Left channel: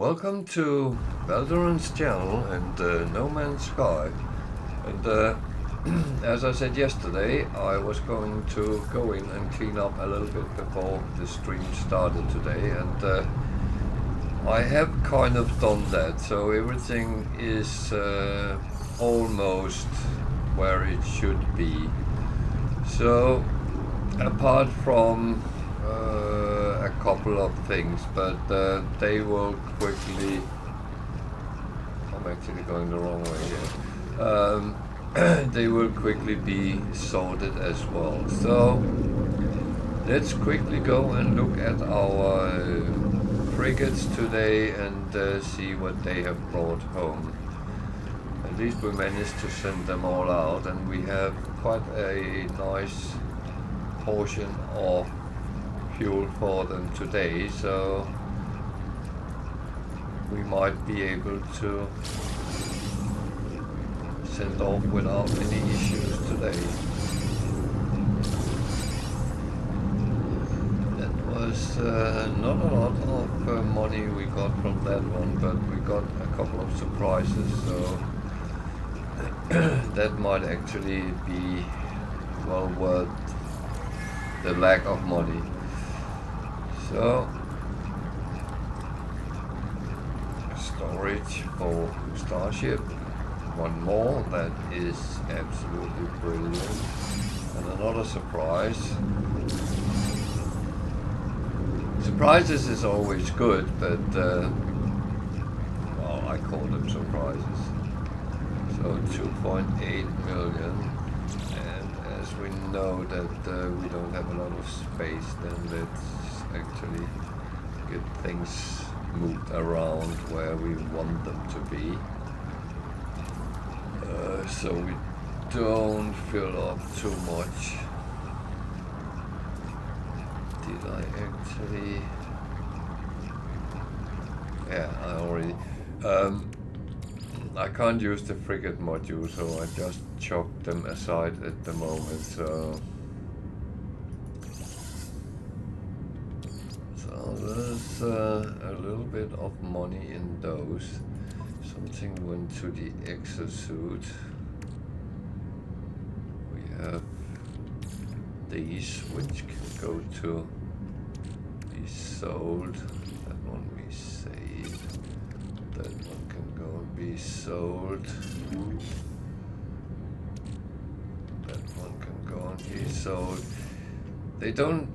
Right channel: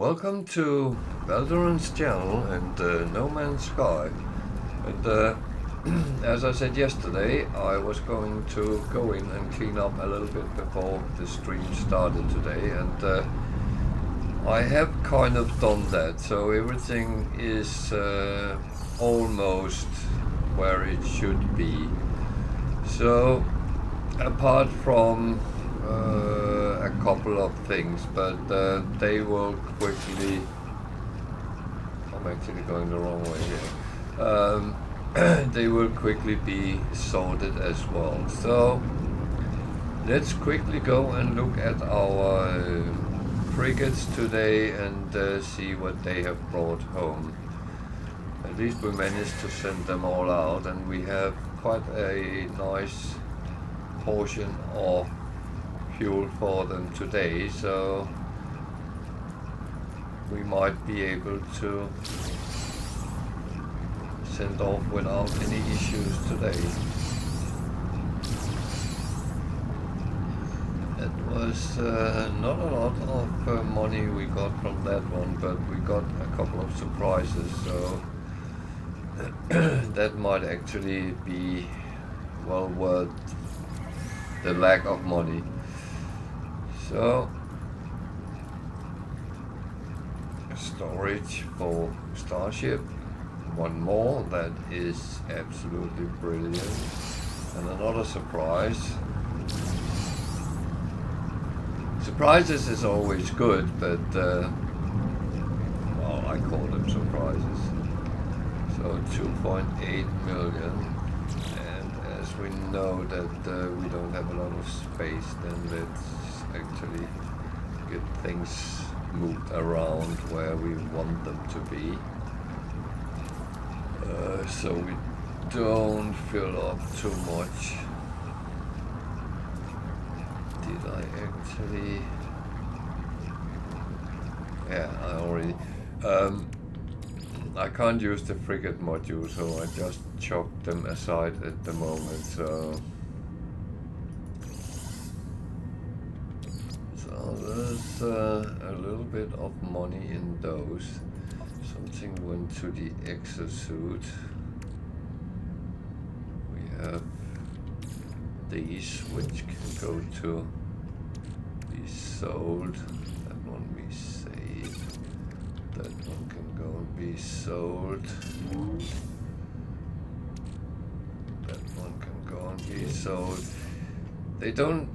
Welcome to Valdoran's channel and No Man's Sky. And as I said yesterday, I was going to go in and clean up a little bit before the stream started today, and I have kind of done that, so everything is almost where it should be. So apart from a couple of things, but they will quickly... I'm actually going the wrong way here. They will quickly be sorted as well. So let's quickly go and look at our frigates today and see what they have brought home. At least we managed to send them all out, and we have quite a nice portion of fuel for them today, so we might be able to send off without any issues today. That was not a lot of money we got from that one, but we got a couple of surprises, so that might actually be well worth the lack of money. So, storage for Starship, one more, that is absolutely brilliant, and another surprise. Surprises is always good, but well, I call them surprises. So 2.8 million, and as we know that we don't have a lot of space, then let's actually get things moved around where we want them to be, so we don't fill up too much. Did I actually... yeah, I already... I can't use the frigate module, so I just chalked them aside at the moment, so there's a little bit of money in those. Something went to the exosuit. We have these, which can go to be sold. That one we saved. That one can go and be sold. That one can go and be sold. They don't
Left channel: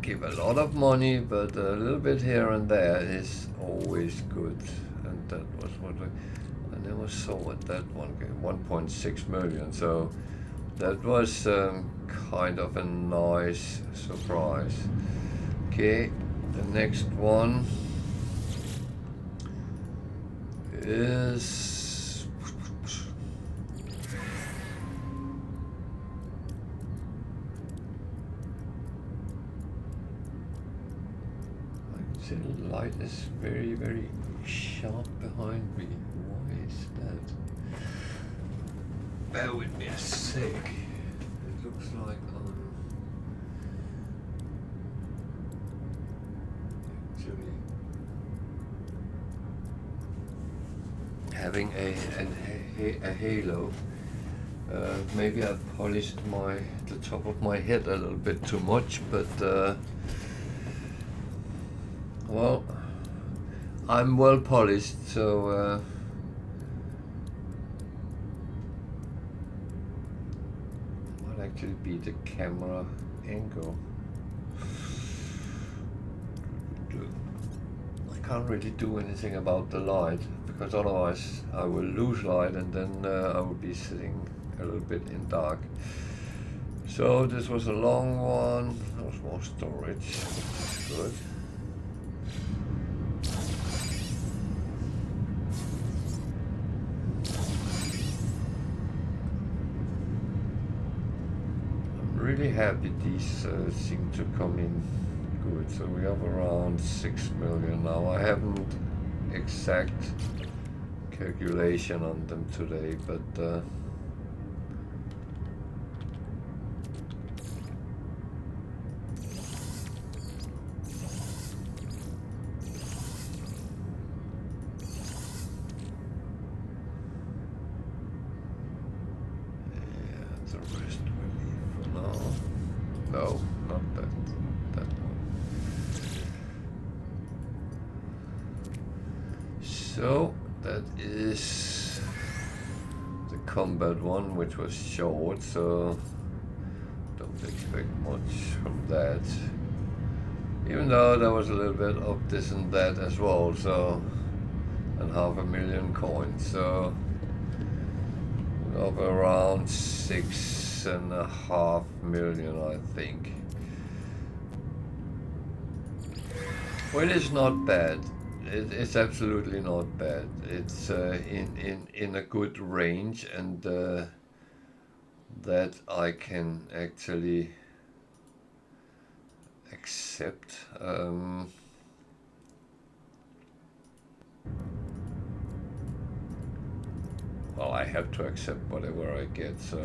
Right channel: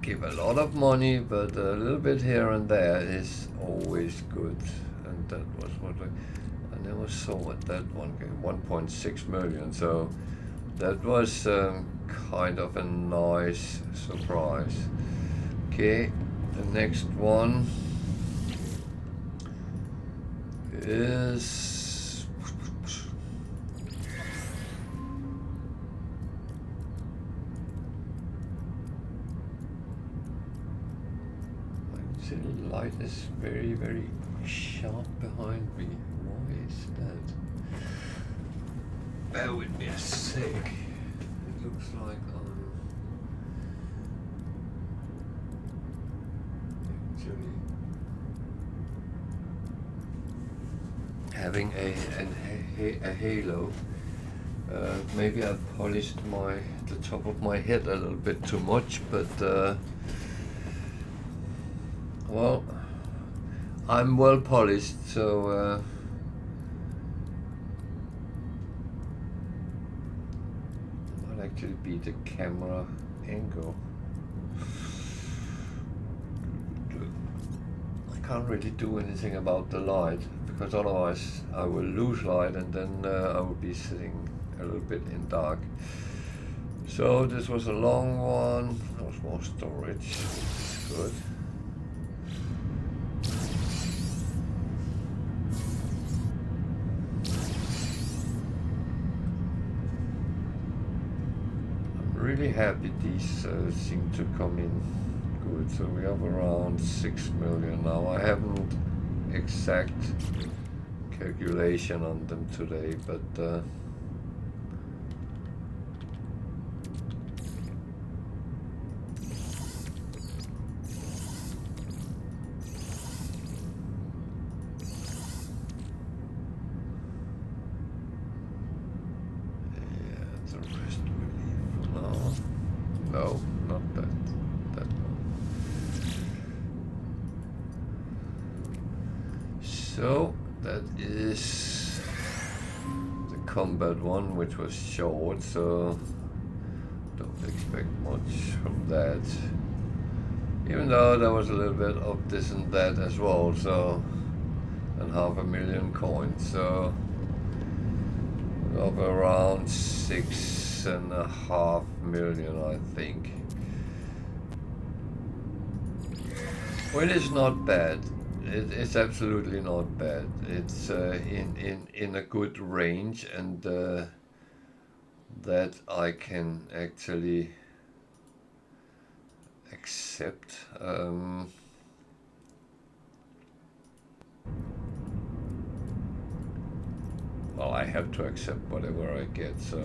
give a lot of money, but a little bit here and there is always good. And that was what I never saw what that one gave, 1.6 million. So that was kind of a nice surprise. Okay, the next one is the light is very, very sharp behind me. Why is that? Bear with me a sec. It looks like I'm actually having a halo. Maybe I polished the top of my head a little bit too much, but well, I'm well polished, so might actually be the camera angle. I can't really do anything about the light, because otherwise I will lose light, and then I will be sitting a little bit in dark. So this was a long one. There was more storage, which is good. Really happy these seem to come in good. So we have around 6 million now. I haven't exact calculation on them today, but not that one. So that is the combat one, which was short, so don't expect much from that. Even though there was a little bit of this and that as well, so, and 500,000 coins, so of around 6.5 million, I think. Well, it's not bad. It's absolutely not bad. It's in a good range, and that I can actually accept. Well, I have to accept whatever I get, so.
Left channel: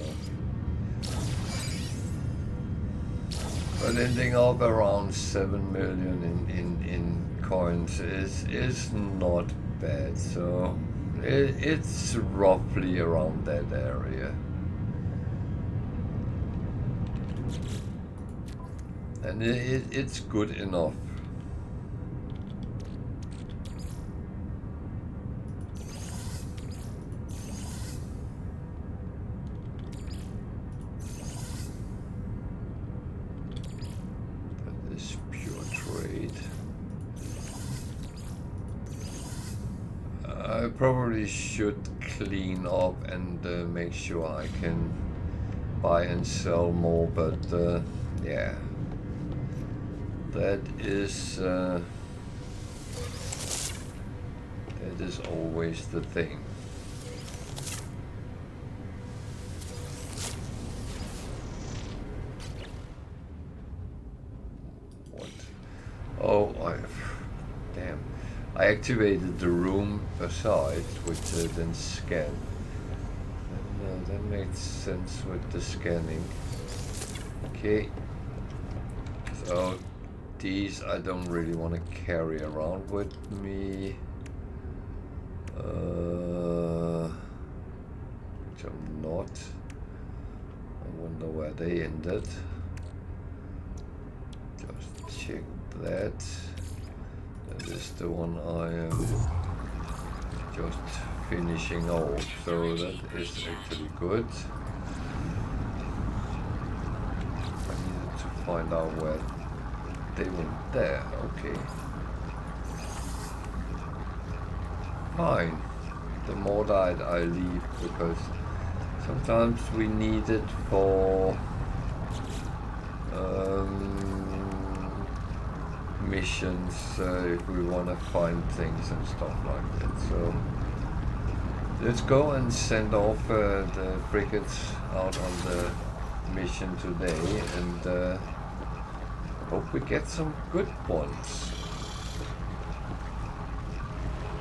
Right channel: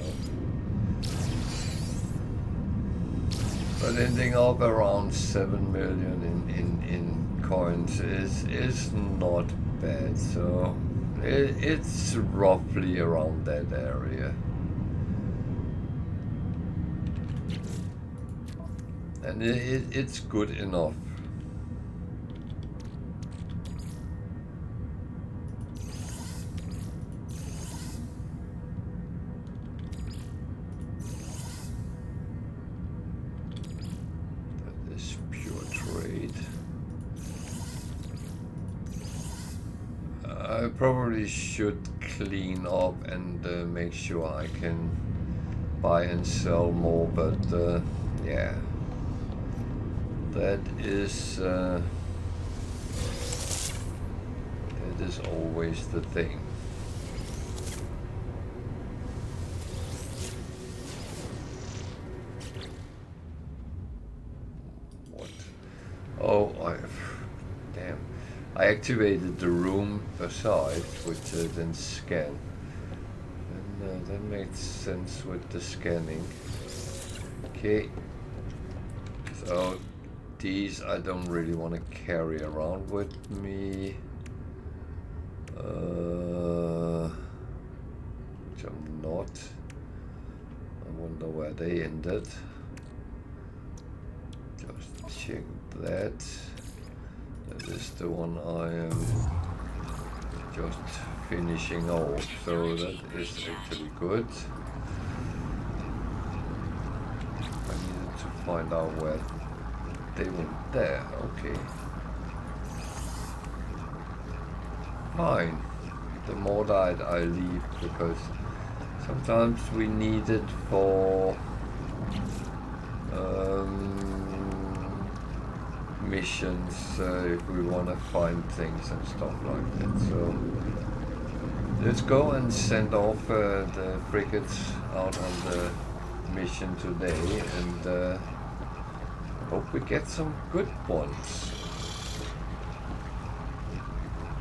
But ending up around 7 million in coins is not bad, so it's roughly around that area. And it's good enough. I probably should clean up and make sure I can buy and sell more, but yeah, that is always the thing. What? Oh, damn. I activated the room beside, which then scan. And that makes sense with the scanning. Okay. So these I don't really want to carry around with me. Which I'm not. I wonder where they ended. Just check that. That is the one I am just finishing off, so that is actually good. I needed to find out where they went there. Okay. Fine. The more that I leave, because sometimes we need it for missions if we want to find things and stuff like that. So let's go and send off the frigates out on the mission today, and hope we get some good ones.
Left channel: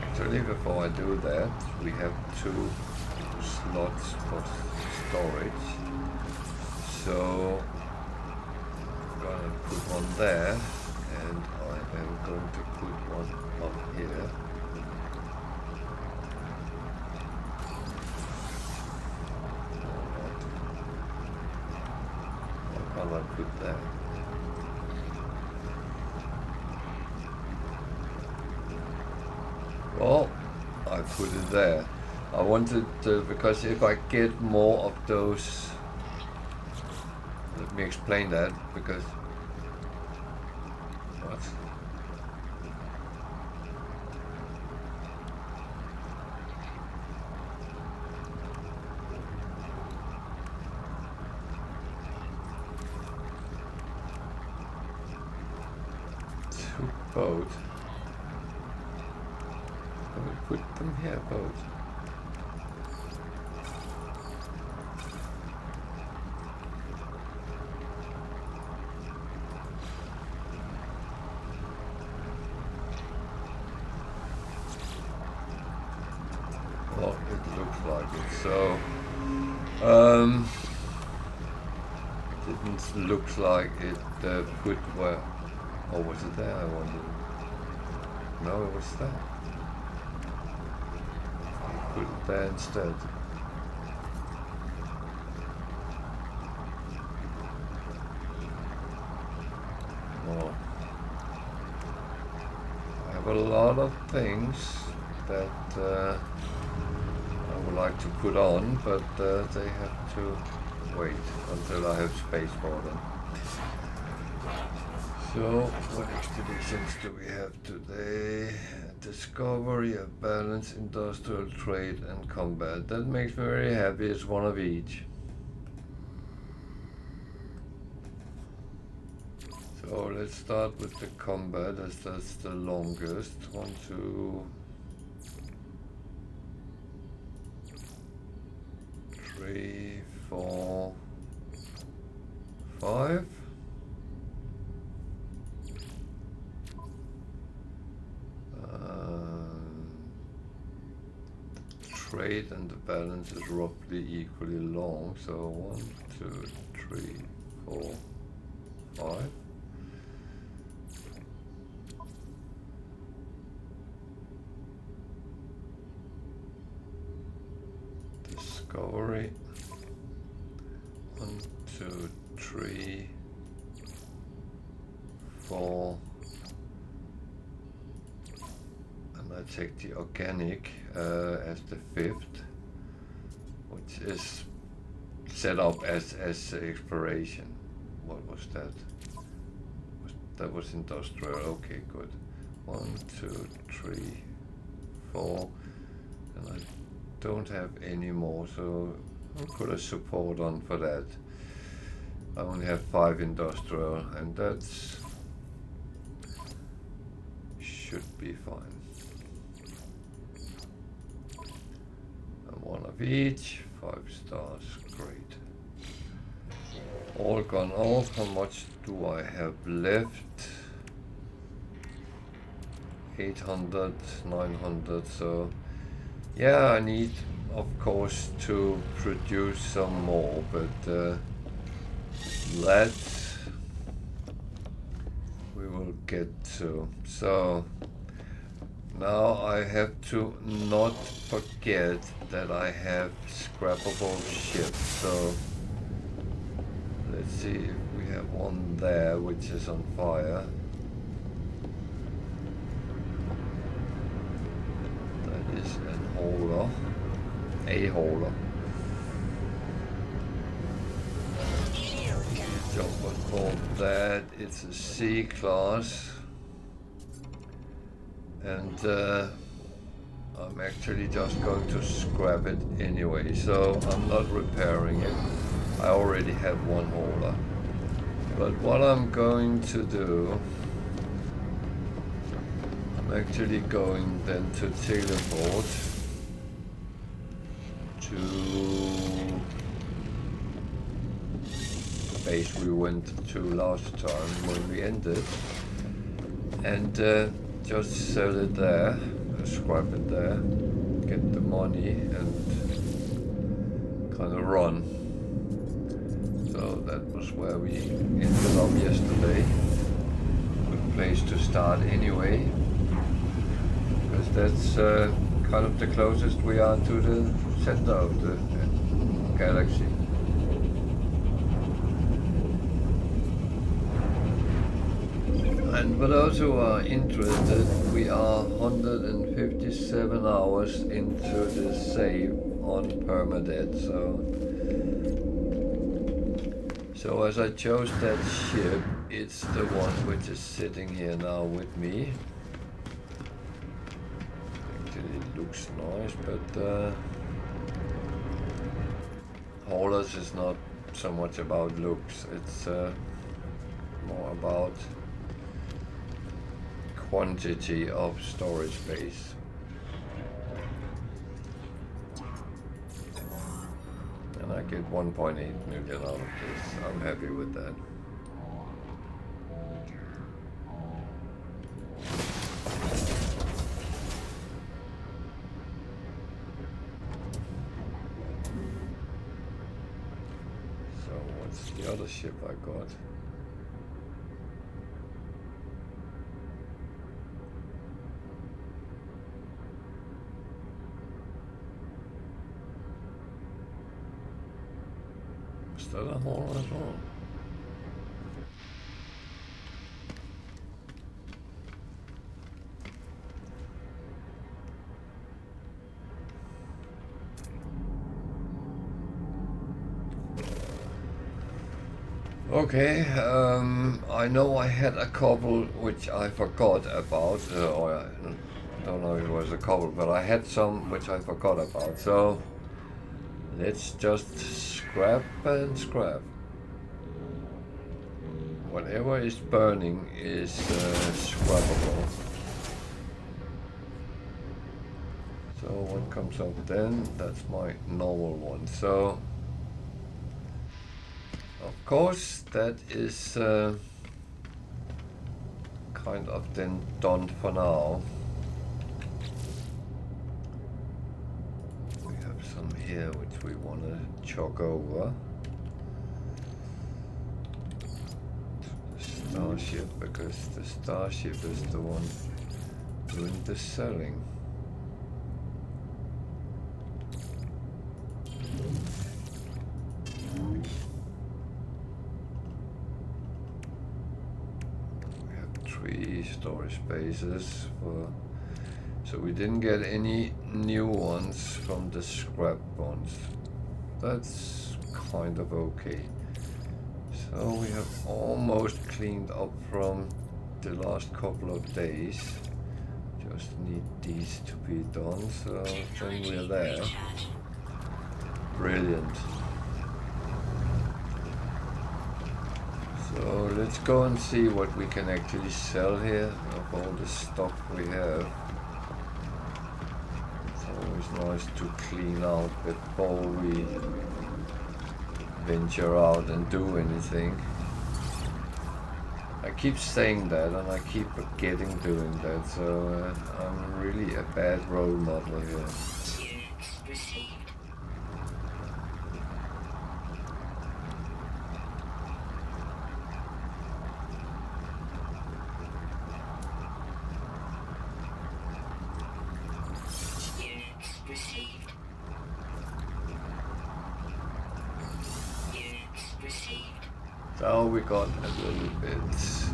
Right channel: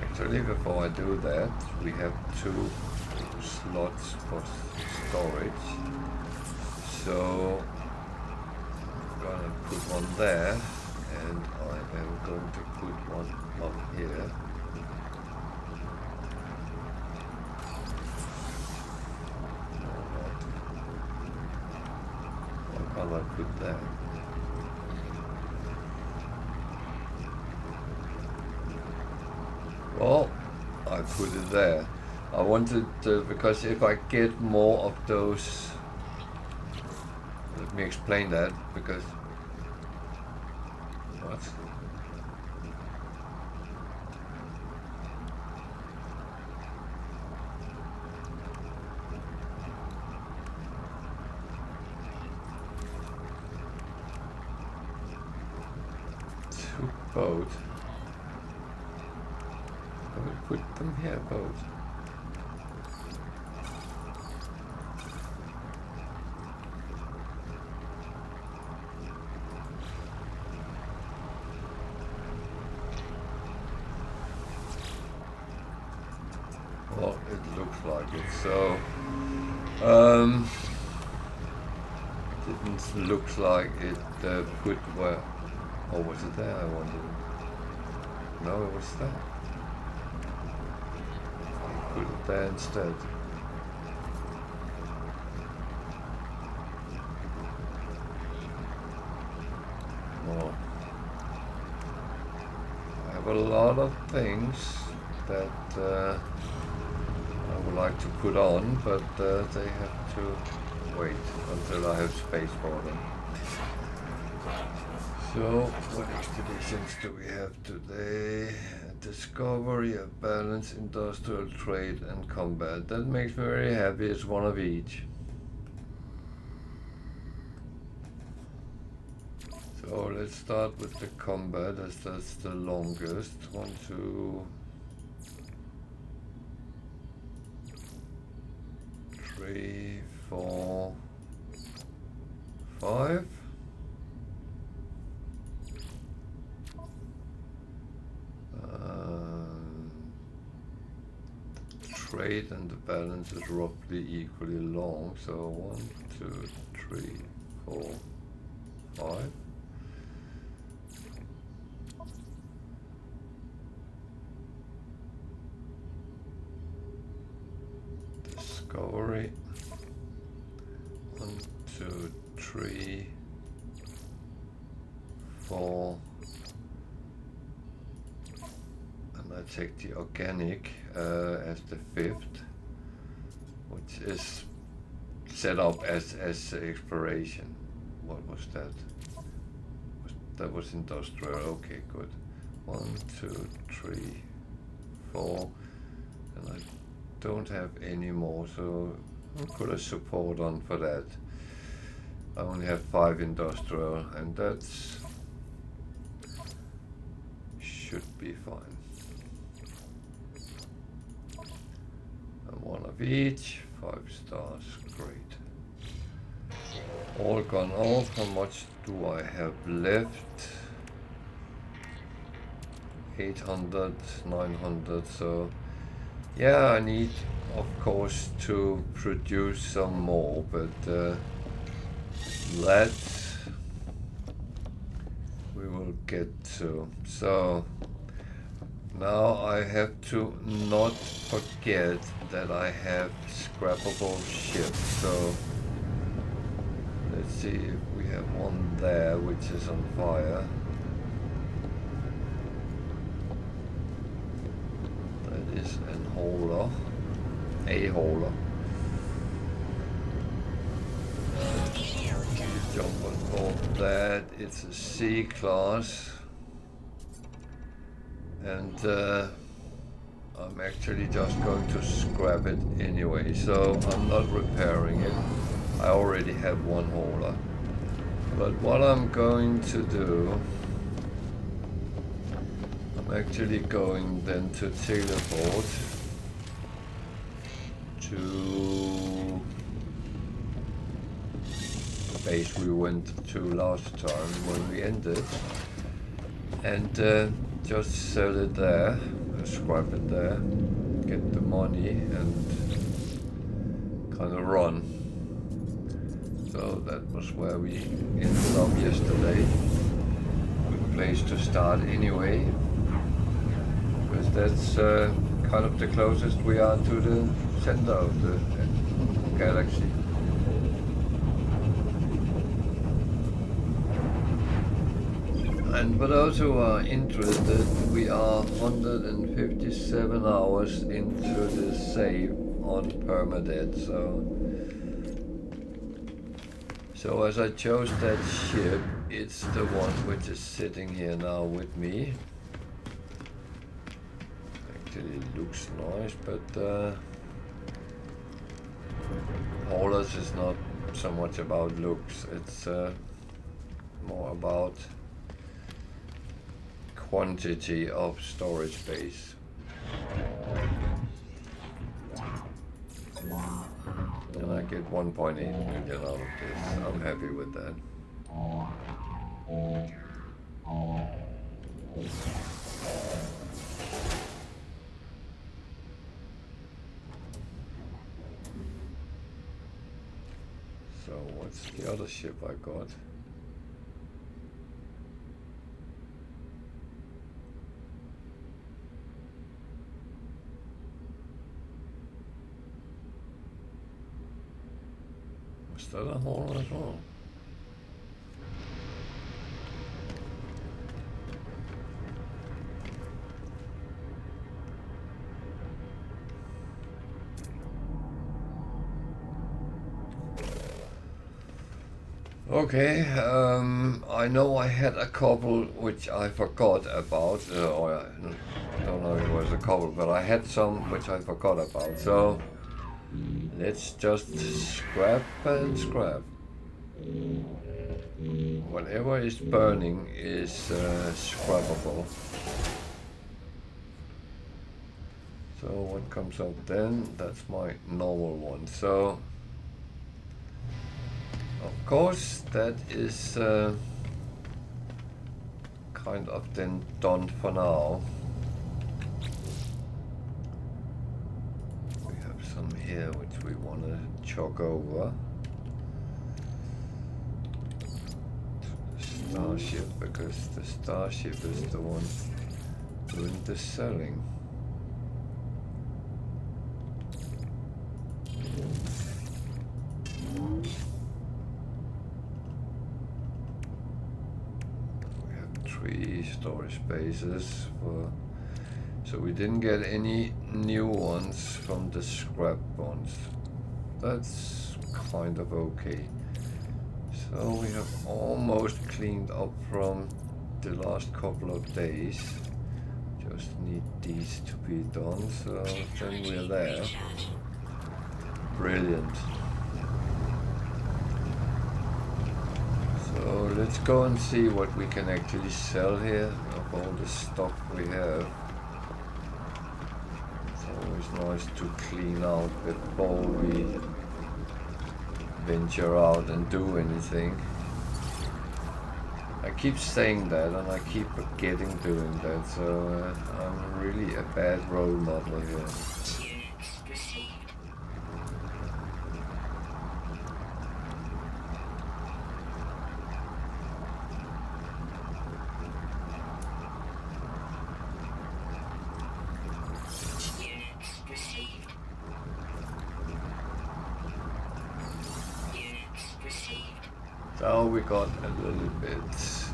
Actually, before I do that, we have 2 slots for storage, so I'm gonna put one there, and I am going to put one up here. Why can't I put that? Well, I put it there. I wanted to, because if I get more of those, let me explain that, because what? Two boat. I will put them here, boat. Well, it looks like it. So, didn't look like it put where. Or was it there? I wonder. No, it was there. Put it there instead. more. I have a lot of things that I would like to put on, but they have to wait until I have space for them. So, what expeditions do we have today? Discovery, a balance, industrial trade, and combat. That makes me very happy. It's one of each. So let's start with the combat, as that's the longest. 1, 2, 3, 4, 5. Trade and the balance is roughly equally long, so 1, 2, 3, 4, 5. Discovery, 1, 2, 3, 4. I take the organic as the 5th, which is set up as exploration. What was that? That was industrial. Okay, good. 1, 2, 3, 4, and I don't have any more, so I'll put a support on for that. I only have 5 industrial, and that's should be fine. And 1 of each, 5 stars, great. All gone off. How much do I have left? 800, 900, so yeah, I need of course to produce some more, but that we will get to. So now I have to not forget that I have scrappable ships. So let's see if we have one there which is on fire. That is an hauler, a hauler. Jump on board that. It's a C class, and I'm actually just going to scrap it anyway, so I'm not repairing it. I already have one hauler. But what I'm going to do, I'm actually going then to teleport to the base we went to last time when we ended, and just sell it there, scrap it there, get the money, and kind of run. So that was where we ended up yesterday. Good place to start anyway, because that's kind of the closest we are to the center of the galaxy. And for those who are interested, we are 157 hours into the save on Permadeath. So as I chose that ship, it's the one which is sitting here now with me. Actually it looks nice, but haulers is not so much about looks, it's more about quantity of storage space. And I get 1.8 million out of this. I'm happy with that. So what's the other ship I got? Was that a hauler as well? Okay, I know I had a couple which I forgot about, or I don't know if it was a couple, but I had some which I forgot about, so let's just scrap and scrap. Whatever is burning is scrappable. So what comes up then? That's my normal one. So of course that is kind of then done for now. We have some here which we want to chug over. Starship, because the Starship is the one doing the selling. We have 3 storage spaces for, so we didn't get any new ones from the scrap ones. That's kind of okay. So we have almost cleaned up from the last couple of days. Just need these to be done, so then we're there. Brilliant. So let's go and see what we can actually sell here of all the stuff we have. It's always nice to clean out before we venture out and do anything. I keep saying that and I keep forgetting doing that, so I'm really a bad role model here. So we got a little bit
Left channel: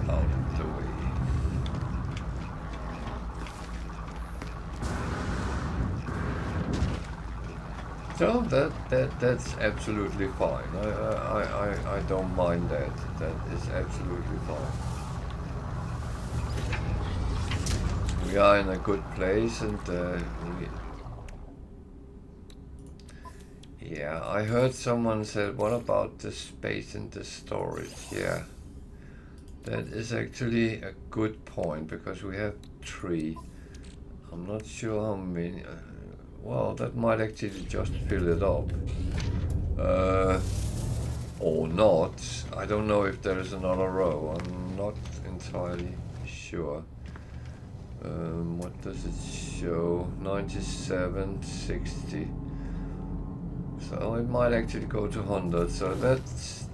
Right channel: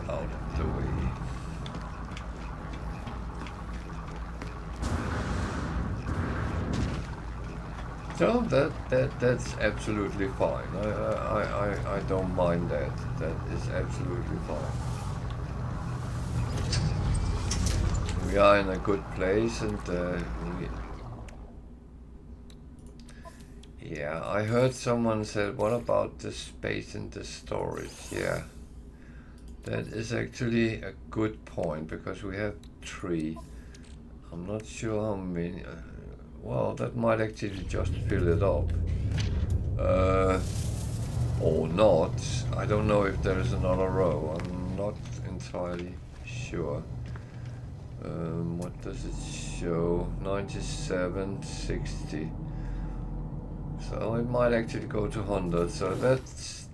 out of the way. So that's absolutely fine. I don't mind that. That is absolutely fine. We are in a good place, and yeah, I heard someone said, what about the space in the storage? Yeah, that is actually a good point, because we have 3. I'm not sure how many. Well, that might actually just fill it up. Or not. I don't know if there is another row. I'm not entirely sure. What does it show? 97, 60. So it might actually go to 100. So that's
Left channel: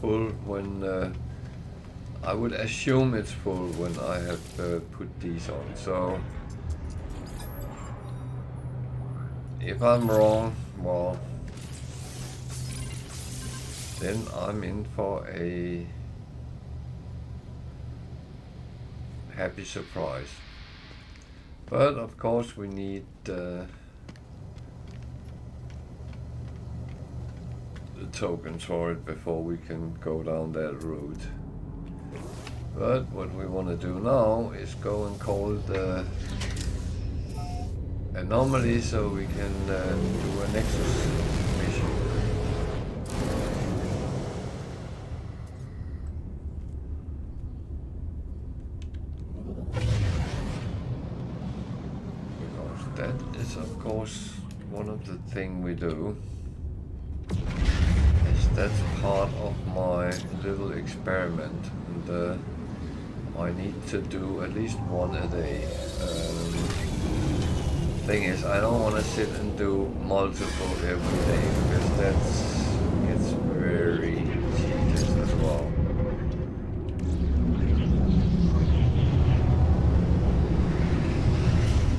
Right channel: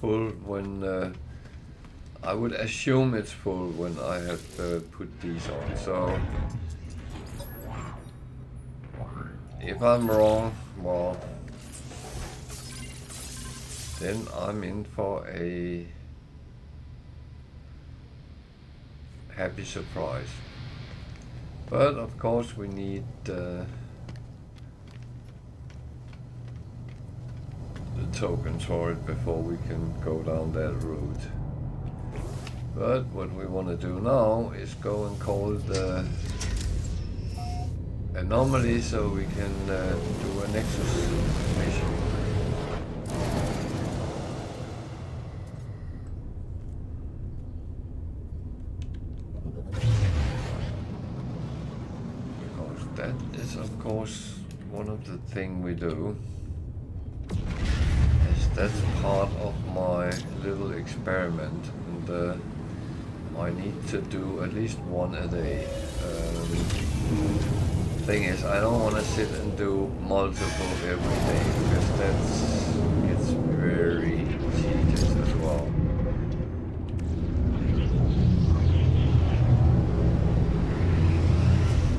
full when I would assume it's full when I have put these on. So if I'm wrong, well, then I'm in for a happy surprise. But of course we need the tokens for it before we can go down that route. But what we want to do now is go and call the anomaly so we can do a Nexus mission. Because that is of course one of the things we do. That's part of my little experiment, and I need to do at least one a day. Thing is, I don't want to sit and do multiple every day, because that gets very tedious as well.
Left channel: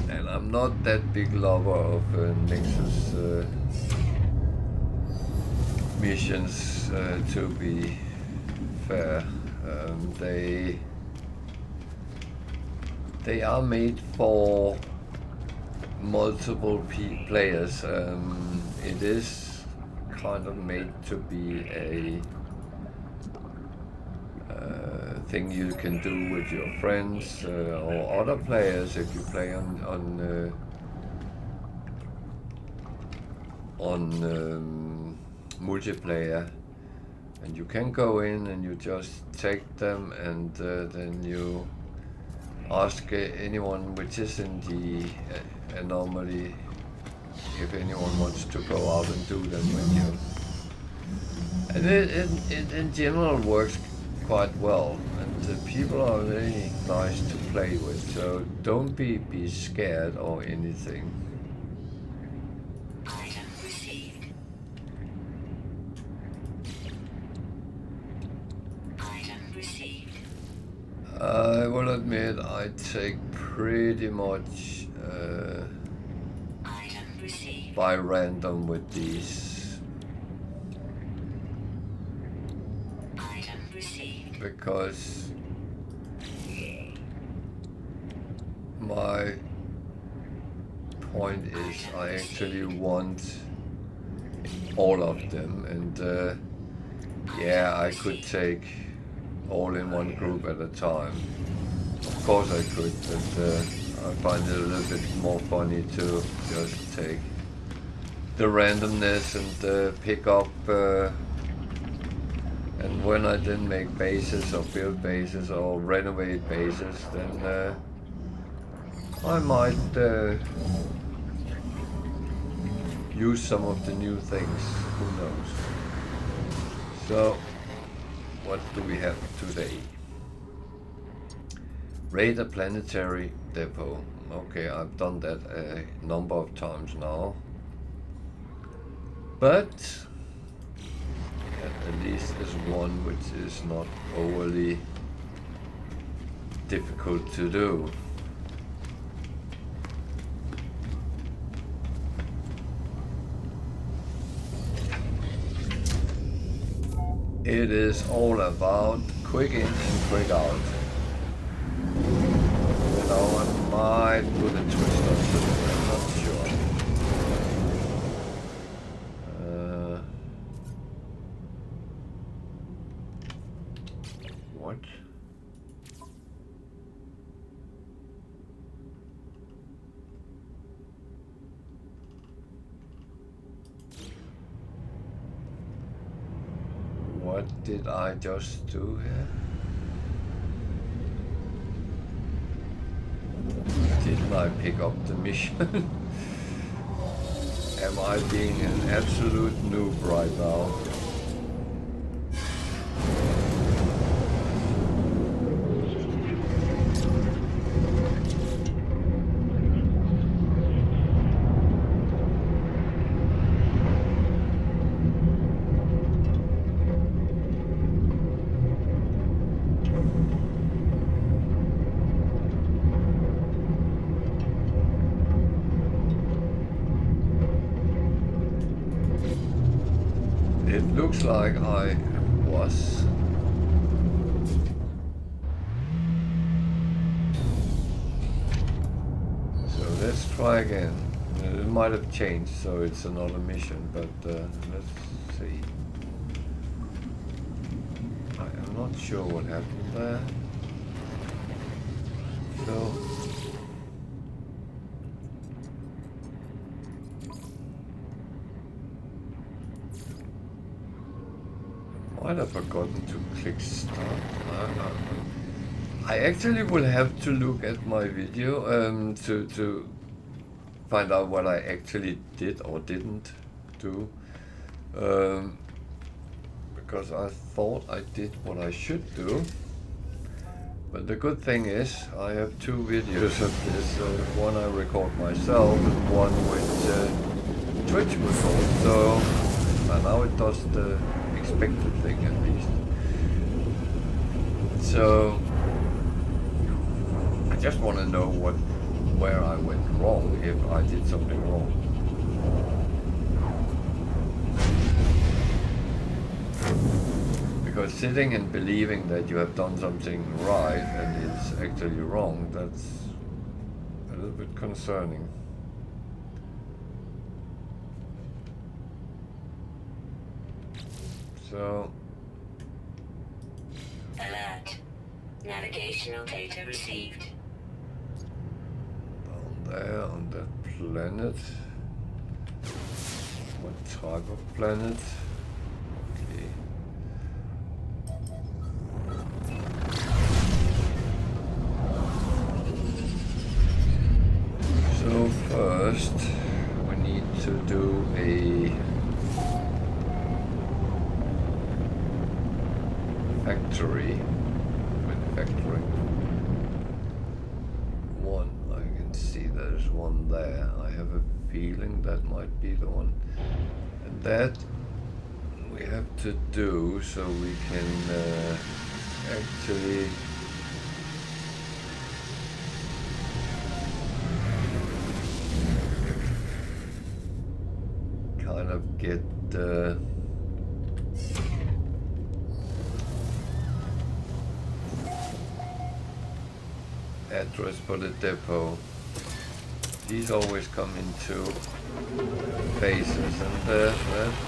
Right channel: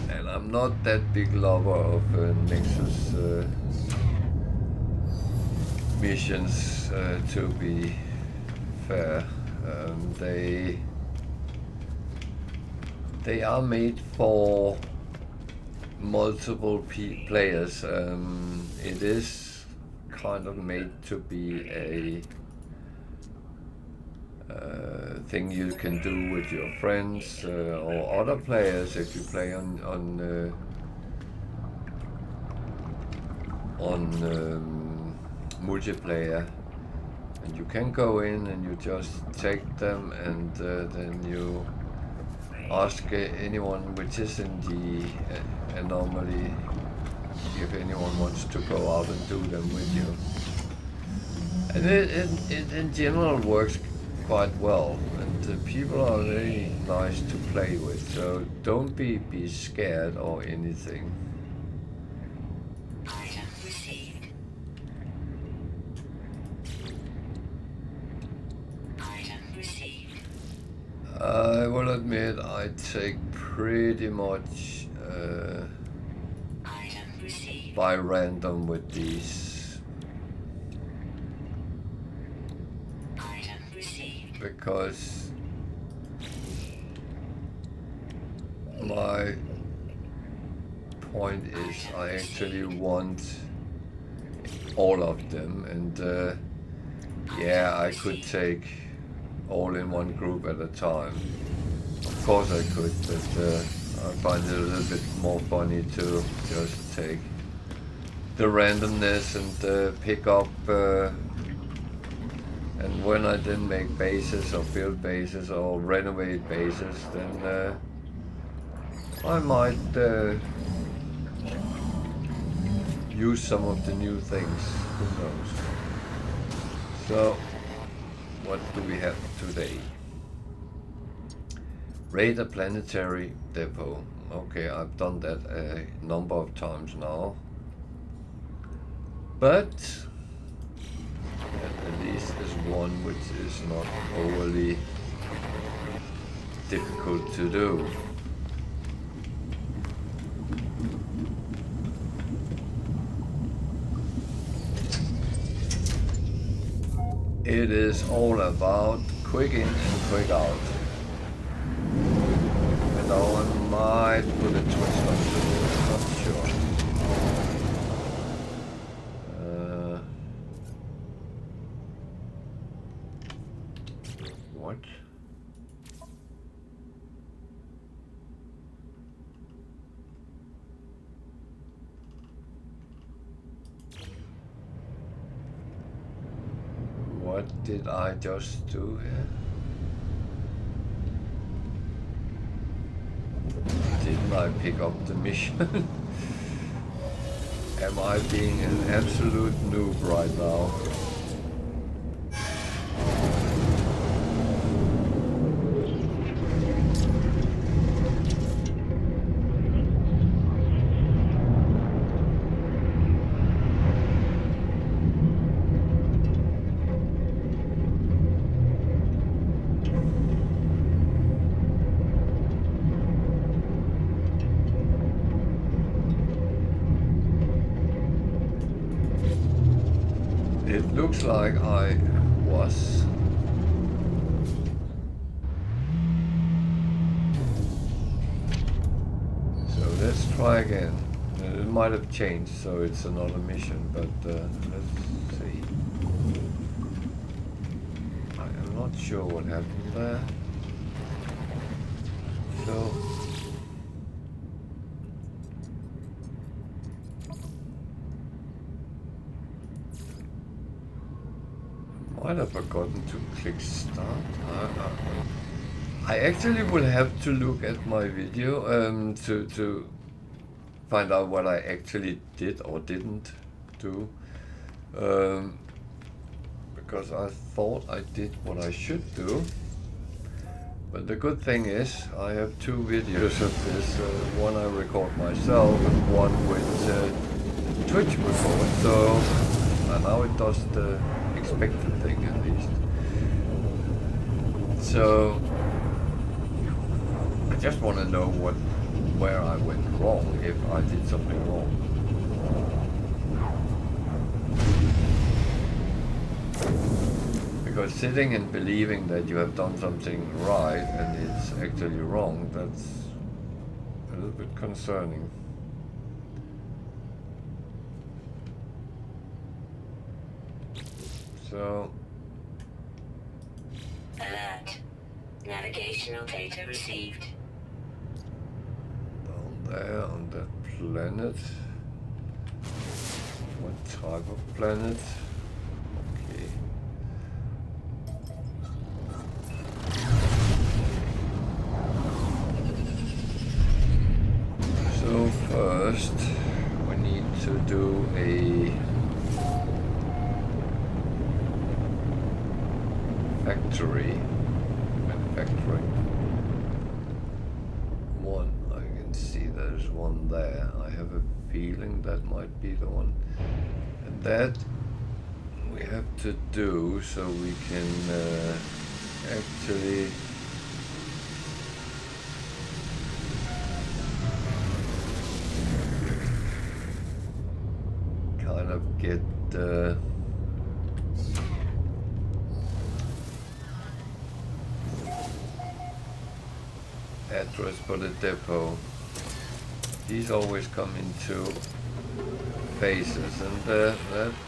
And I'm not that big lover of Nexus missions, to be fair. They are made for multiple players. It is kind of made to be a thing you can do with your friends or other players if you play on multiplayer, and you can go in and you just take them, and then you ask anyone which is in the anomaly if anyone wants to go out and do them with you. And it in general works quite well, and people are very nice to play with, so don't be scared or anything. I will admit I take pretty much by random with these, because my point is I actually want all of them, and yeah, I could take all in one group at a time. Of course I could, but I find it a little bit more funny to just take the randomness and pick up, and when I then make bases or build bases or renovate bases, then I might use some of the new things, who knows. So what do we have today? Raid a planetary depot. Okay, I've done that a number of times now. But at least is one which is not overly difficult to do. It is all about quick in and quick out. Even though I might put a twist onto it, I'm not sure. What? What did I just do here? Didn't I pick up the mission? Am I being an absolute noob right now? It looks like I was. So let's try again. It might have changed, so it's another mission, but let's see. I am not sure what happened there. So might have forgotten to click start. I actually will have to look at my video to find out what I actually did or didn't do, because I thought I did what I should do. But the good thing is I have two videos of this, one I record myself and one with Twitch record, so now it does the expected thing at least. So I just want to know where I went wrong, if I did something wrong. Because sitting and believing that you have done something right and it's actually wrong, that's a little bit concerning. So. Alert. Navigational data received. Down there on that planet. What type of planet? Okay. So first we need to do a factory manufacturing. One, I can see there's one there. I have a feeling that might be the one. And that we have to do so we can actually kind of get the address for the depot. These always come in two phases, and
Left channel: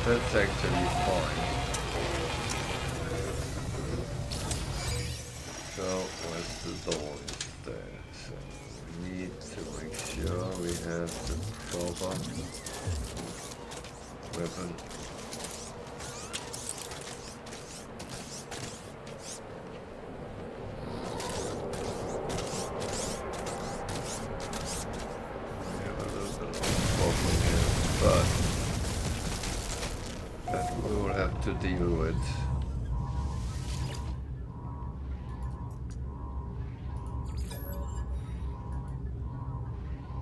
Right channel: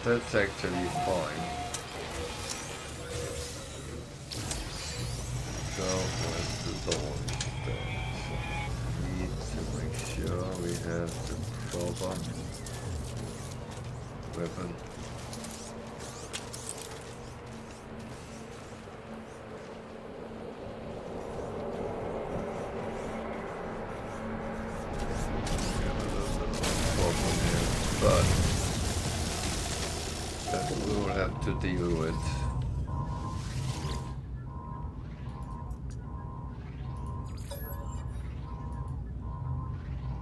that's actually fine. So where's the door is there? So we need to make sure we have the proper weapon. But that we will have to deal with.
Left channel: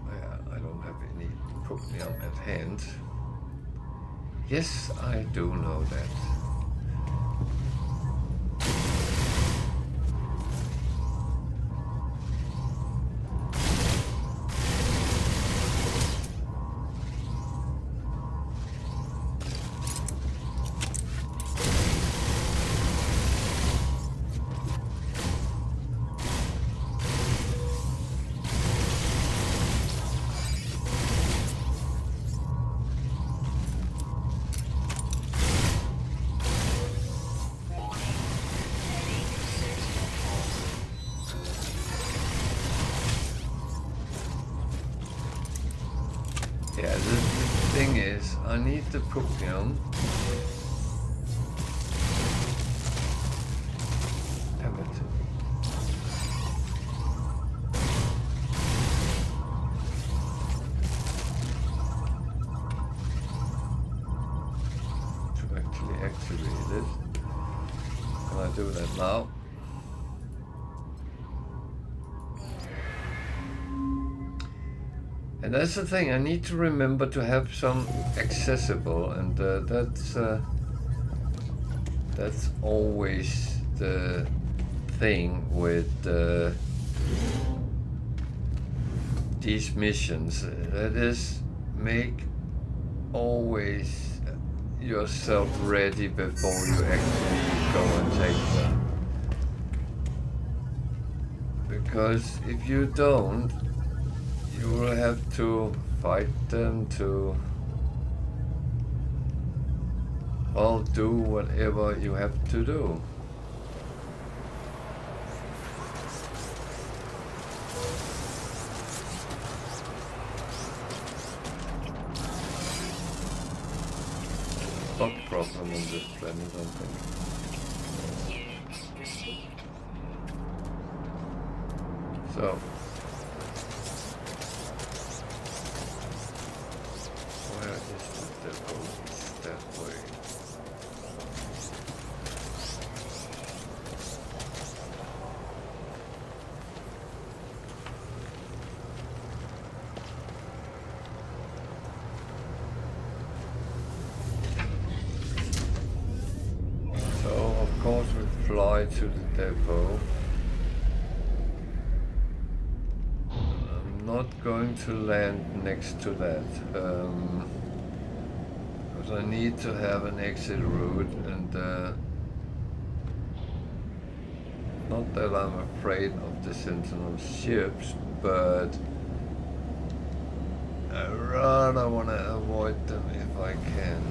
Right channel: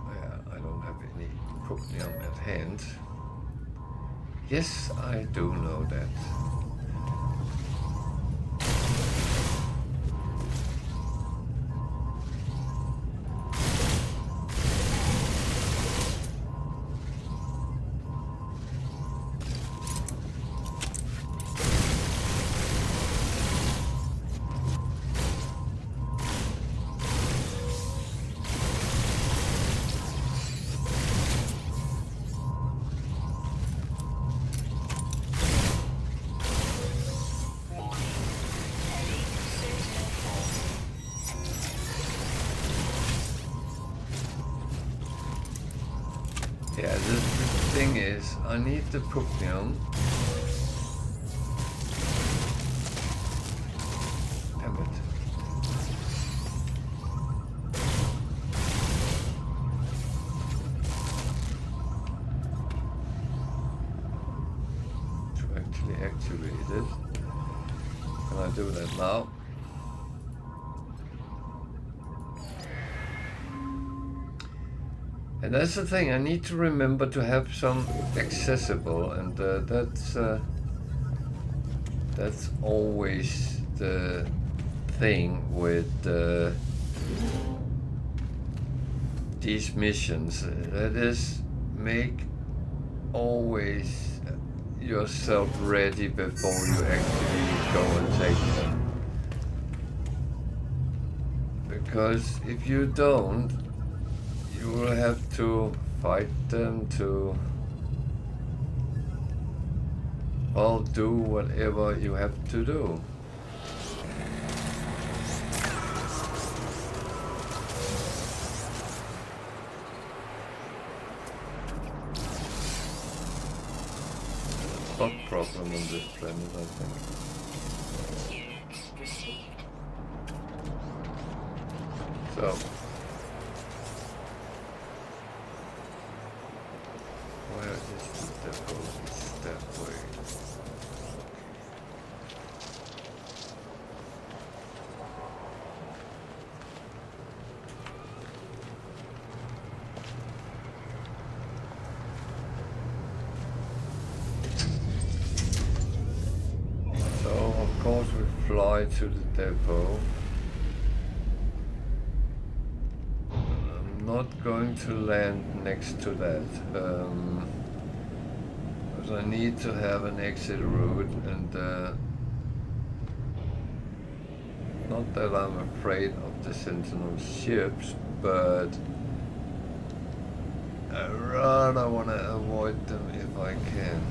Yeah, I don't have any propnium at hand. Yes, I do know that. Yeah, the thing is, I need the propnium. Damn it. To actually activate it. Can I do that now? And that's the thing, I need to remember to have some accessible, and that's always the thing with these missions. That is, make always yourself ready before you actually go and take them. Because if you don't, you will have to fight them to, well, do whatever you have to do. There's a bug problem on this planet, I think. So. Where is the depot? It's that way. So, of course, we fly to the depot. I'm not going to land next to that. Because I need to have an exit route, and not that I'm afraid of the Sentinel ships, but I rather want to avoid them if I can.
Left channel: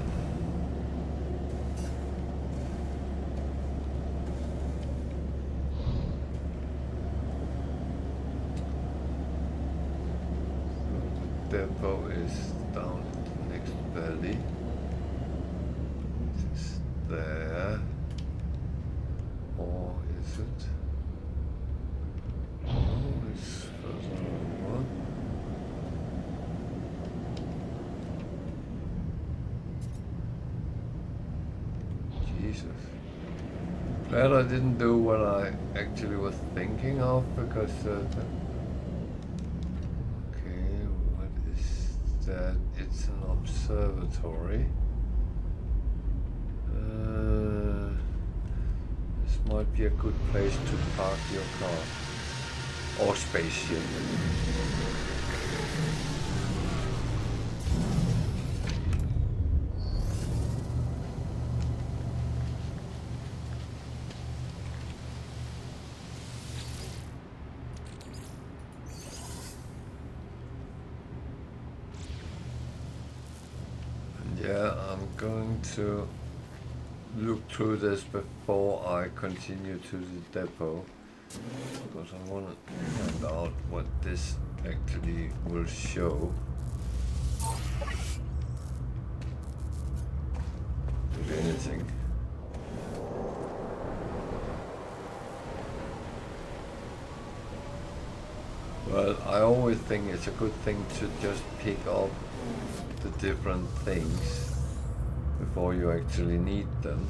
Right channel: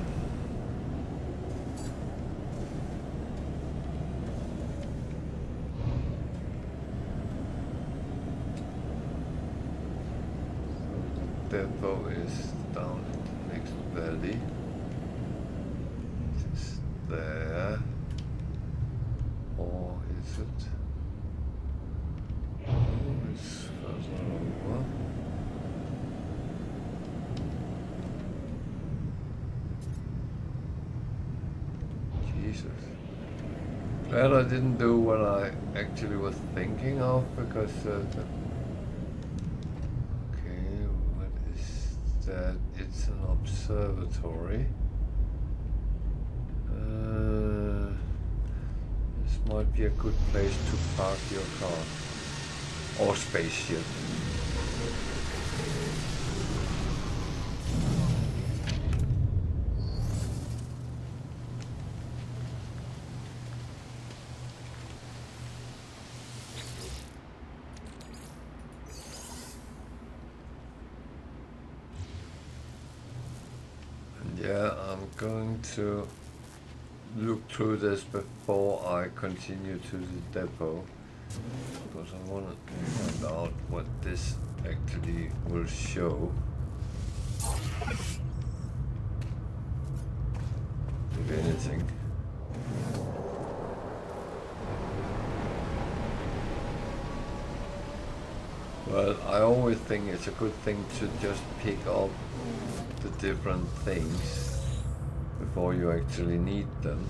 depot is down in the next valley. It is there. Or is it? Oh, it's further over. Jesus. Glad I didn't do what I actually was thinking of, because okay, what is that? It's an observatory. This might be a good place to park your car or spaceship. Yeah, I'm going to look through this before I continue to the depot, because I want to find out what this actually will show. If anything. Well, I always think it's a good thing to just pick up the different things before you actually need them.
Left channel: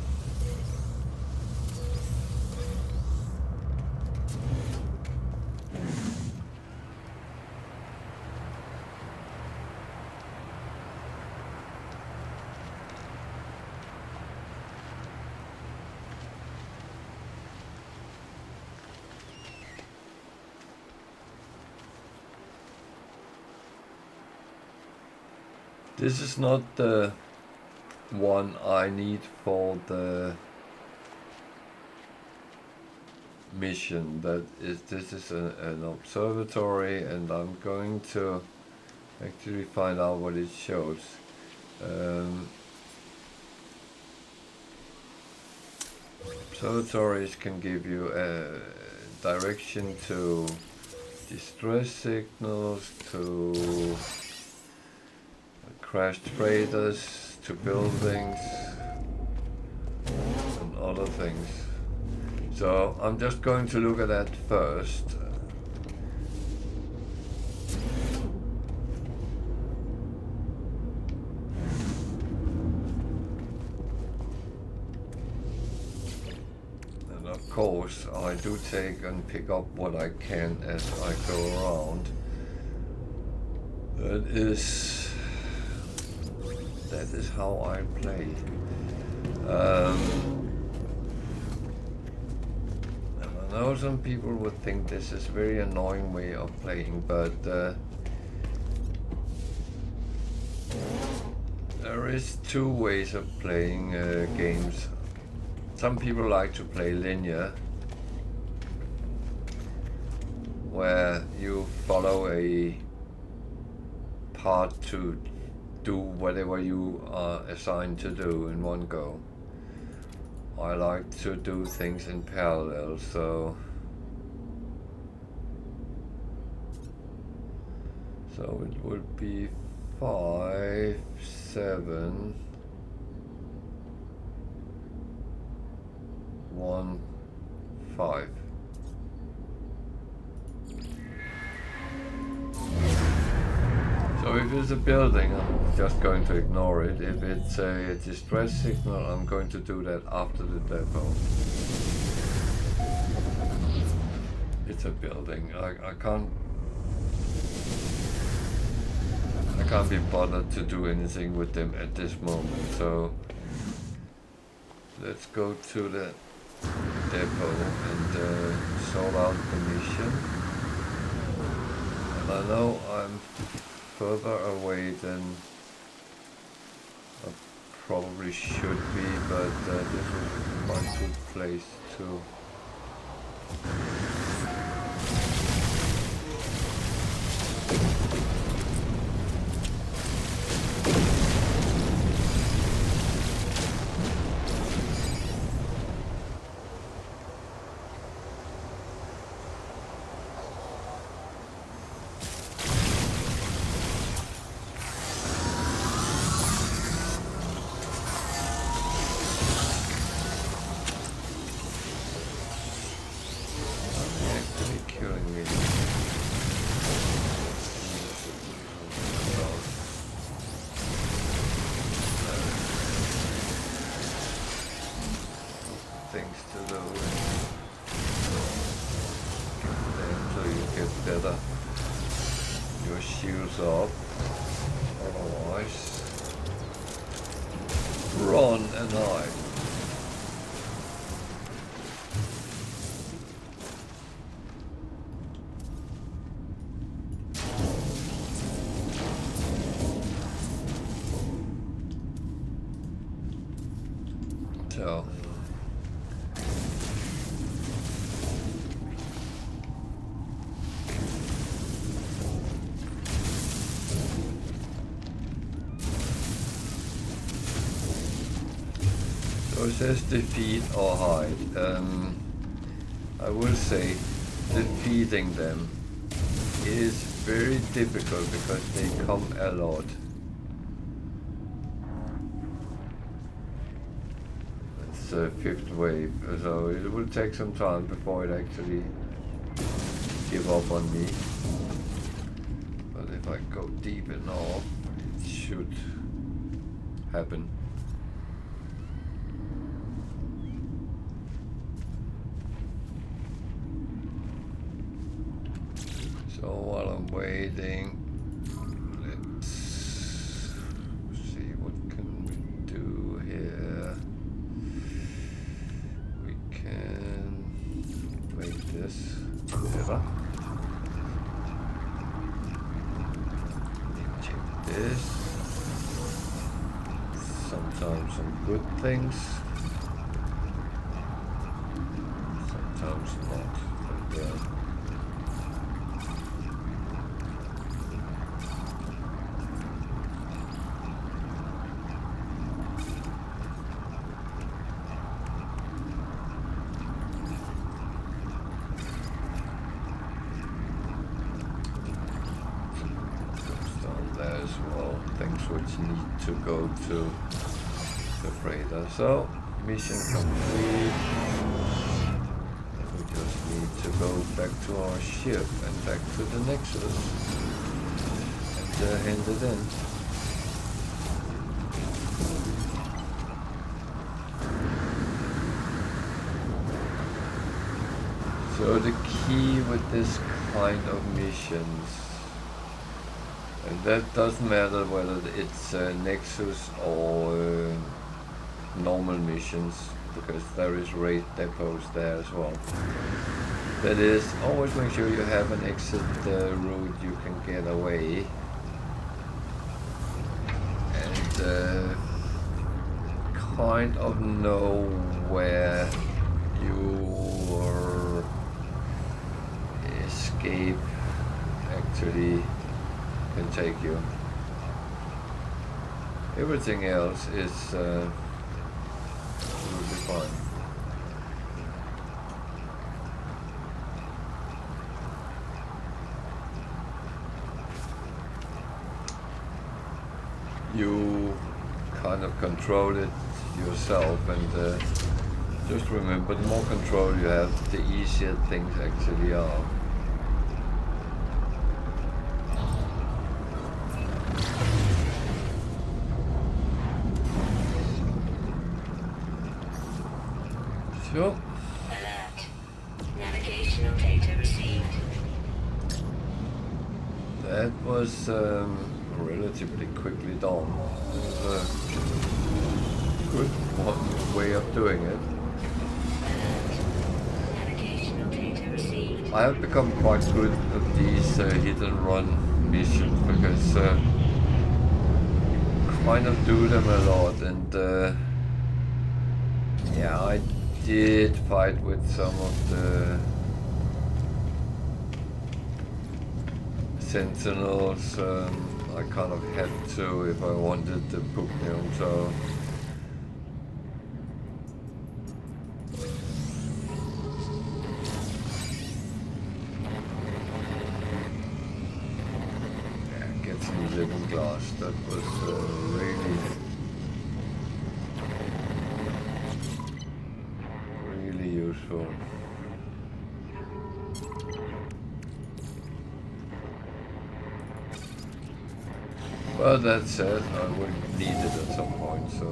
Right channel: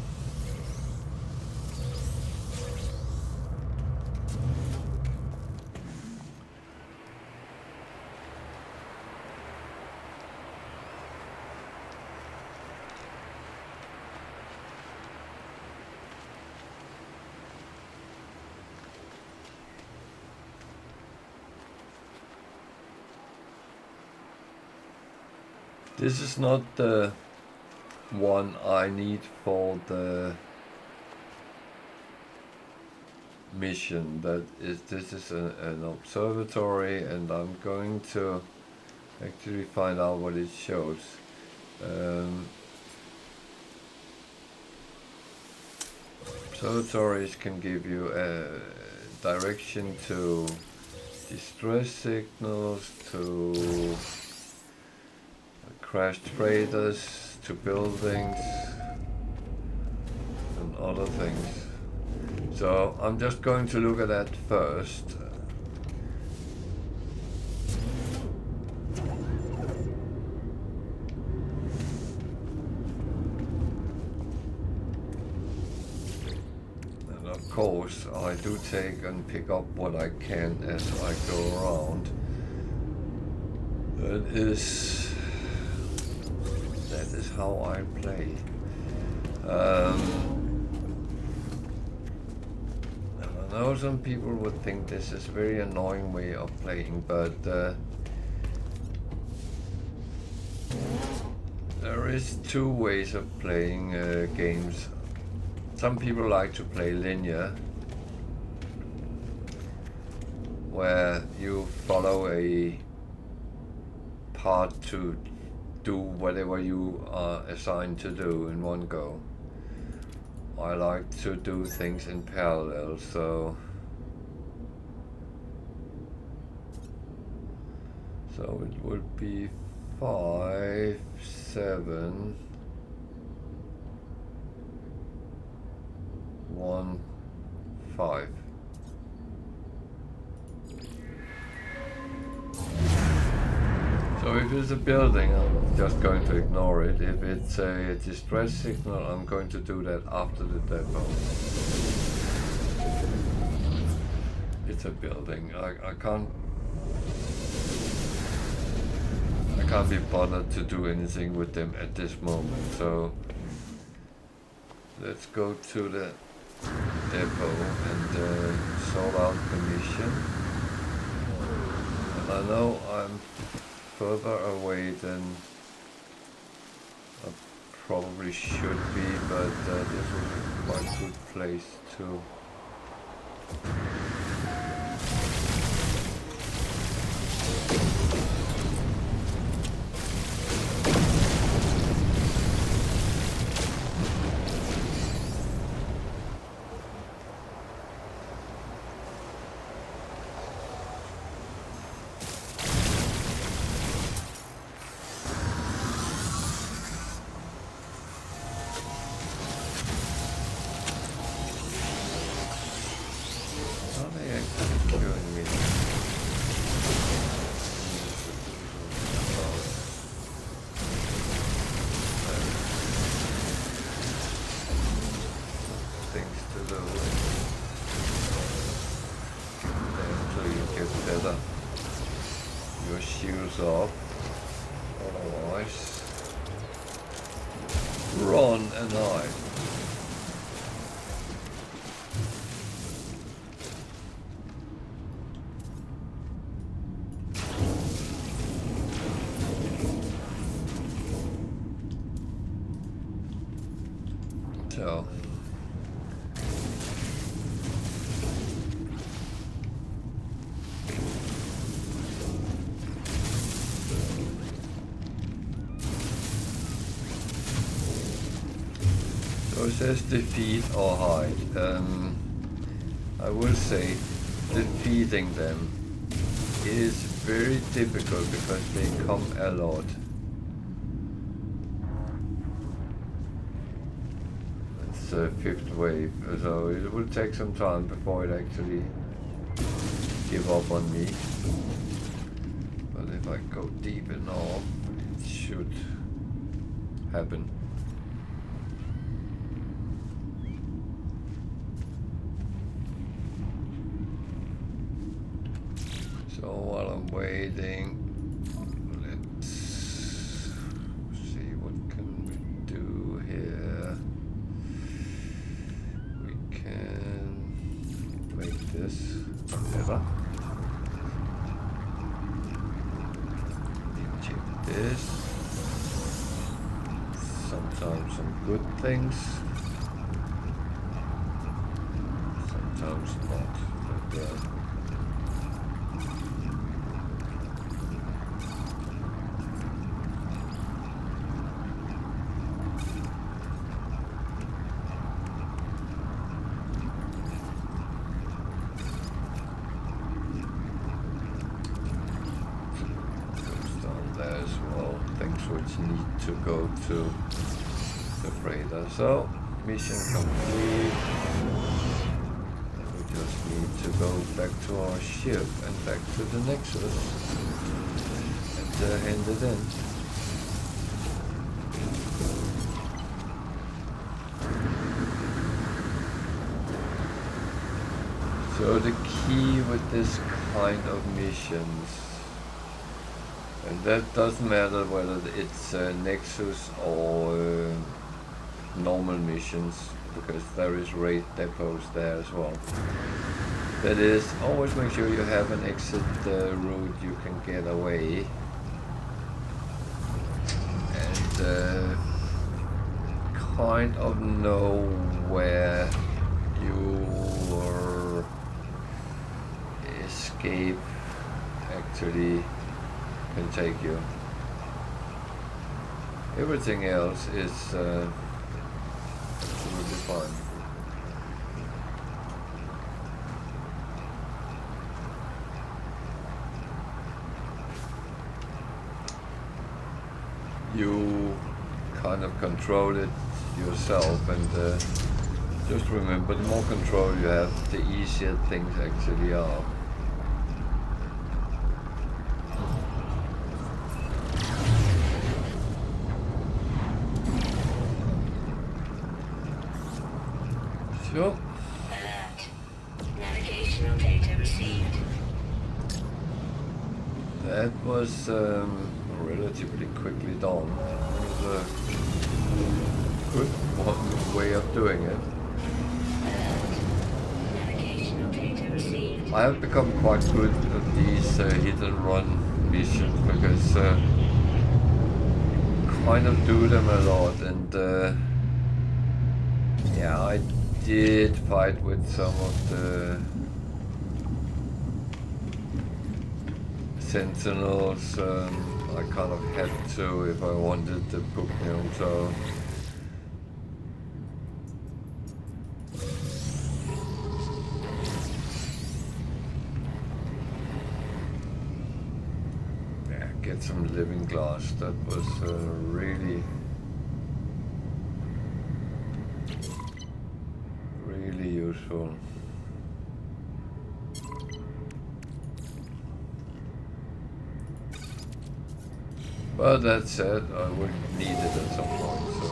This is not the one I need for the mission. This is an observatory, and I'm going to actually find out what it shows. Observatories can give you a direction to distress signals, to crashed freighters, to buildings and other things. So I'm just going to look at that first. And of course I do take and pick up what I can as I go around. That is how I play. And I know some people would think this is a very annoying way of playing, but there is two ways of playing games. Some people like to play linear, where you follow a path to do whatever you are assigned to do in one go. I like to do things in parallel, so it would be 5, 7, 1, 5. So if it's a building, I'm just going to ignore it. If it's a distress signal, I'm going to do that after the depot. It's a building. I can't be bothered to do anything with them at this moment. So let's go to the depot and sort out the mission. And I know I'm further away than I probably should be, but this was a quite good place to bit better your shields up. Otherwise, run and hide. So. So it says defeat or hide. I will say defeating them is very difficult because they come a lot. It's the 5th wave, so it will take some time before it actually give up on me. But if I go deep enough, it should happen. So while I'm waiting, let's see what can we do here. We can make this better. Check this. Sometimes some good things, sometimes not. But which need to go to the freighter. So, mission complete. And we just need to go back to our ship and back to the Nexus and hand it in. So the key with this kind of missions, and that doesn't matter whether it's Nexus or normal missions, because there is raid depots there as well. That is, always make sure you have an exit route you can get away. And kind of know where your escape actually can take you. Everything else is absolutely fine. You kind of control it yourself, and just remember, the more control you have, the easier things actually are. Sure. Alert. Navigational data received. That was relatively quickly done. It was a good way of doing it. Alert. Navigational data received. I have become quite good at these hit and run missions because you kind of do them a lot, and yeah, I did fight with some of the sentinels. I kind of had to if I wanted the Puknium, so yeah, get some living glass. That was really useful. But that said, I would need it at some point, so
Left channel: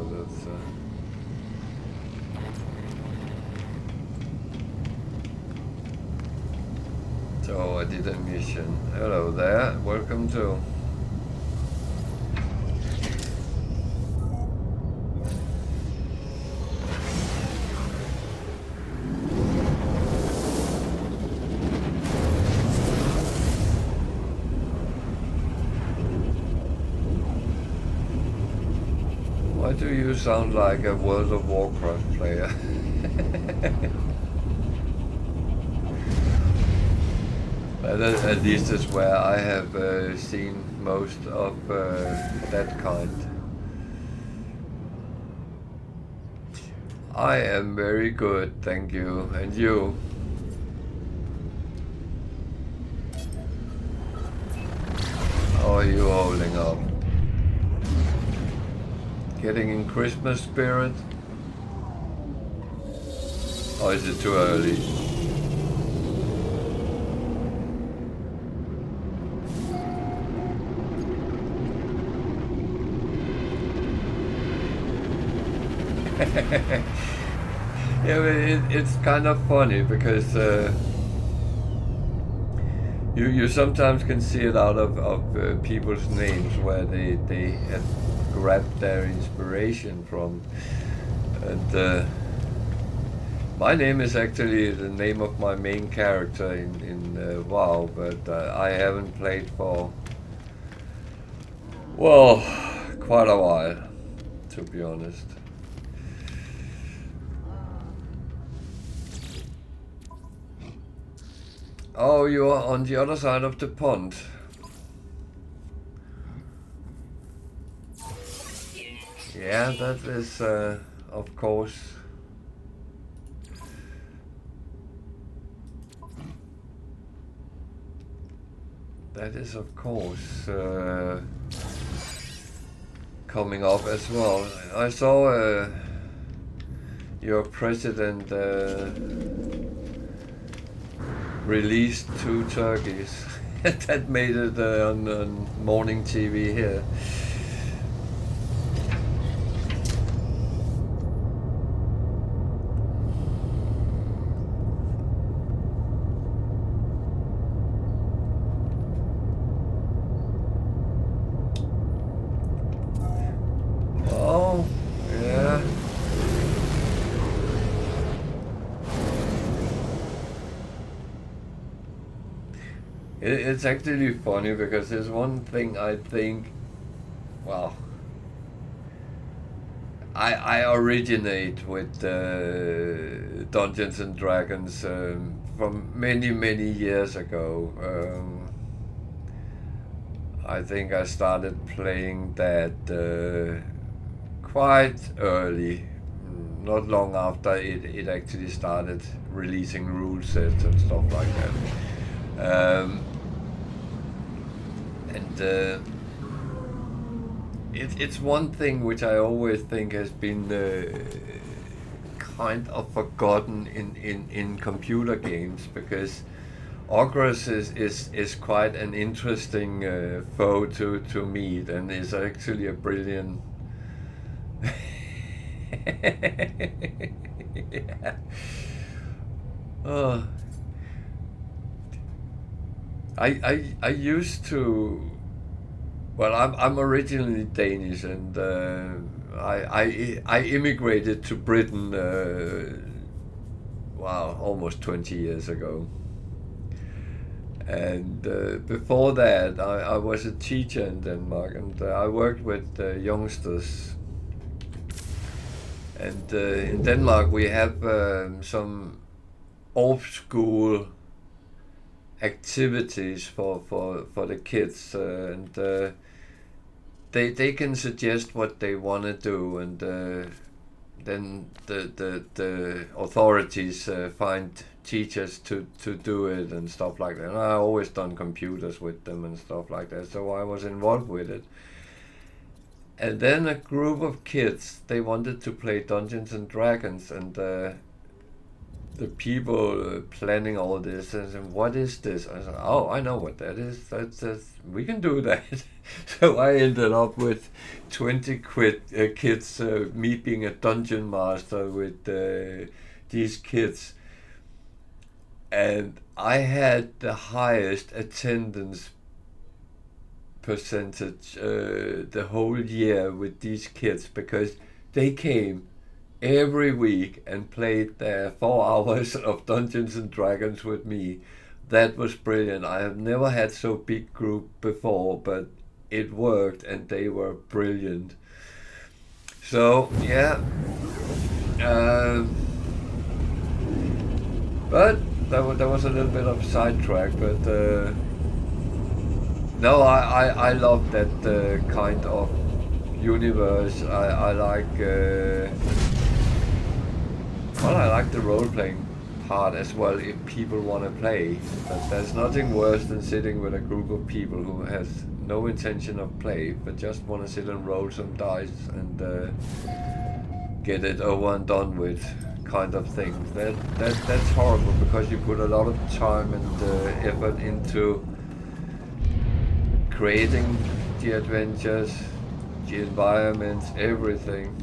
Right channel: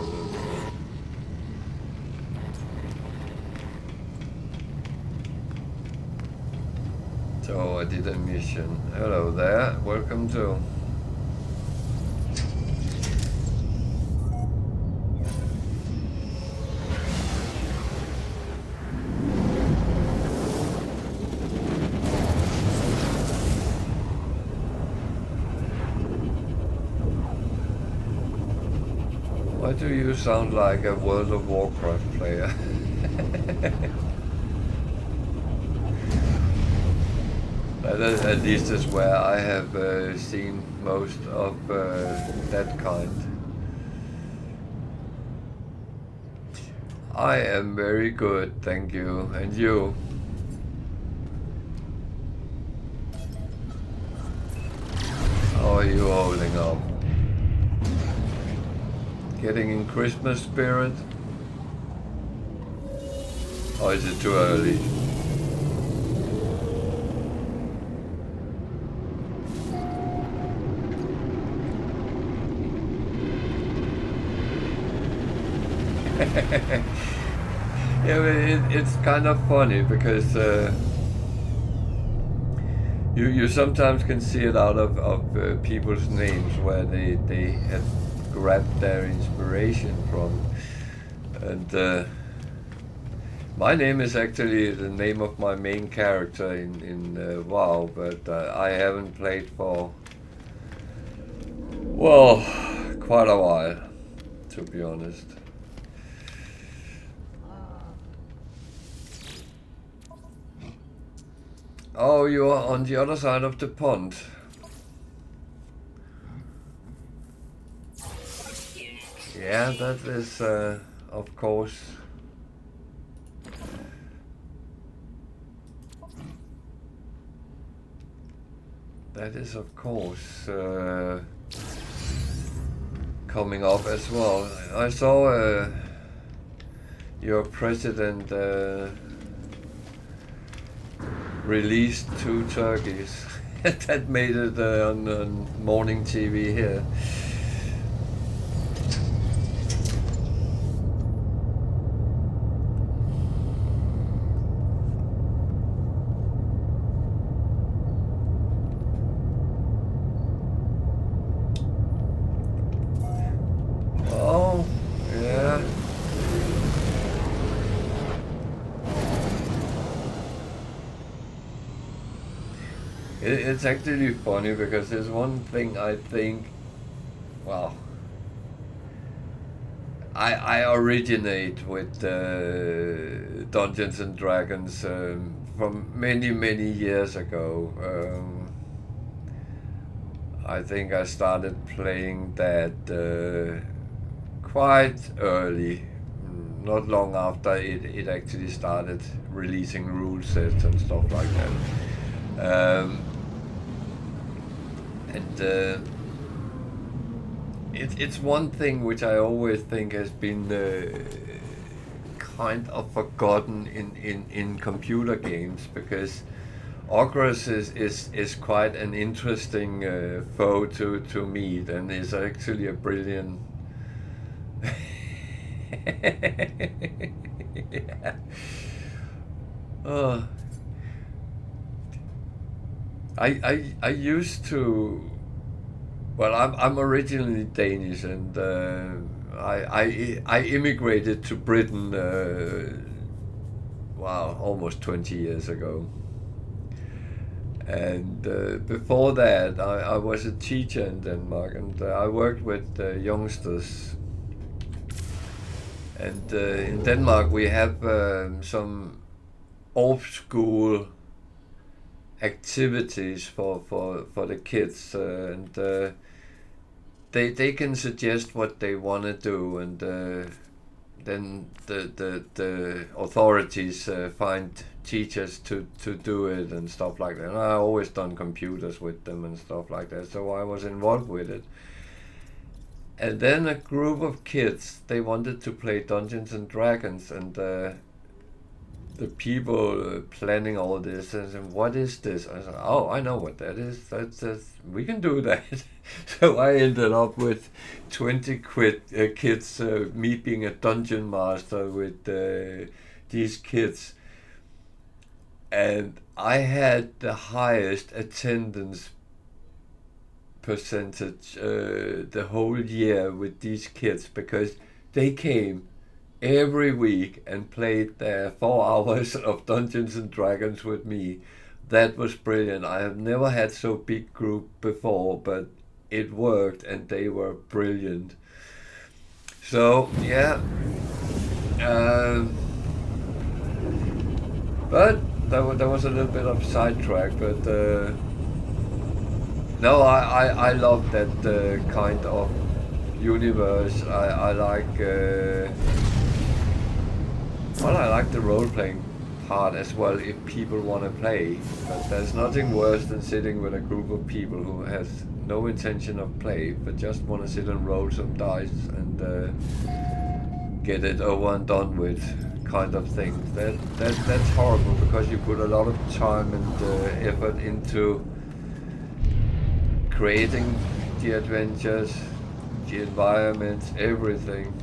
that's So I did a mission. Hello there, welcome to. Why do you sound like a World of Warcraft player? At least is where I have seen most of that kind. I am very good, thank you. And you? How are you holding up? Getting in Christmas spirit? Or is it too early? Yeah, but it's kind of funny because you sometimes can see it out of people's names where they have grabbed their inspiration from. And my name is actually the name of my main character in WoW, but I haven't played for, well, quite a while, to be honest. Oh, you are on the other side of the pond. Yeah, that is, of course. That is, of course, coming up as well. I saw your president released 2 turkeys. That made it on morning TV here. Oh, yeah. It's actually funny because there's one thing I think, well, I originate with Dungeons and Dragons from many years ago. I think I started playing that quite early, not long after it actually started releasing rule sets and stuff like that. It's one thing which I always think has been kind of forgotten in computer games, because Ogres is quite an interesting foe to meet, and is actually a brilliant. Yeah. Oh. I used to. Well, I'm originally Danish, and I immigrated to Britain. Wow, almost 20 years ago. And before that, I was a teacher in Denmark, and I worked with youngsters. And in Denmark, we have some off-school activities for the kids, and they can suggest what they want to do, and then the authorities find teachers to do it and stuff like that. And I always done computers with them and stuff like that, so I was involved with it. And then a group of kids, they wanted to play Dungeons and Dragons, and the people planning all this and saying, what is this? I said, oh, I know what that is. That's we can do that. So I ended up with 20 kids, me being a dungeon master with these kids. and I had the highest attendance percentage the whole year with these kids, because they came every week and played their 4 hours of Dungeons and Dragons with me. That was brilliant. I have never had so big group before, but it worked and they were brilliant. So yeah, um, but there was a little bit of sidetrack, but no, I love that kind of universe. I like well, I like the role playing part as well if people want to play. But there's nothing worse than sitting with a group of people who has no intention of play, but just want to sit and roll some dice and get it over and done with, kind of things. That's horrible, because you put a lot of time and effort into creating the adventures, the environments, everything.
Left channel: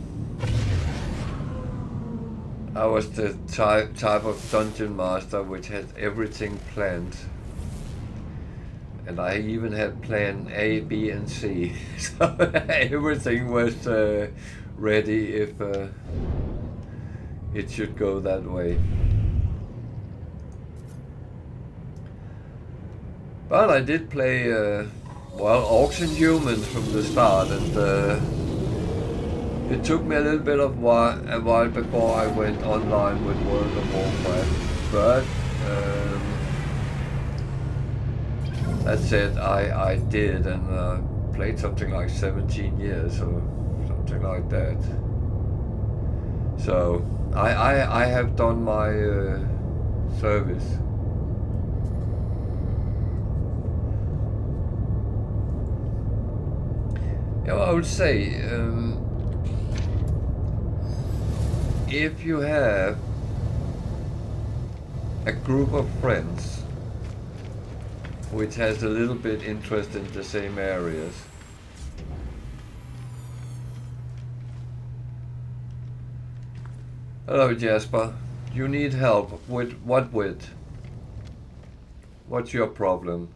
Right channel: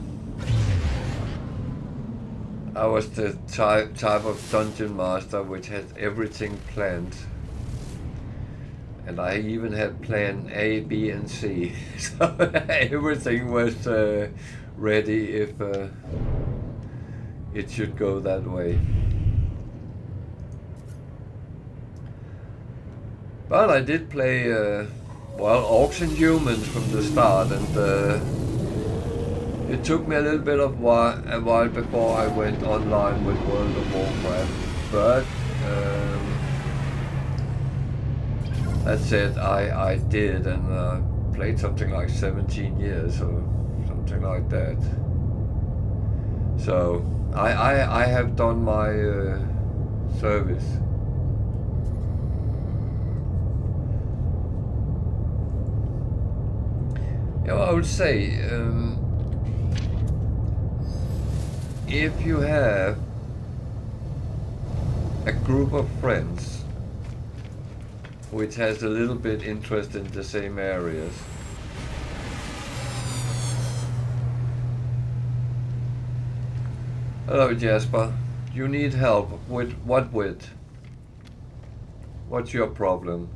I was the type of dungeon master which had everything planned. And I even had plan A, B, and C. So everything was ready if it should go that way. But I did play, well, Orcs and Humans from the start, and it took me a little bit of a while before I went online with World of Warcraft. But that said, I did, and played something like 17 years or something like that. So I have done my service. Yeah, well, I would say if you have a group of friends which has a little bit interest in the same areas, hello Jasper, you need help with what with? What's your problem?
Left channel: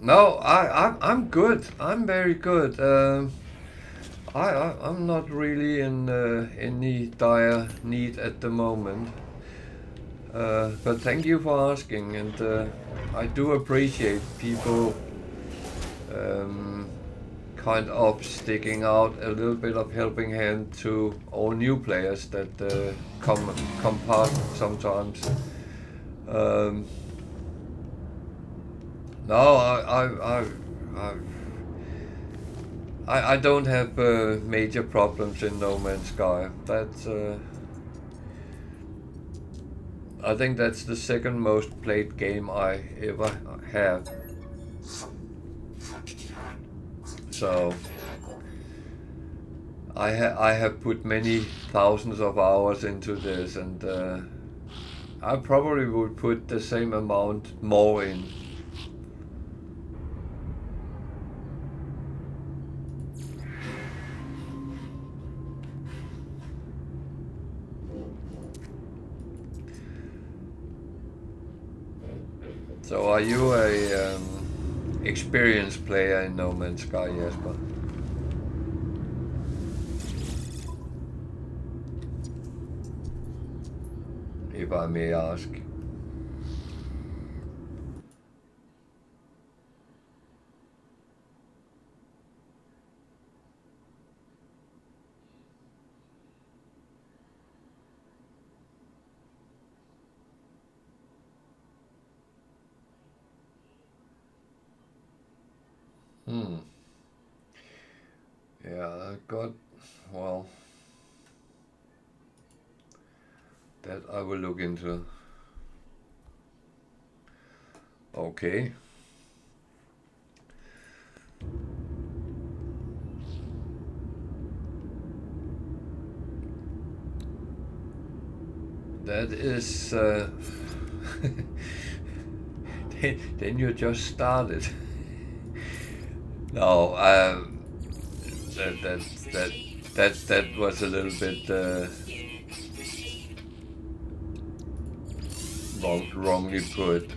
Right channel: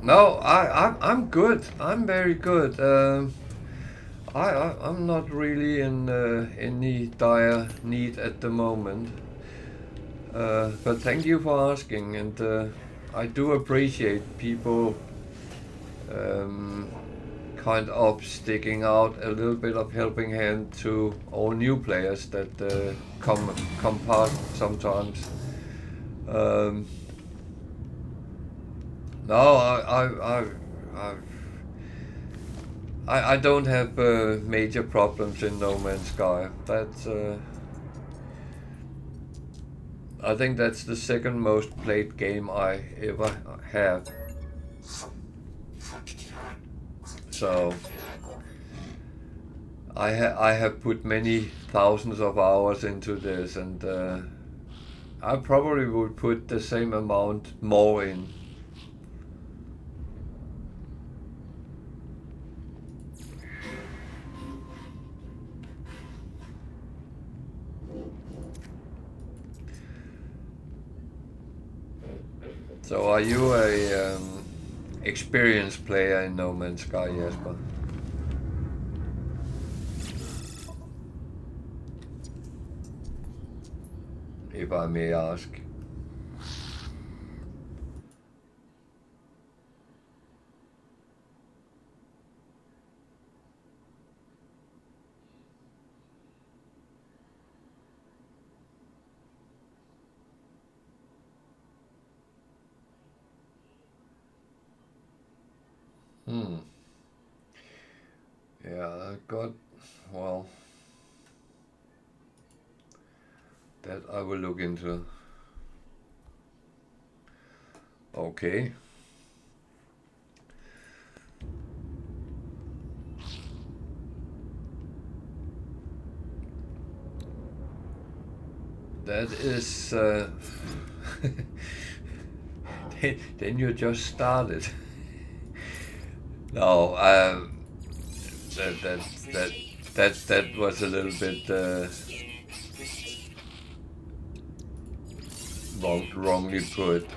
No, I'm good. I'm very good. I'm not really in any dire need at the moment. But thank you for asking, and I do appreciate people kind of sticking out a little bit of helping hand to all new players that come past sometimes. Um, no, I don't have major problems in No Man's Sky. That's I think that's the second most played game I ever have. So I have put many thousands of hours into this, and I probably would put the same amount more in. So are you a experienced player in No Man's Sky, Jesper? If I may ask. Yeah, I got, well, that I will look into. Okay. that is. Then you just started. No, that was a little bit wrongly put.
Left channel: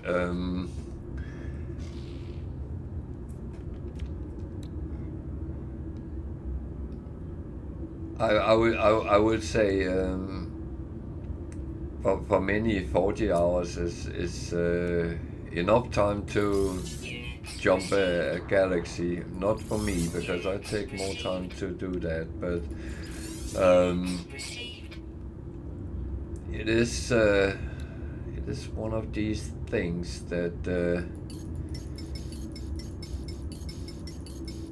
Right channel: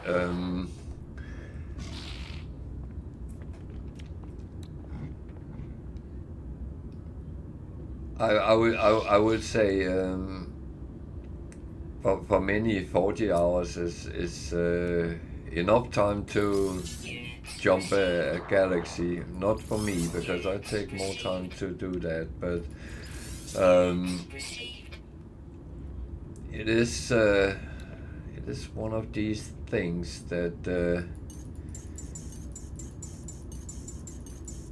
I would say for many 40 hours is enough time to jump a galaxy. Not for me, because I take more time to do that, but it is one of these things that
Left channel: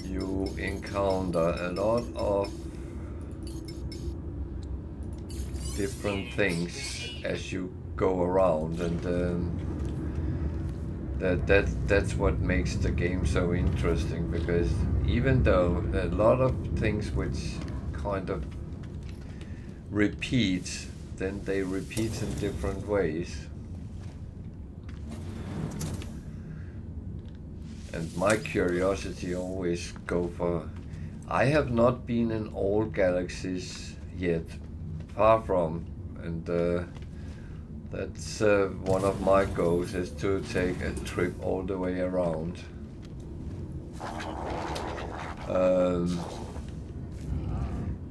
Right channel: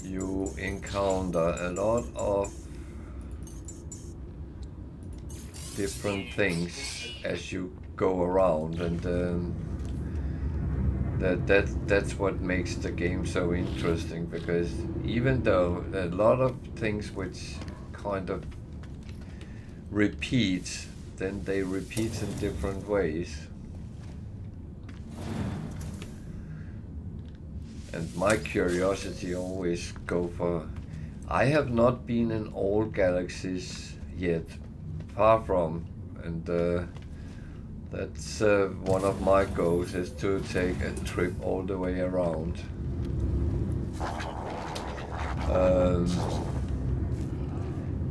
you encounter a lot of different things as you go around, and that's what makes the game so interesting, because even though a lot of things which kind of repeat, then they repeat in different ways. And my curiosity always go for... I have not been in all galaxies yet, far from, and that's one of my goals, is to take a trip all the way around.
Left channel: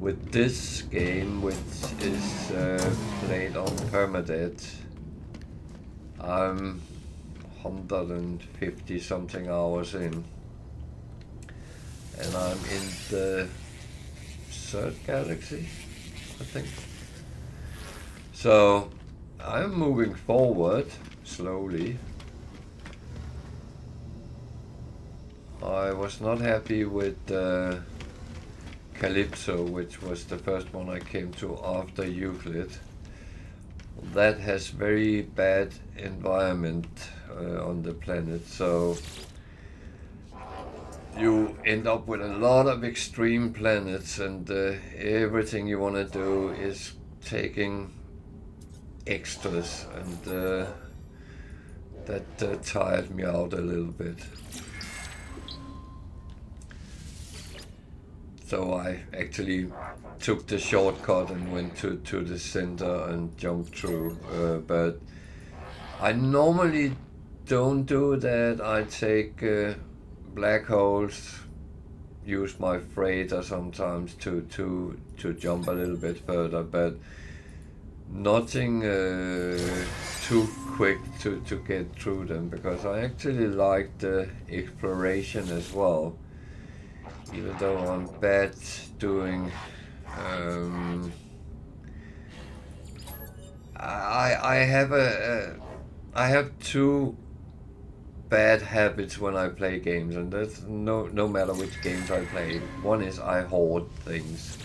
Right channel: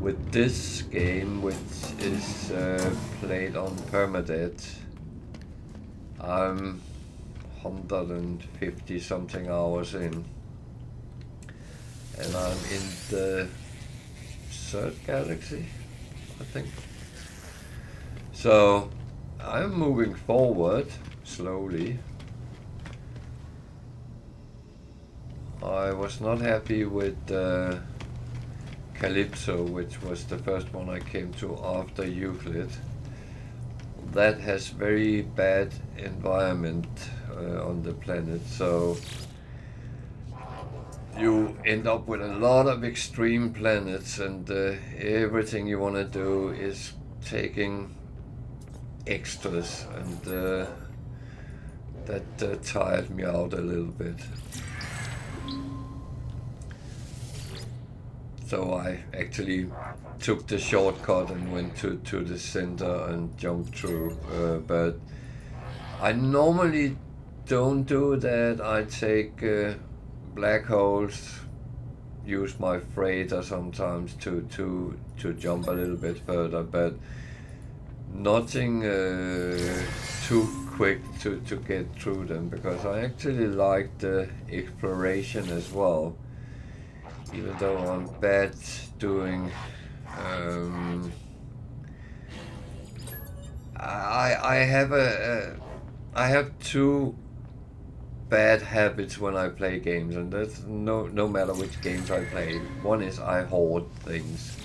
With this game, which is played on Permadeath, I'm 150 something hours in, and I'm in the third galaxy, I think. So I'm moving forward slowly. I was not happy with Calypso, which was the first one I came to after Euclid. That has very bad environment on the planet, so you end up with a lot of extreme planets, and everything you want to do is taking extras, and that tired me out a little bit. So I actually took the shortcut and went to the center and jumped through, but I normally don't do that. I take black holes, use my freighter sometimes to jump a little bit further, but nothing too quick to get through them, because I actually like the exploration as well. Even though I'm bad doing, I have two bad habits when I play games, and that's no matter which games I play. One is I hoard things.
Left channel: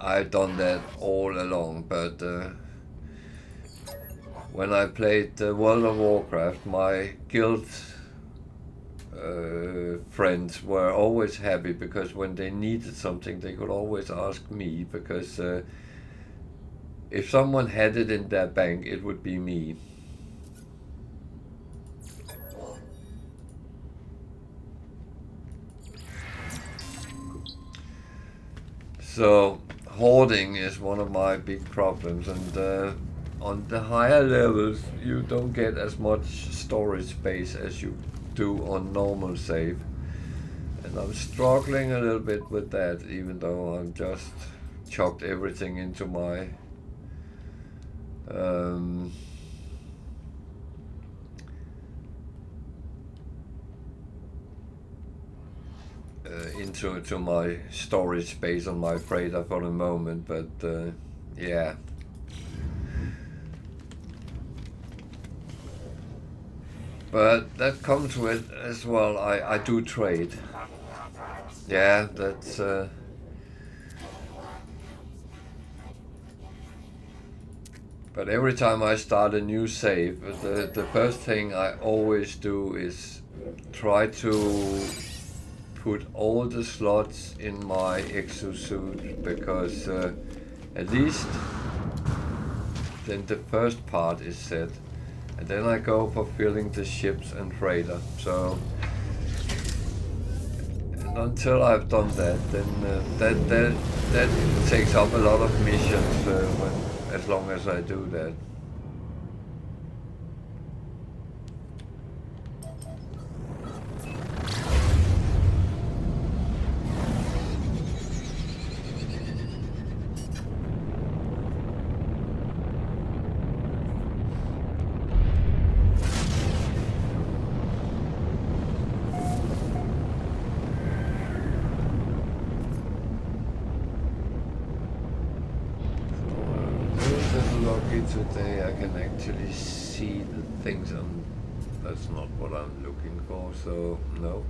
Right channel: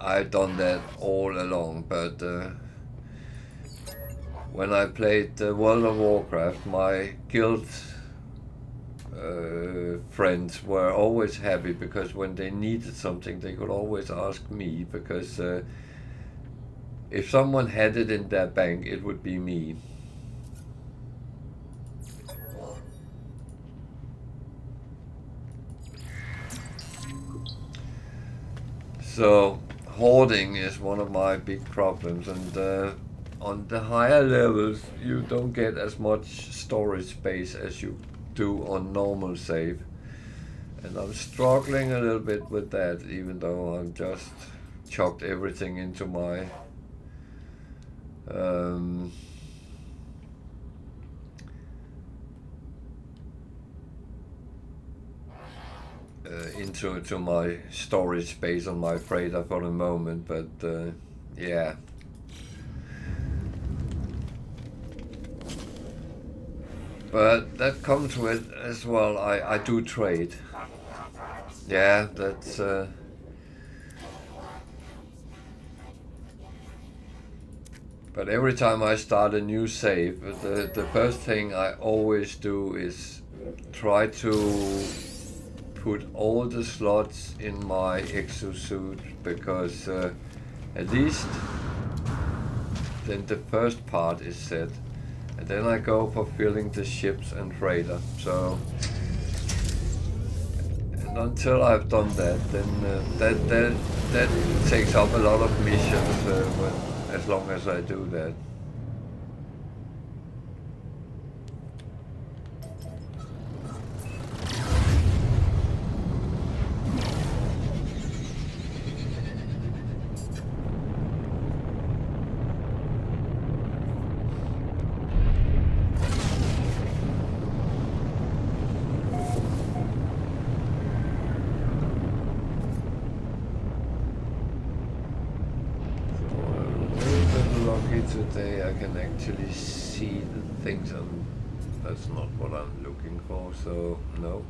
I've done that all along, but when I played World of Warcraft, my guild friends were always happy, because when they needed something they could always ask me, because if someone had it in their bank, it would be me. So hoarding is one of my big problems, and on the higher levels you don't get as much storage space as you do on normal save, and I'm struggling a little bit with that, even though I've just chucked everything into my into my storage space on my freighter for the moment, but yeah. But that comes with as well, I do trade. Yeah, that's but every time I start a new save, the first thing I always do is try to put all the slots in my exosuit, because At least then the first part is set, and then I go for filling the ships and freighter. So, and until I've done that, then that takes up a lot of missions as long as I do that. Today I can actually see the things, and that's not what I'm looking for, so no.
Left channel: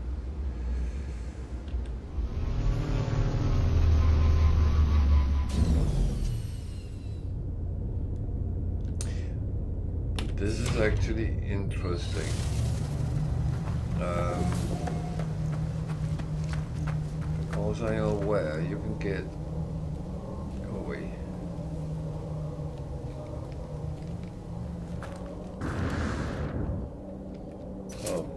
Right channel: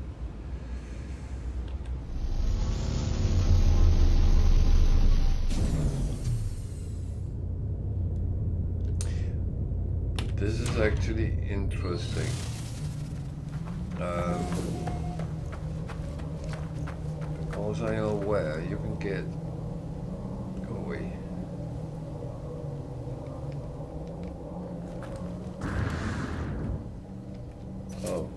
But this is actually interesting. Because I am aware you can get... Go away. Oh.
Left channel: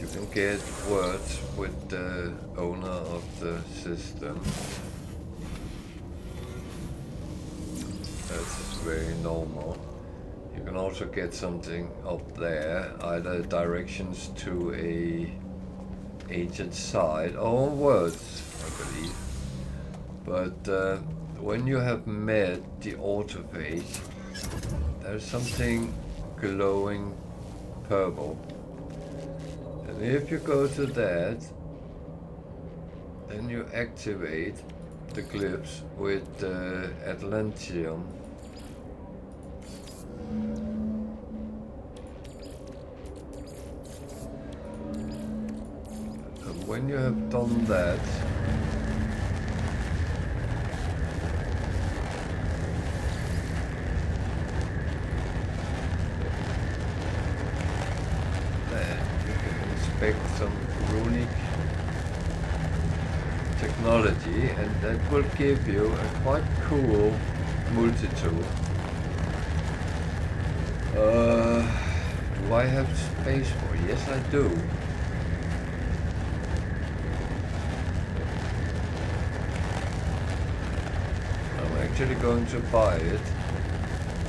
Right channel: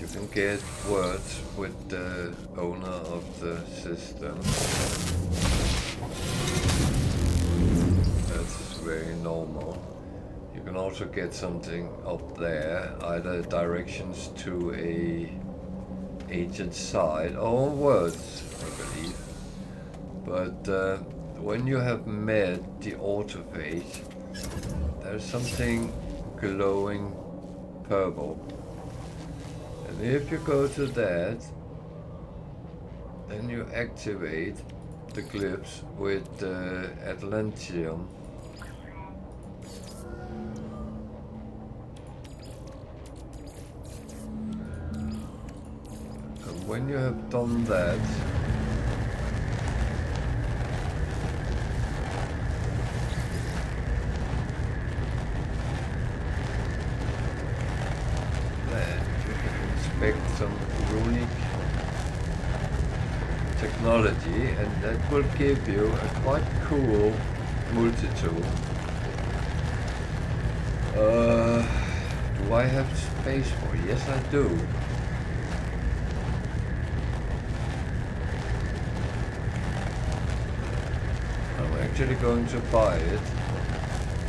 You can get words with the owner of the system. That's very normal. You can also get something up there, either directions to a agent site or words, I believe. But when you have met the autophage, there's something glowing purple, and if you go to that, then you activate the glyphs with Atlantium. And when you have done that, some runic technology, and that will give you a quite cool multi-tool. Do I have space for it? Yes, I do. I'm actually going to buy it.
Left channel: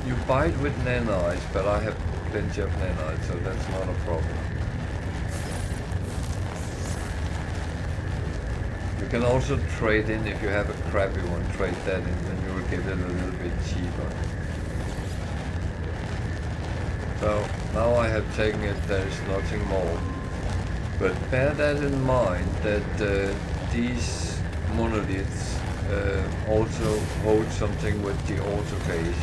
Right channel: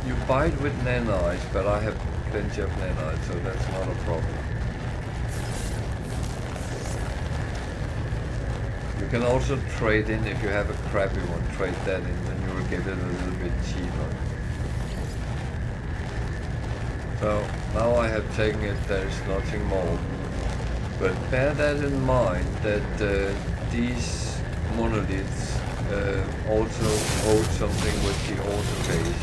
You buy it with nanites, but I have plenty of nanites, so that's not a problem. You can also trade in, if you have a crappy one, trade that in, then you will get it a little bit cheaper. So now I have taken it, there is nothing more. But bear that in mind, that these monoliths also hold something with the autophage.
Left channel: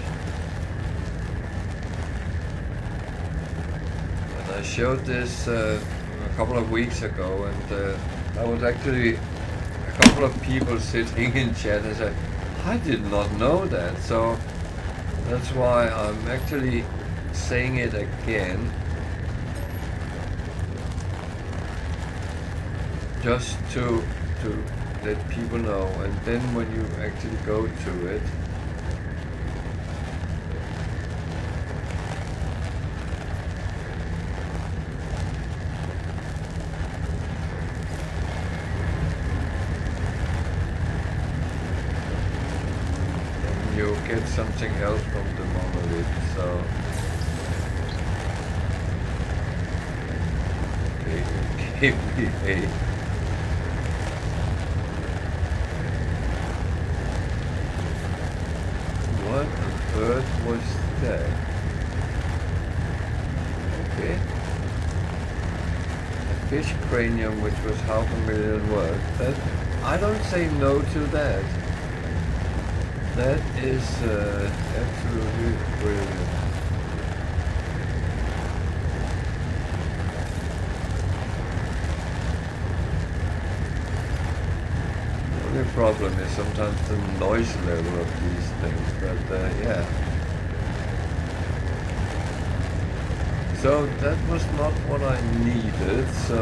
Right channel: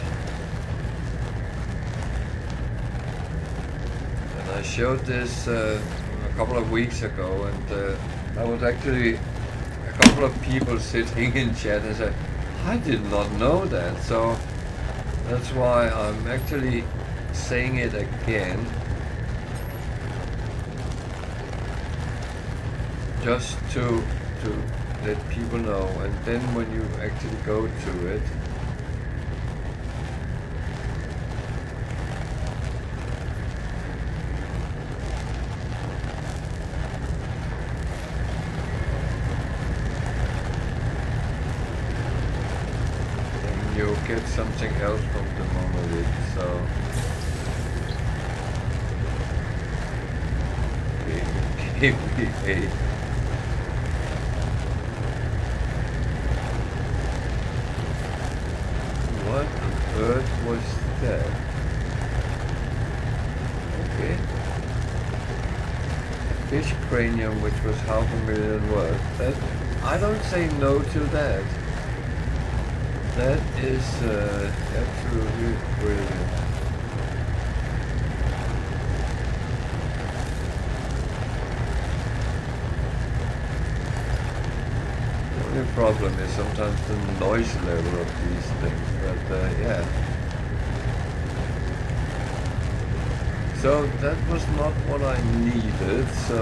And I showed this a couple of weeks ago, and I was actually a couple of people sitting in chat and said, I did not know that. So that's why I'm actually saying it again, just to let people know. And then when you actually go to it, you get something else from the monolith. So give me a what on earth was that? Okay. A fish cranium which was 500,000 worth. That I don't say no to that. That is absolutely brilliant. The only problem is sometimes the noise level of these things, but yeah. So that was not what I needed, so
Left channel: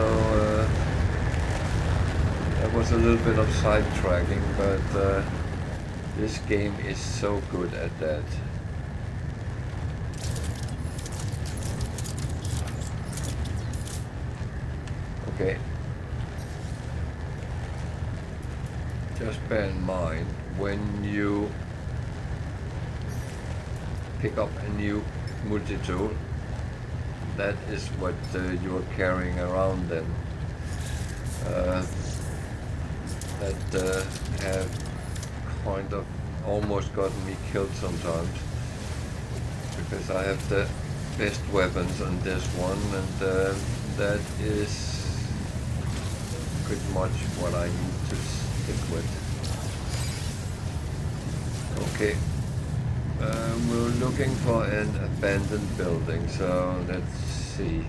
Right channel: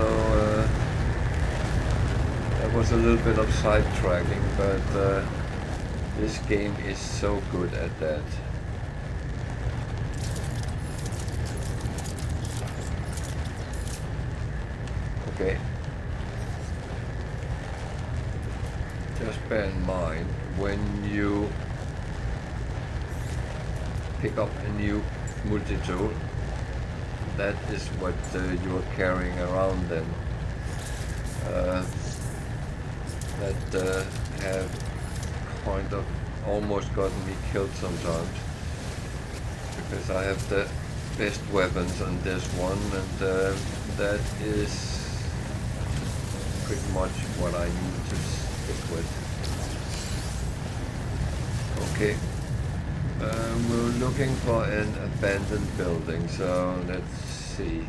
That was a little bit of sidetracking, but this game is so good at that. Okay. Just bear in mind, when you pick up a new multi-tool, that is what you are carrying around then. That have kind of almost gotten me killed sometimes, because I have the best weapons on this one, and that is pretty much what I need to stick with. Okay, we're looking for an abandoned building, so let's see.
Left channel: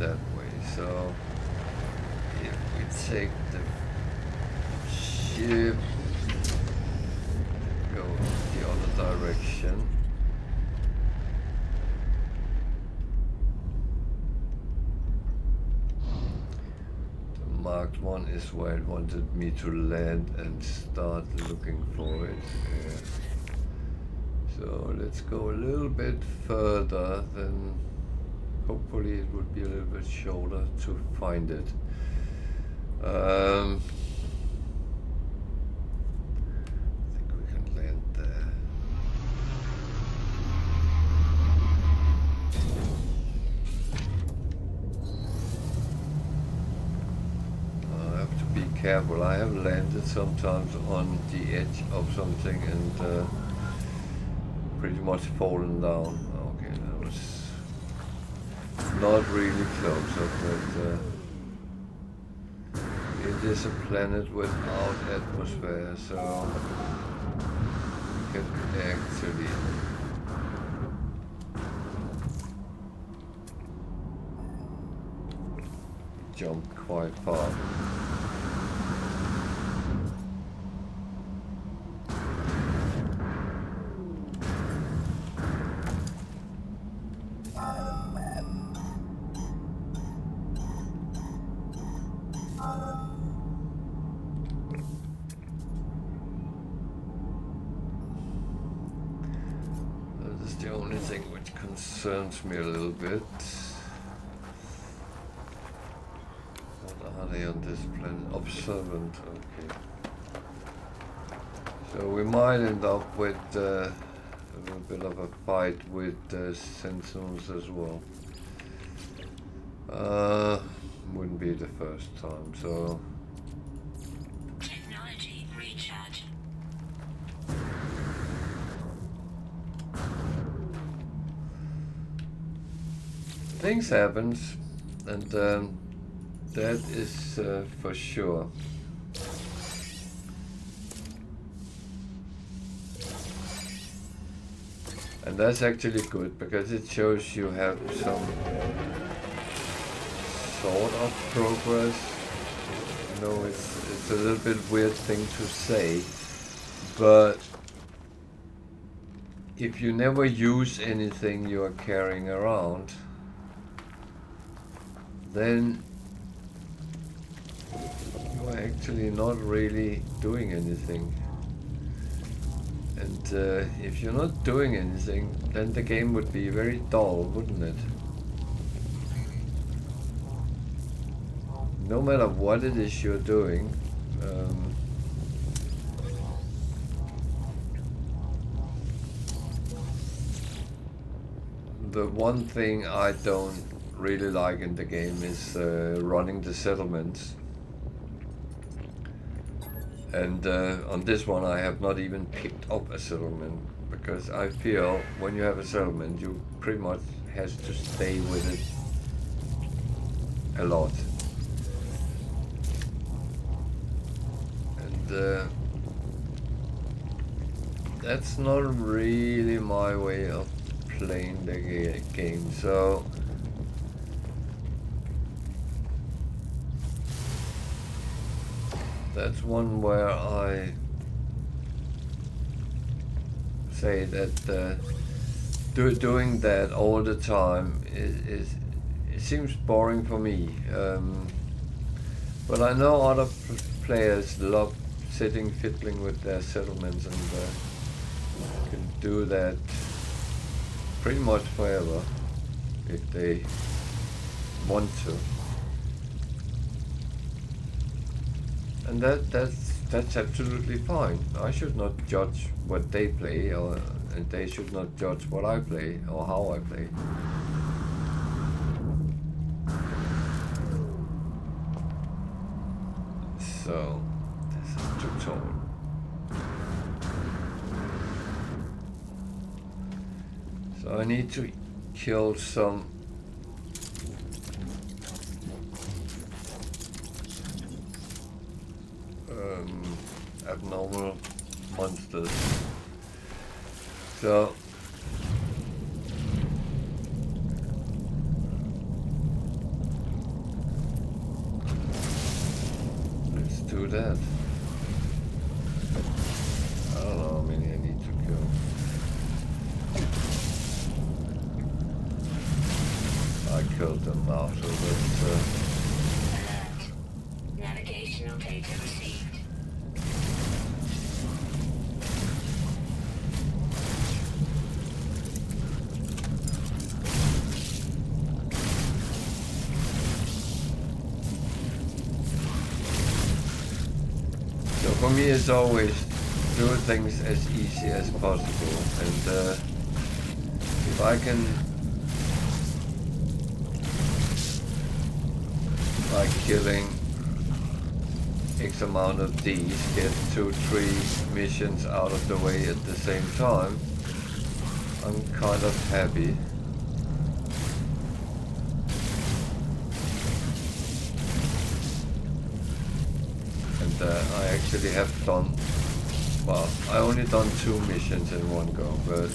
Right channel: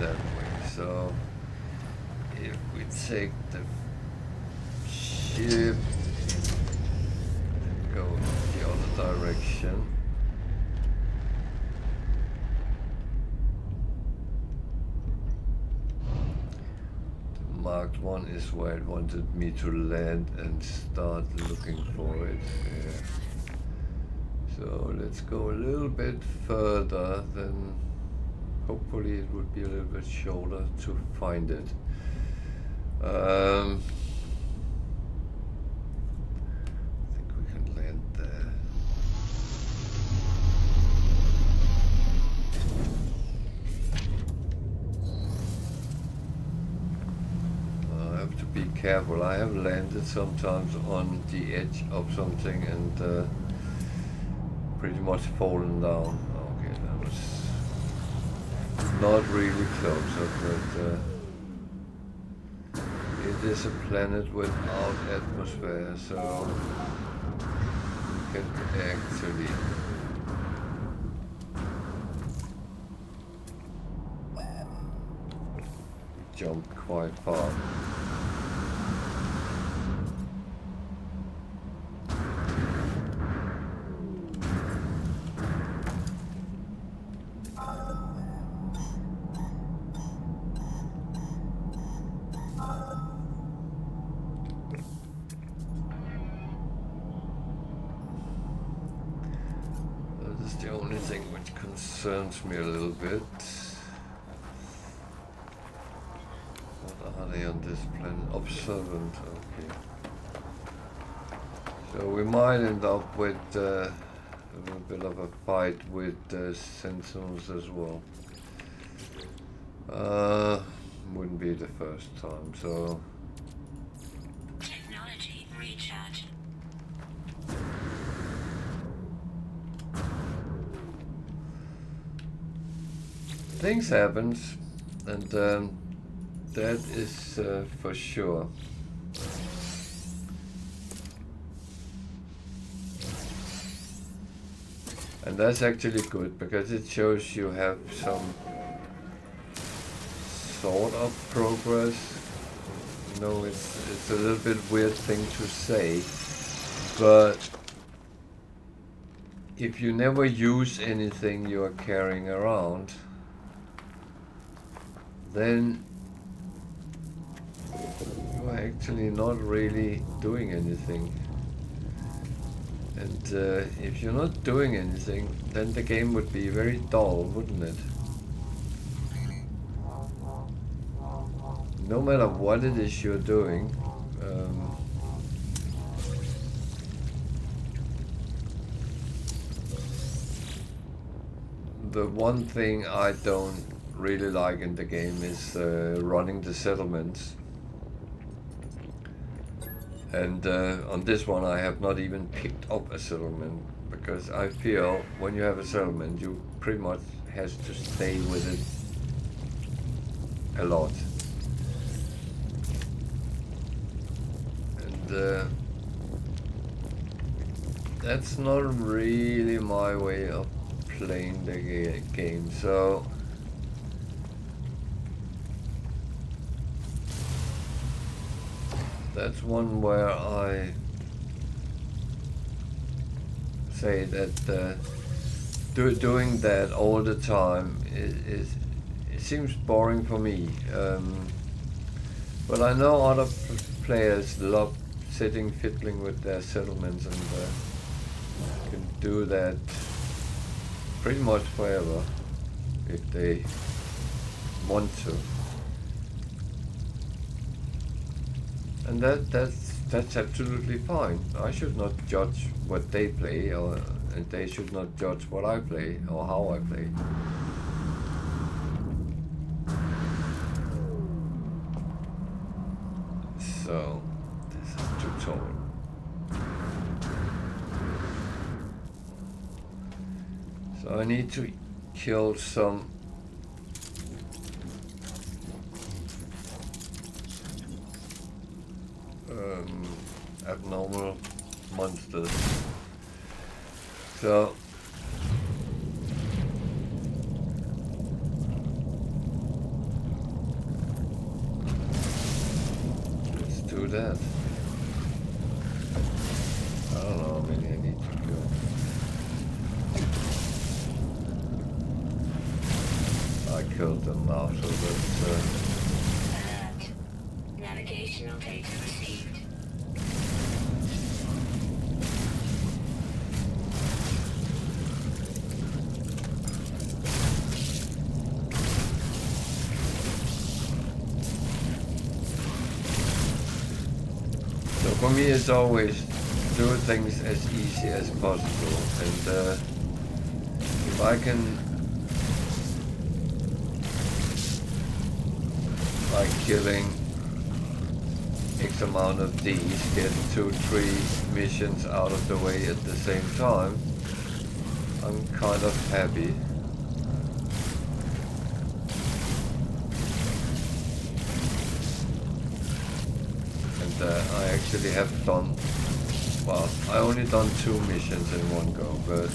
That way, so if we take the ship and go the other direction, the marked one is where it wanted me to land and start looking for it. Yeah. So let's go a little bit further, then hopefully it would be a little bit shorter to find it. I think we can land there. I have to be careful. I have landed sometimes on the edge of something and pretty much fallen down. Okay, that was not really close, but it is a planet without atmosphere, so we can actually jump quite far. The only thing which concerns me a little bit. What are they on this planet? Observant, okay. So we might end up with a little bit of a fight with sentinels as well. Wouldn't be the first time, so. Things happens, and that is for sure. And that's actually good, because it shows you have some sort of progress. You know, it's a little bit weird thing to say, but if you never use anything you are carrying around, then you are actually not really doing anything. And if you're not doing anything, then the game would be very dull, wouldn't it? No matter what it is you're doing, the one thing I don't really like in the game is running the settlements. And on this one I have not even picked up a settlement, because I feel when you have a settlement you pretty much has to stay with it a lot. And that's not really my way of playing the game, so that's one where I say that doing that all the time is it seems boring for me. But I know other players love sitting fiddling with their settlements and can do that pretty much forever if they want to. And that's absolutely fine. I should not judge what they play, and they should not judge what I play or how I play. So this is tutorial. So I need to kill some abnormal monsters. So let's do that. I don't know how many I need to kill. I killed them now, so that's Alert. Navigational data received. so for me it's always do things as easy as possible, and if I can, by killing X amount of these, get 2-3 missions out of the way at the same time, I'm kind of happy. And I actually have done, well, I only done 2 missions in one go, but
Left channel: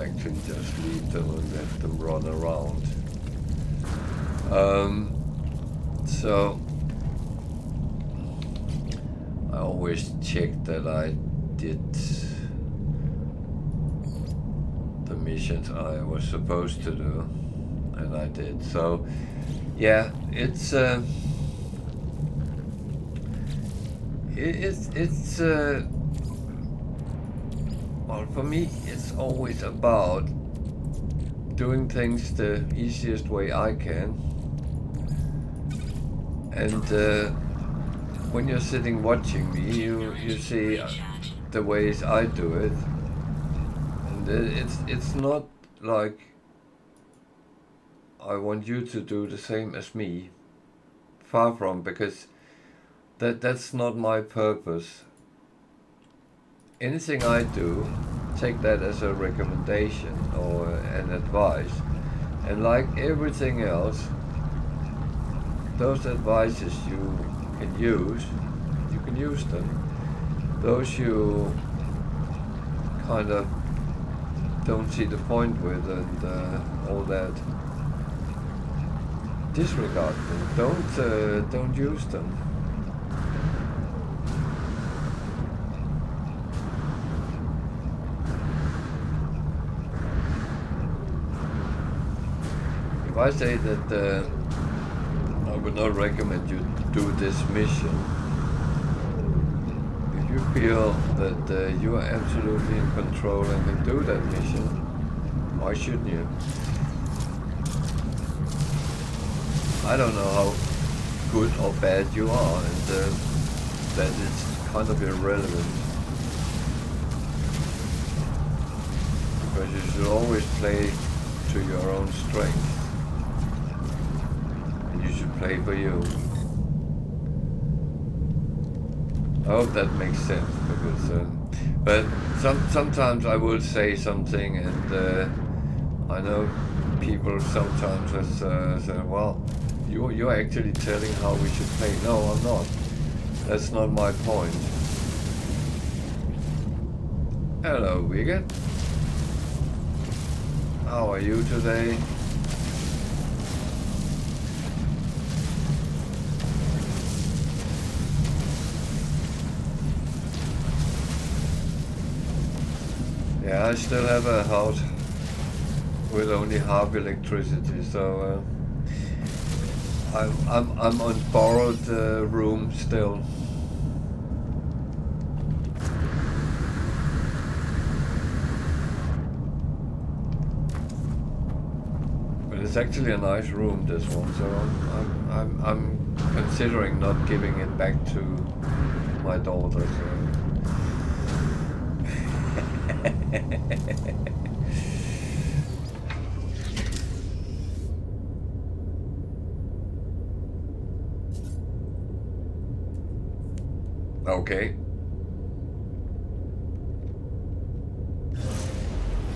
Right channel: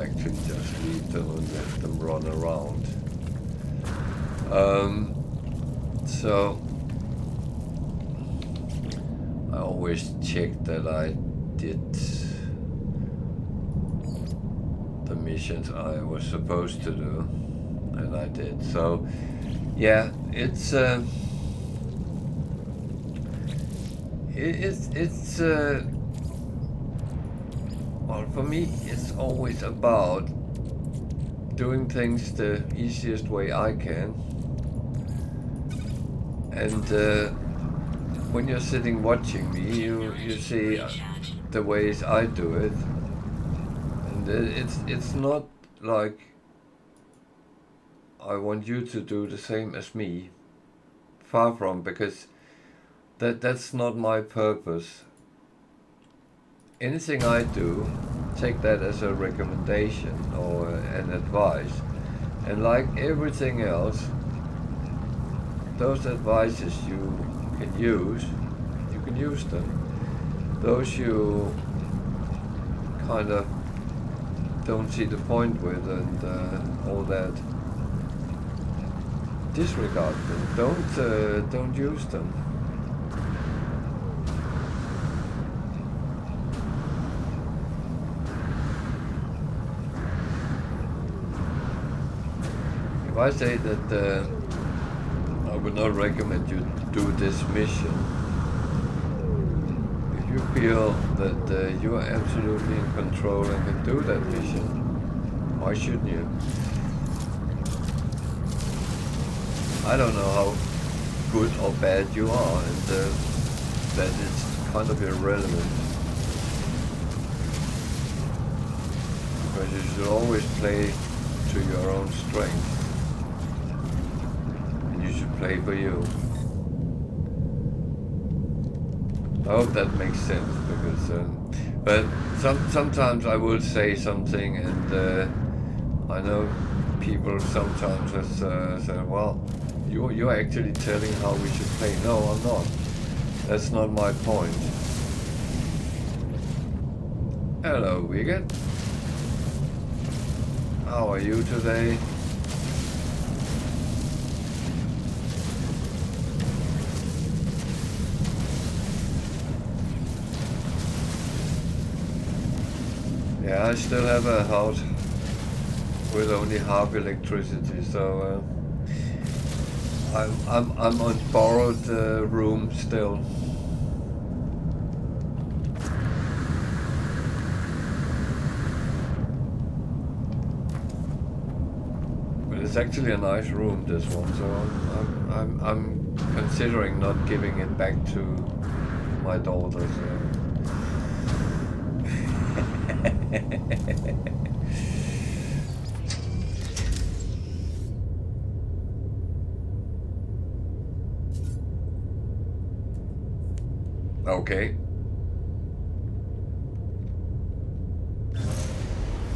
actually just leave them and let them run around. So I always check that I did the missions I was supposed to do, and I did. So yeah, it's well, for me, it's always about doing things the easiest way I can. And when you're sitting watching me, you see the ways I do it. And it's not like I want you to do the same as me. Far from, because that's not my purpose. Anything I do, take that as a recommendation or an advice, and like everything else, those advices you can use them. Those you kind of don't see the point with and all that, disregard them. Don't use them. If I say that I would not recommend you do this mission, if you feel that you are absolutely in control and can do that mission, why shouldn't you? I don't know how good or bad you are, and that it's kind of irrelevant. Because you should always play to your own strength. You should play for you. I hope that makes sense, because but sometimes I will say something, and I know people sometimes say, well, you're actually telling how we should play. No, I'm not. That's not my point. Hello, Wigan. How are you today? Yeah, I still have a house with only half electricity, so I'm on borrowed room still. But it's actually a nice room, this one, so I'm considering not giving it back to my daughter. So. Okay.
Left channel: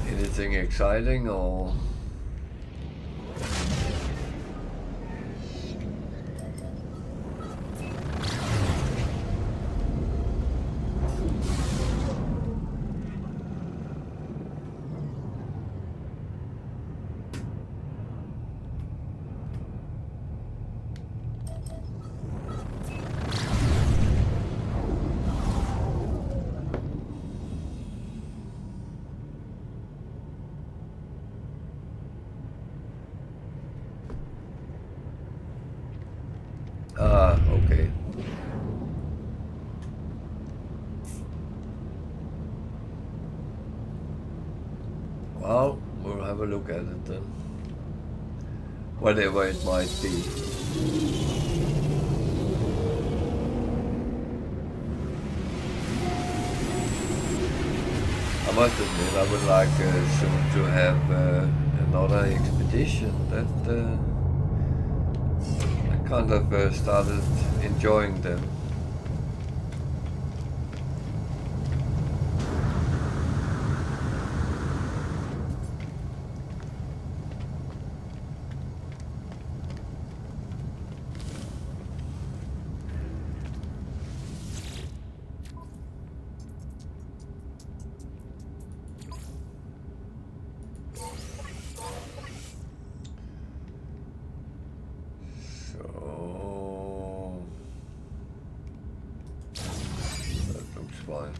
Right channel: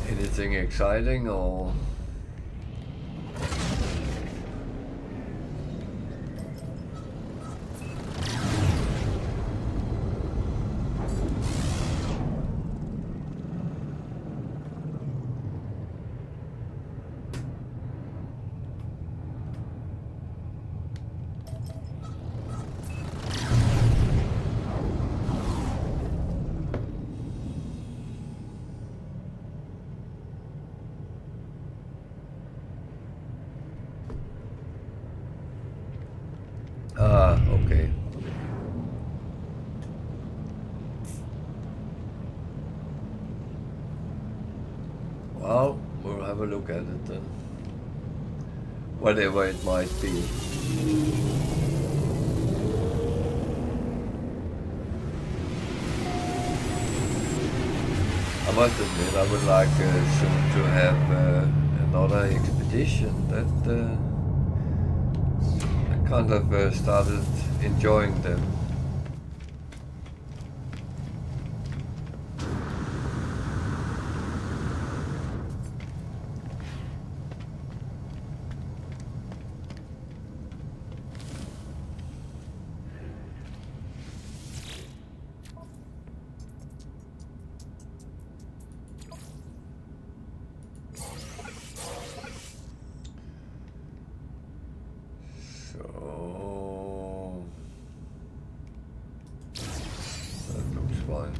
Anything exciting or? Ah, okay. Well, we'll have a look at it then. Whatever it might be. I must admit, I would like soon to have another expedition that I kind of started enjoying them. So that looks fine.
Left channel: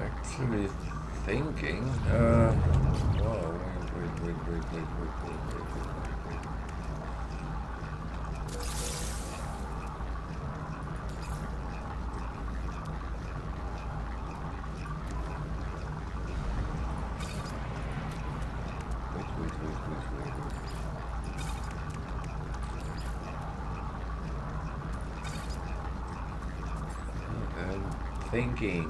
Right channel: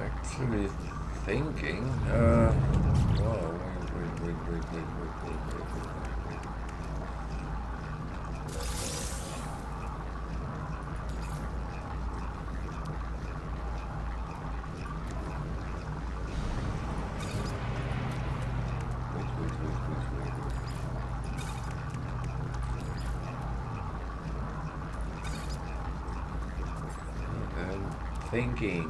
Actually thinking, wow, wait. I'm thinking.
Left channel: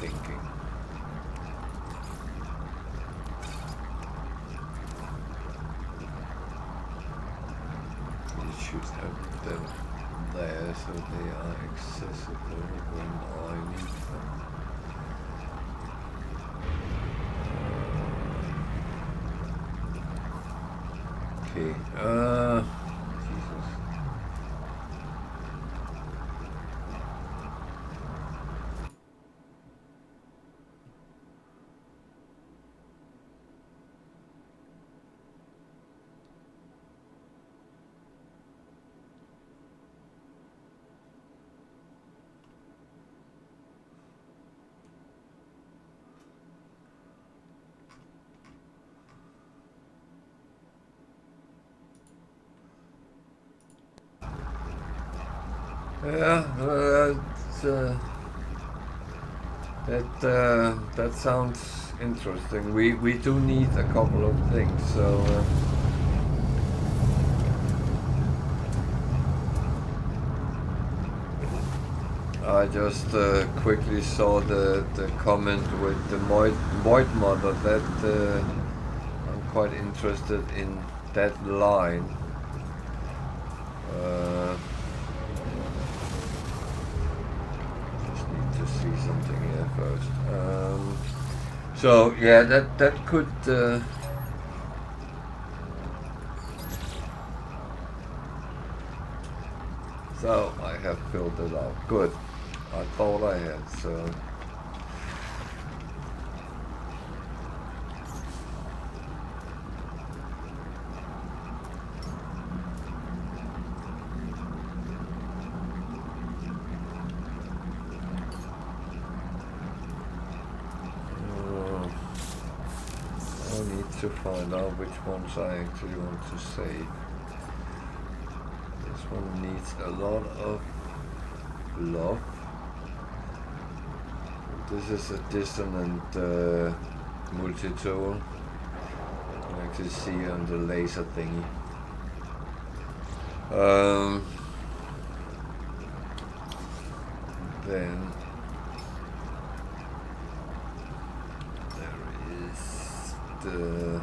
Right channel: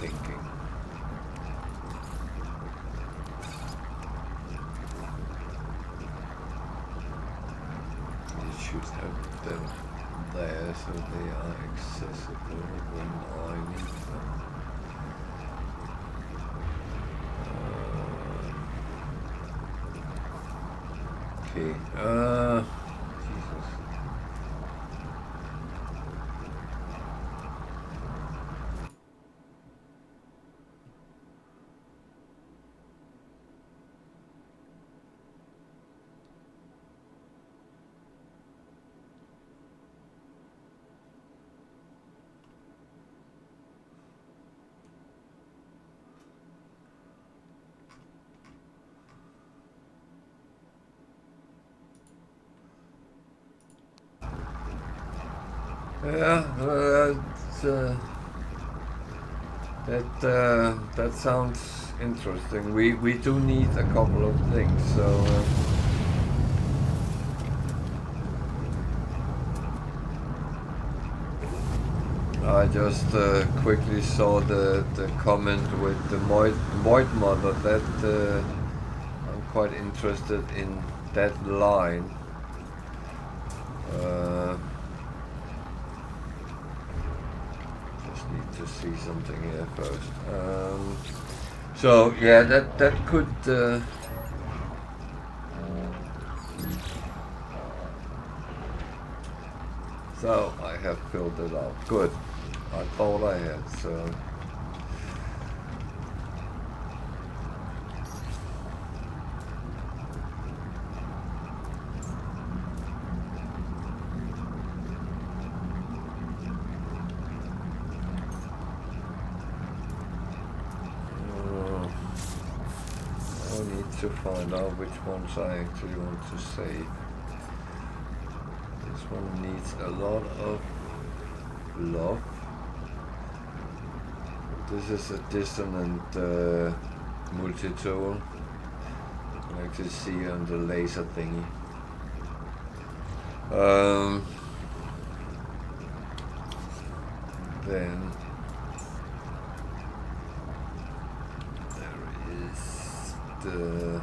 Thinking. You should have them there so they are accessible when I need them. Okay. Jesus. Yeah, That sounds interesting. We do need a couple of things, so. I just quickly saw the comment with the Void Mother. That I'm quite interested in that line. Just need to see something here first. So yeah, that could. So I have filled it out. Good. I thought I had, so. I need to find out which ones I actually want to save. This one needs a lot of love. This is a dissonant multi-tool. You can actually see on the laser thingy. Then there is the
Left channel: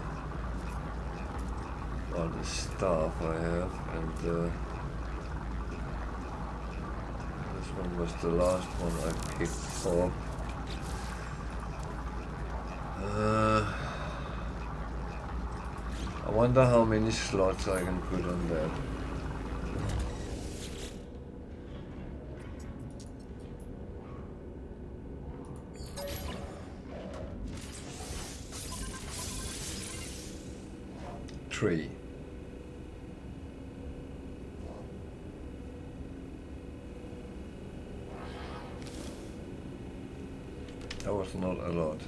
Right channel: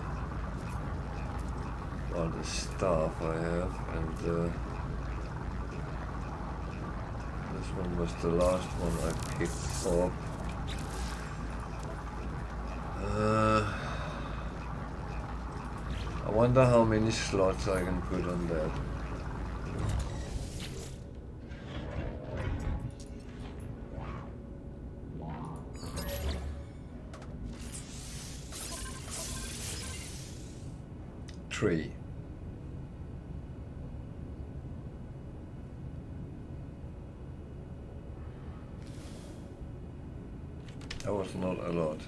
staff I have, and this one was the last one I picked up. I wonder how many slots I can put on that. Three. That was not a lot.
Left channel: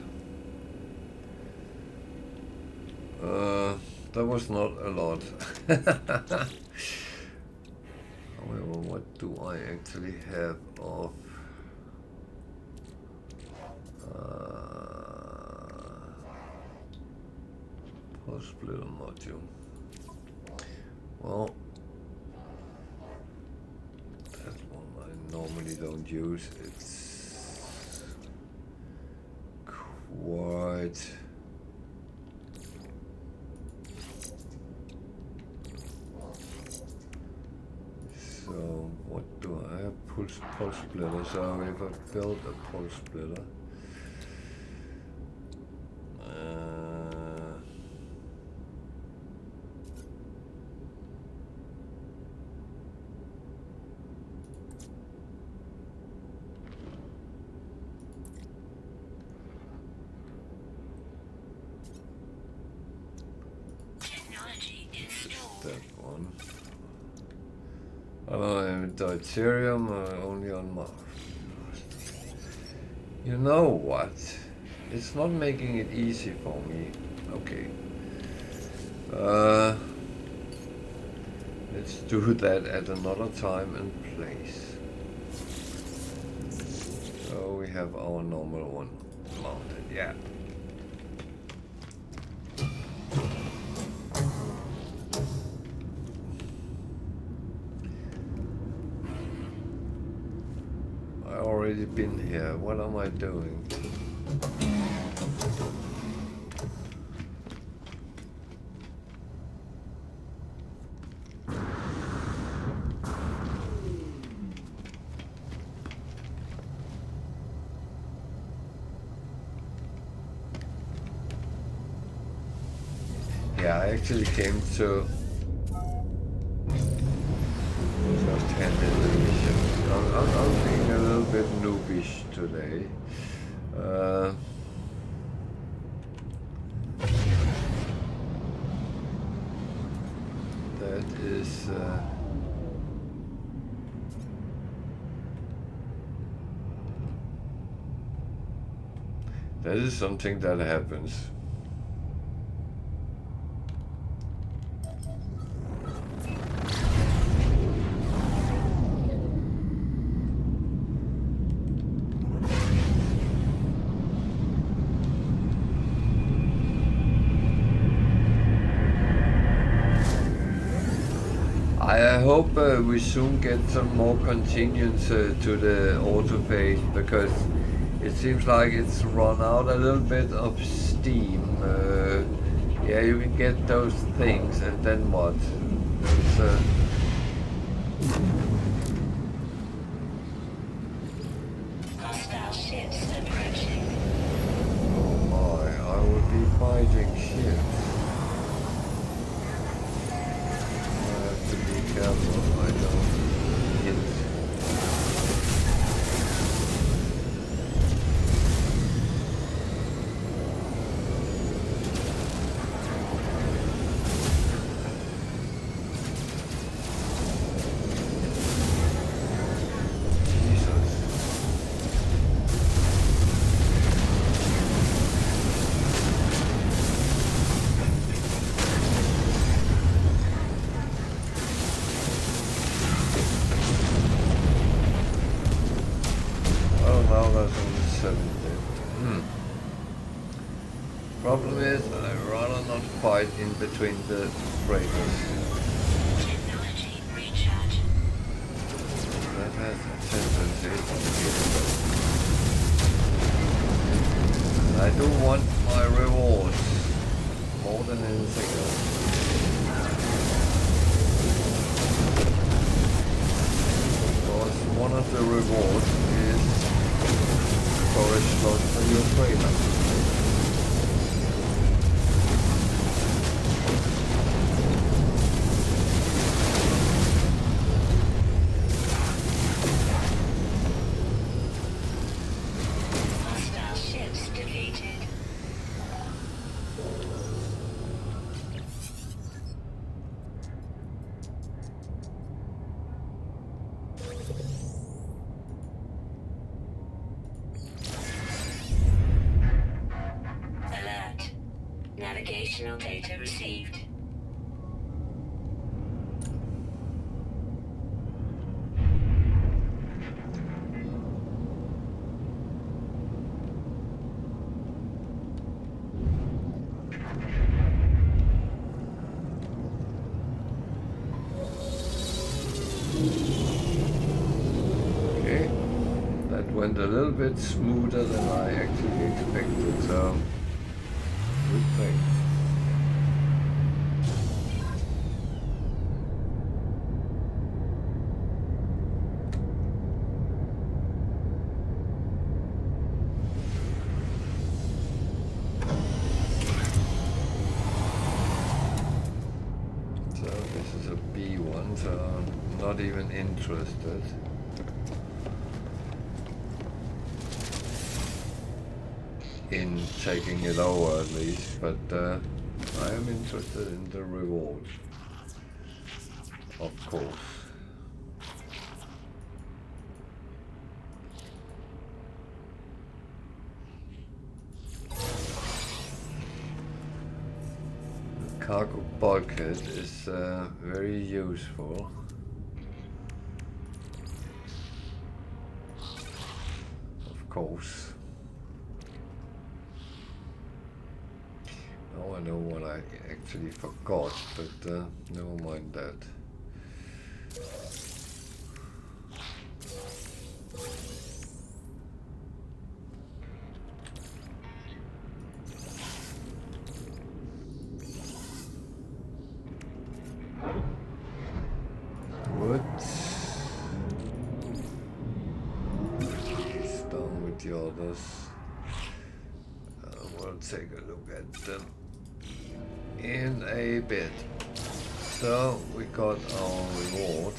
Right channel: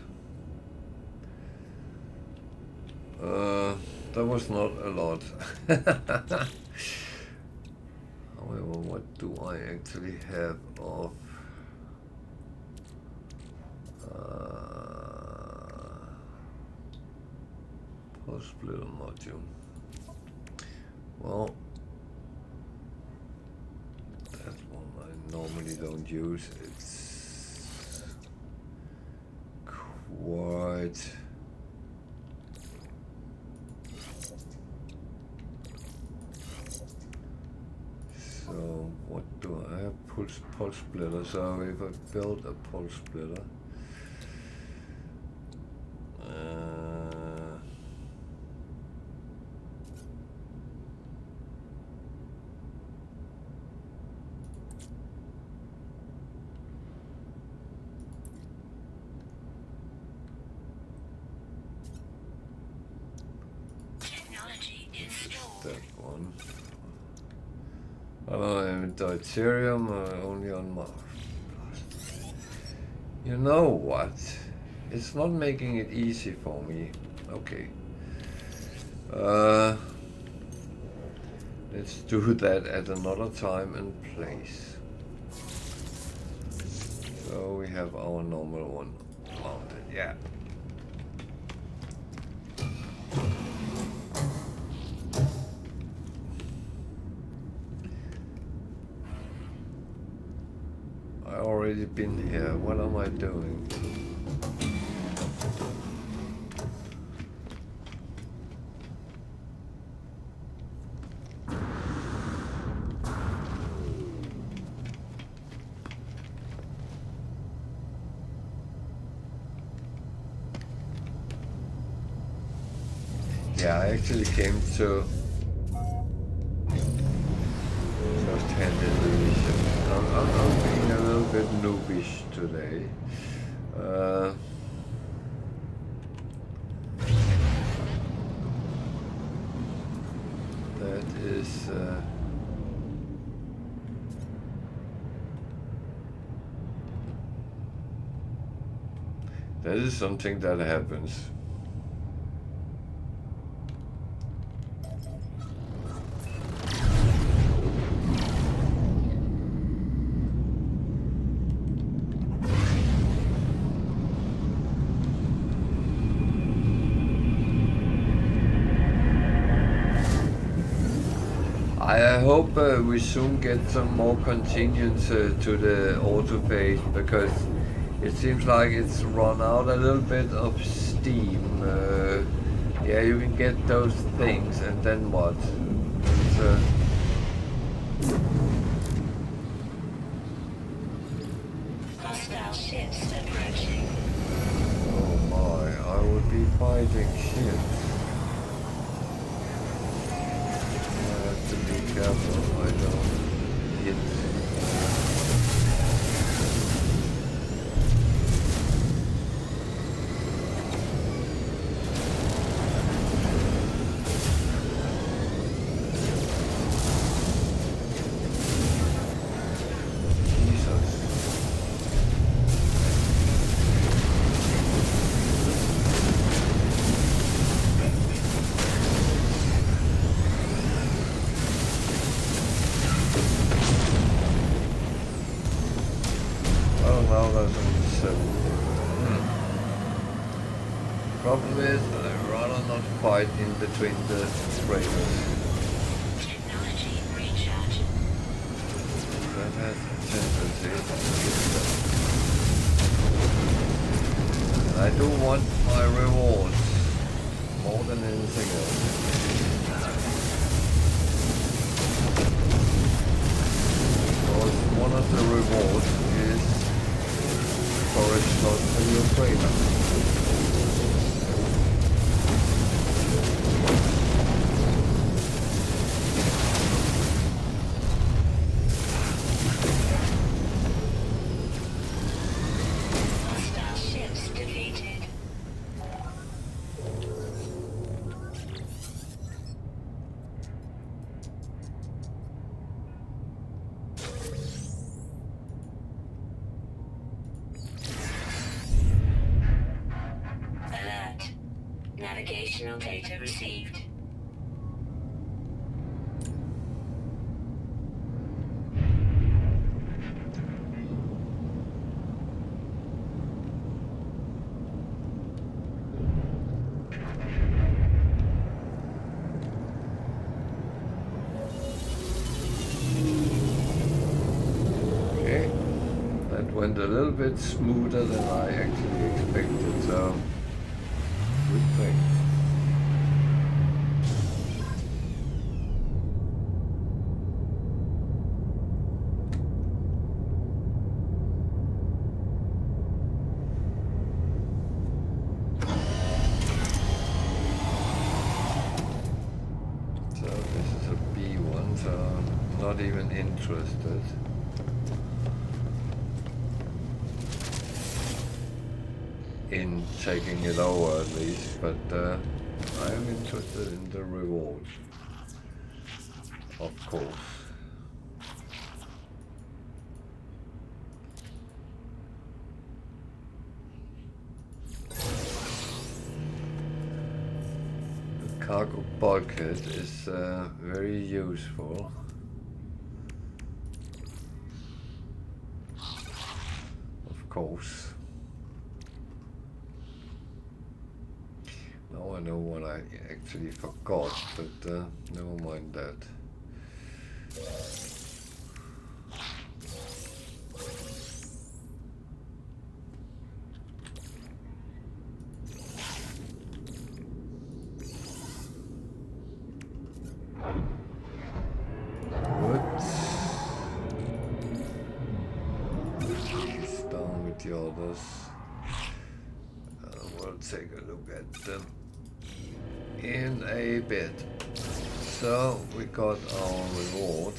That was not a lot. However, what do I actually have of pulse splitter module? Well, that one I normally don't use. It's quite. So what do I have? Pulse splitter. So if I build a pulse splitter, that one. Deuterium only on Mars. You know what? It's not making it easy for me. Okay. Let's do that at another time and place. So we have our normal one mounted. Yeah. Already been here. What am I doing? Yeah, I actually came to just hand in the mission. I'm being a little bit noobish today. That is something that happens. I hope we soon get some more continuance to the autopage, because it seems like it's run out a little bit of steam. Yeah, you can get those things, and then what? There's, Hostile ships approaching. oh my, I would be fighting ships. I have to be careful I don't hit. Now there's only 7. Problem is, I'd rather not fight in between the freighters. Technology recharge. That has a tendency to be better. And I do want my rewards more than anything else. Because one of the rewards is storage slot for your freighter. Hostile ships defeated. Alert. Navigational data received. Okay, that went a little bit smoother than I actually expected, so good thing. So this is a B1, so I'm not even interested. In taking it over at least, but I am interested in the reward, of course. The cargo bulkhead is very useful. Of course. Now I know what I actually forgot, but never mind that. What? Please down with the others. We'll take a look at them in a bit. So we got our reward,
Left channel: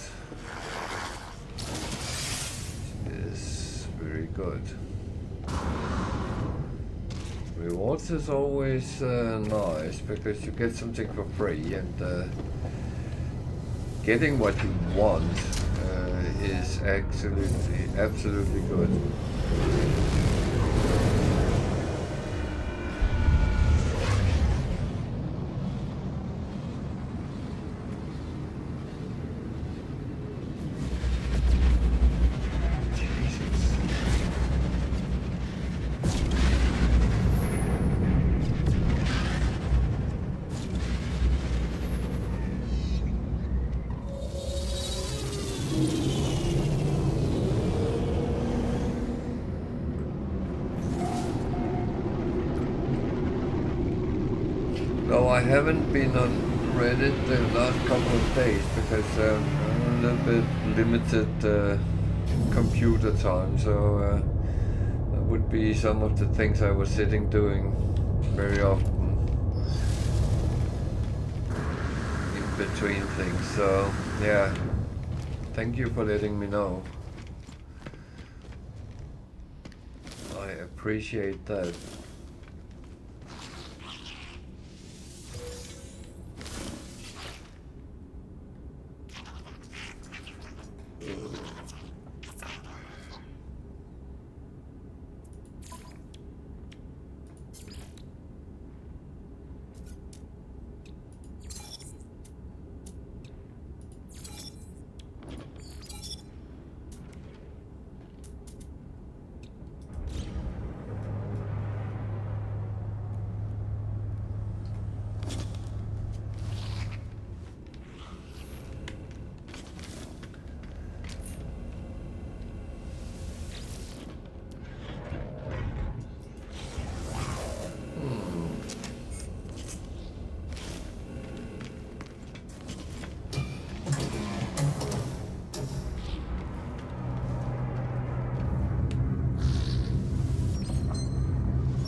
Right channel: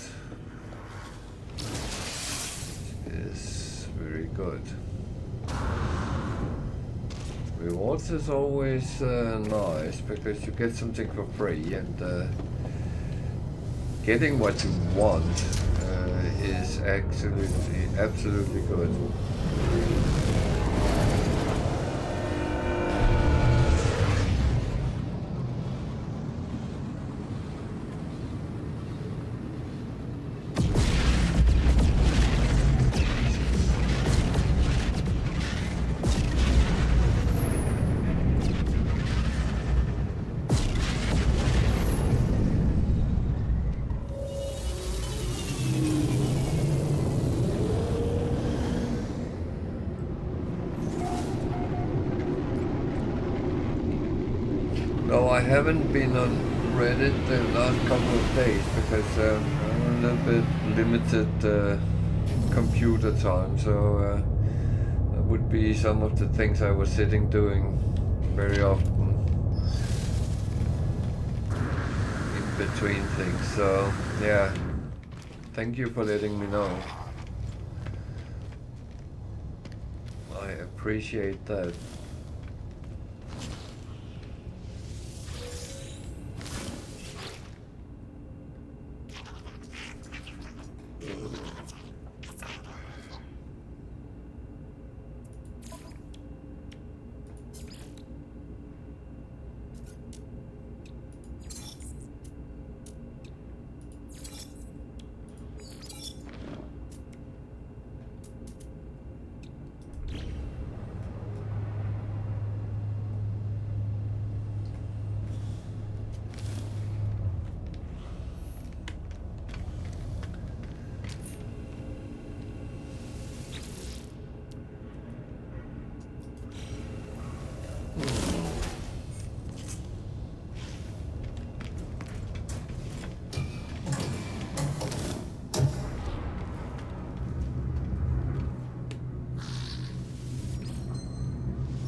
which is very good. Rewards is always nice because you get something for free, and getting what you want is absolutely good. No, I haven't been on Reddit the last couple of days because I'm a little bit limited computer time, so that would be some of the things I was sitting doing very often in between things. So yeah, thank you for letting me know. I appreciate that.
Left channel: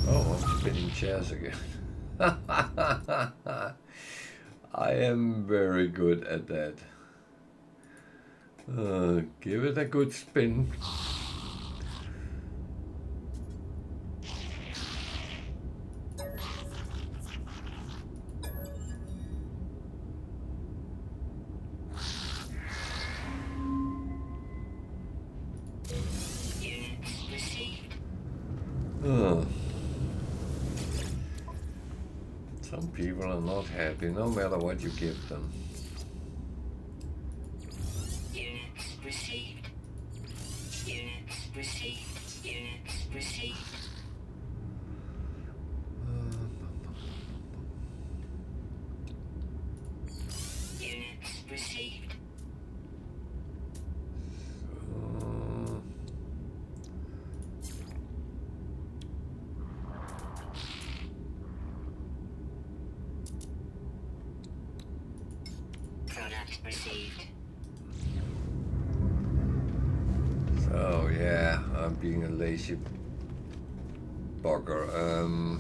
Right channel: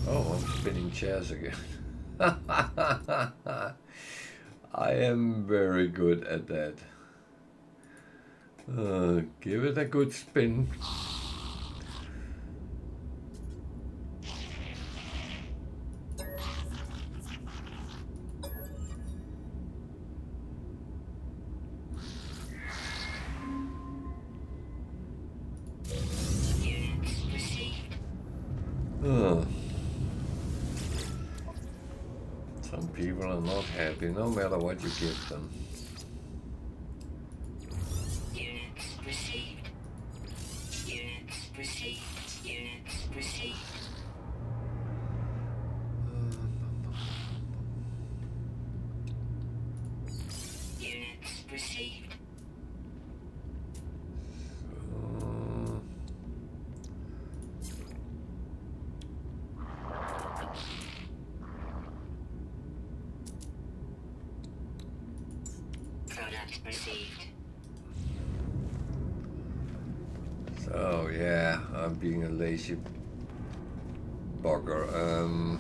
Oh, I'm spinning chairs again. I am very good at that. Give it a good spin. Uh, some people are not happy no matter what you give them. Units received. Units received. Units received. Units received. Product received. So yeah, I'm being a lazy bugger.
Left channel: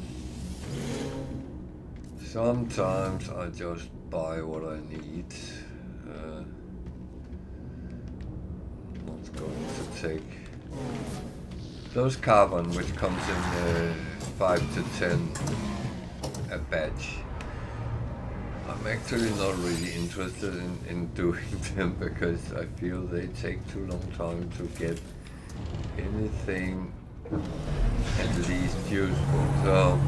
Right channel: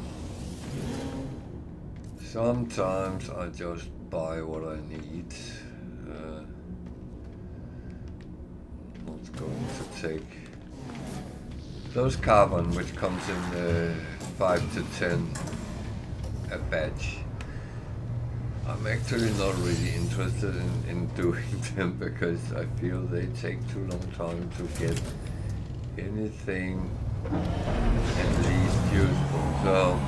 Sometimes I just buy what I need. Not going to take those carbon, which comes in 5 to 10 a batch. I'm actually not really interested in doing them because I feel they take too long time to get anything at least useful. So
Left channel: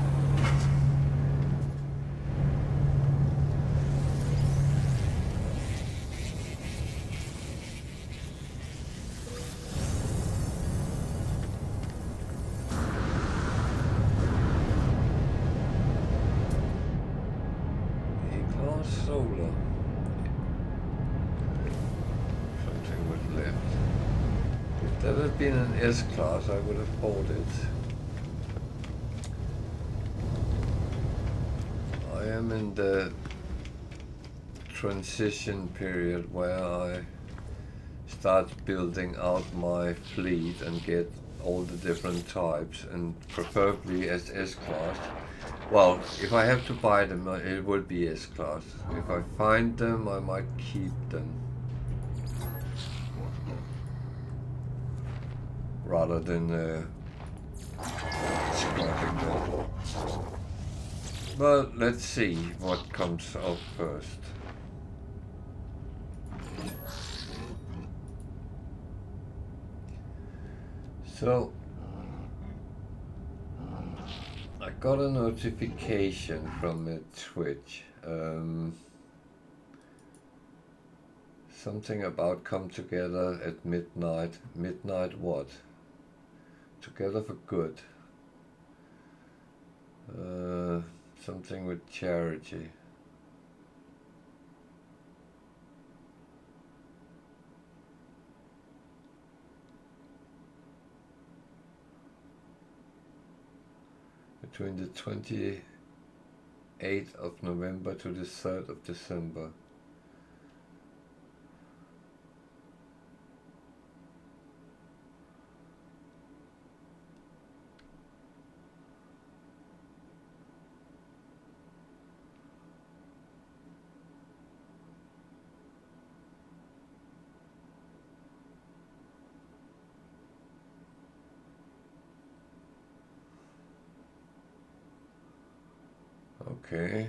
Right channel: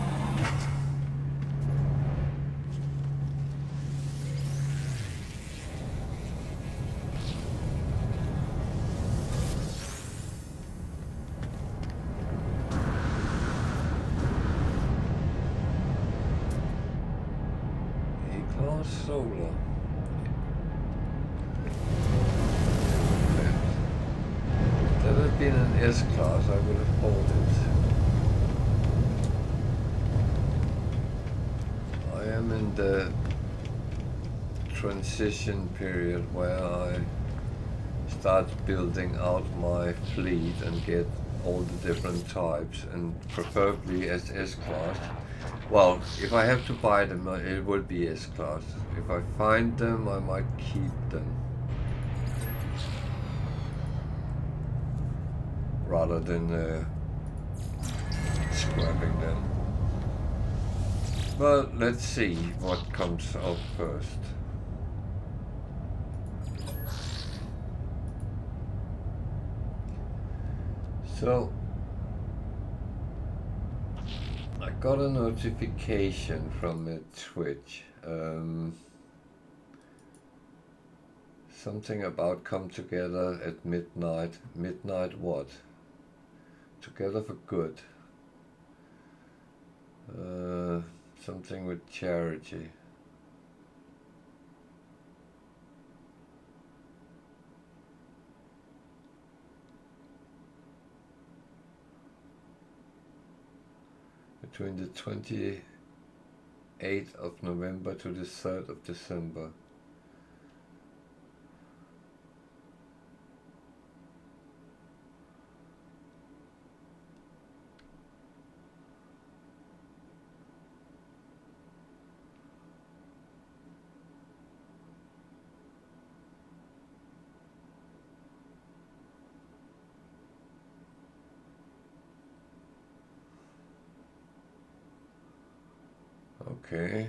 A-class solar. If there had been an S-class, I would have bought it. I am in the transition period where I start building out my fleet and get all the different types, and preferably as S-class. Well, if I have to buy them, it will be S-class. If I find them, I might keep them. Rather than scrapping them. But let's see what comes up first. So I got a notification from Twitch. Something about come together at midnight. Midnight what? Together for good. Something with charity. Between the 20 8th of November to the 3rd of December. Okay.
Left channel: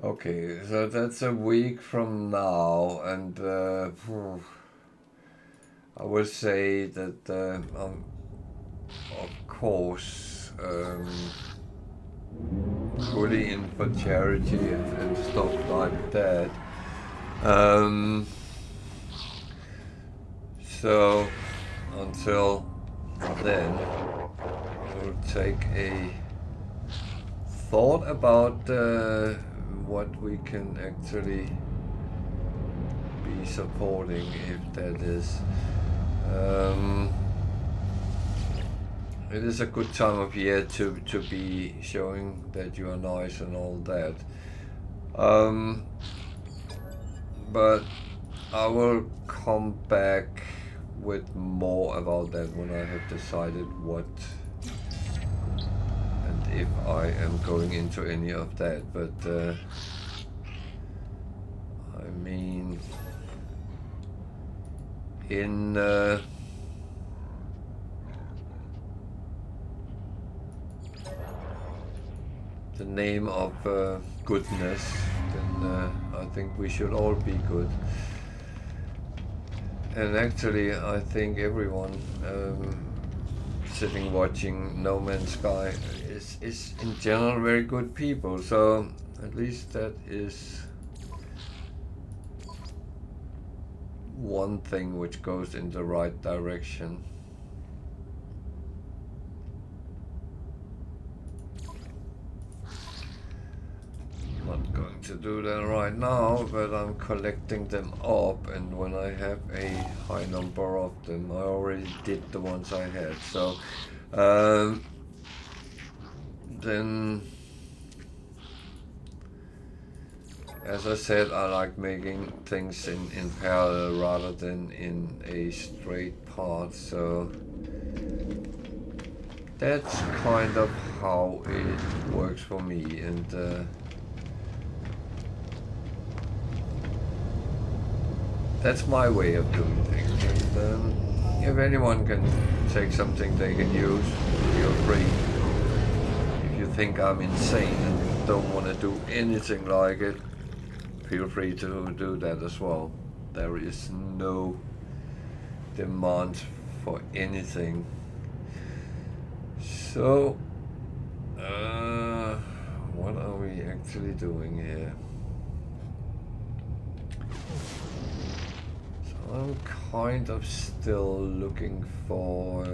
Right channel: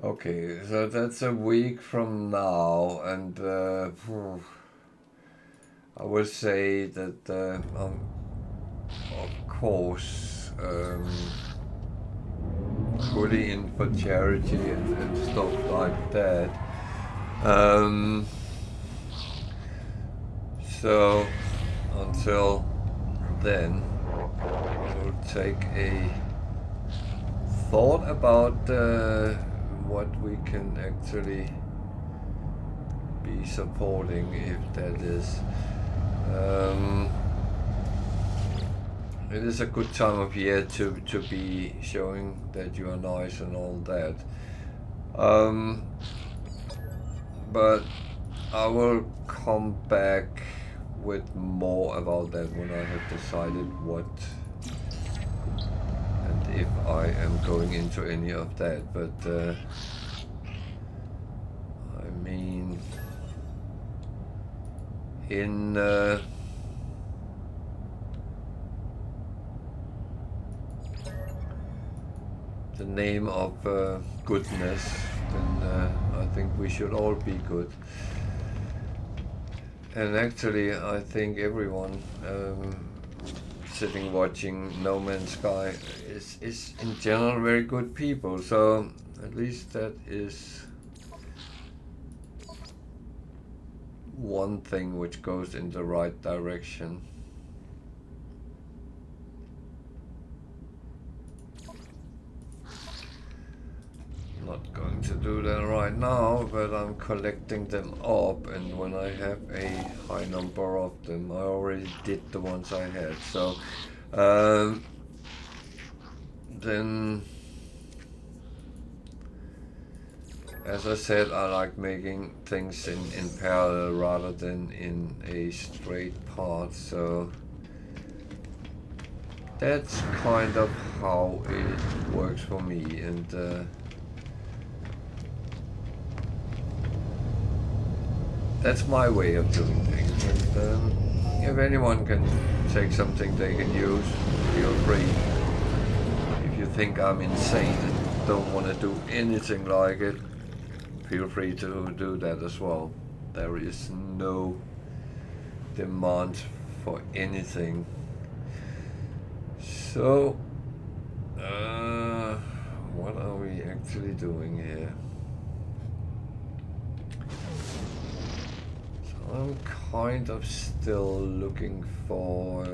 Okay, so that's a week from now, and I would say that, of course, fully in for charity and stuff like that. So until then, I will take a thought about what we can actually be supporting, if that is. It is a good time of year to be showing that you are nice and all that. But I will come back with more about that when I have decided what and if I am going into any of that. But I mean, in the name of goodness, then I think we should all be good. And actually, I think everyone sitting watching No Man's Sky is in general very good people. So at least that is one thing which goes in the right direction. Not going to do that right now, but I'm collecting them up, and when I have a high number of them, I already did the ones I had, so then, as I said, I like making things in parallel rather than in a straight path, so that's kind of how it works for me. And that's my way of doing things, and if anyone can take something they can use, feel free. If you think I'm insane and don't want to do anything like it, feel free to do that as well. There is no demand for anything. So, what are we actually doing here? I'm kind of still looking for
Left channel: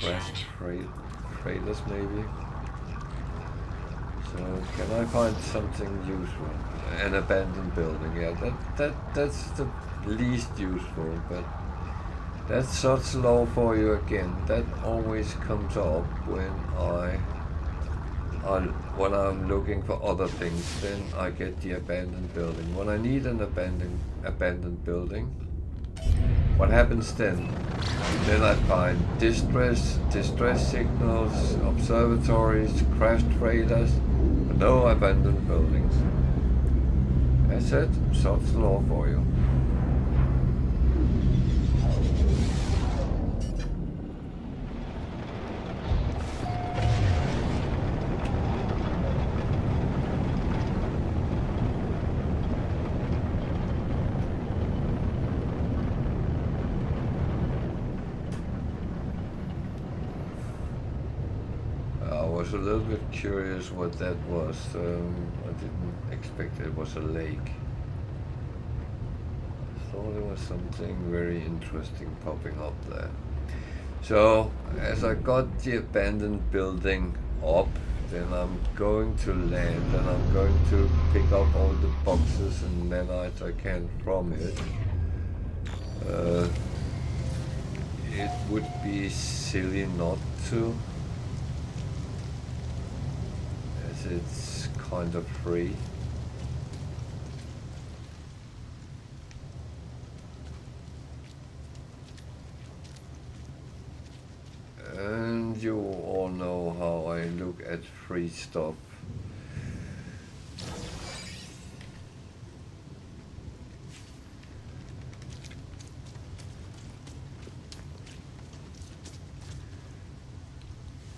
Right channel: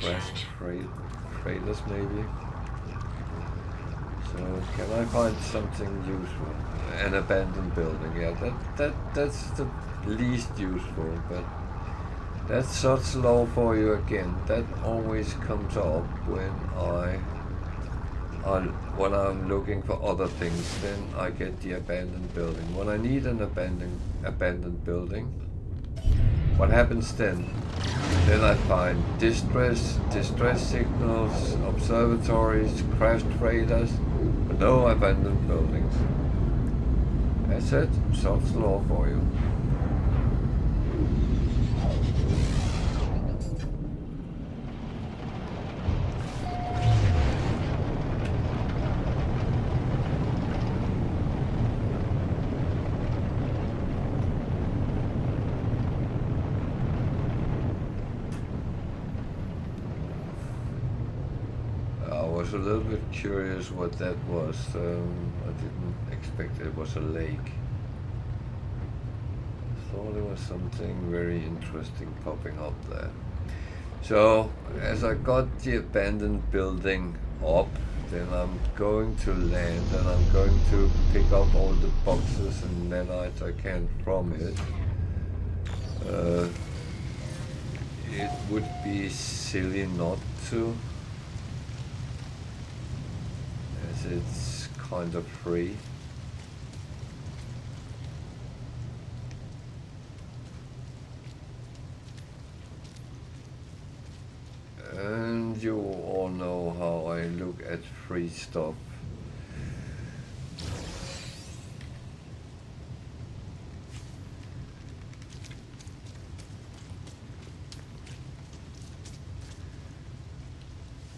crashed freighters maybe. So can I find something useful? An abandoned building, yeah, that's the least useful, but that's such low for you again. That always comes up when I'm looking for other things. Then I get the abandoned building. When I need an abandoned building, what happens then? Then I find distress signals, observatories, crashed freighters, but no abandoned buildings. That's it. Such law for you. was a little bit curious what that was. I didn't expect it was a lake. I thought there was something very interesting popping up there. So, as I got the abandoned building up, then I'm going to land and I'm going to pick up all the boxes and nanites I can from it. It would be silly not to, as it's kind of free. And you all know how I look at free stuff.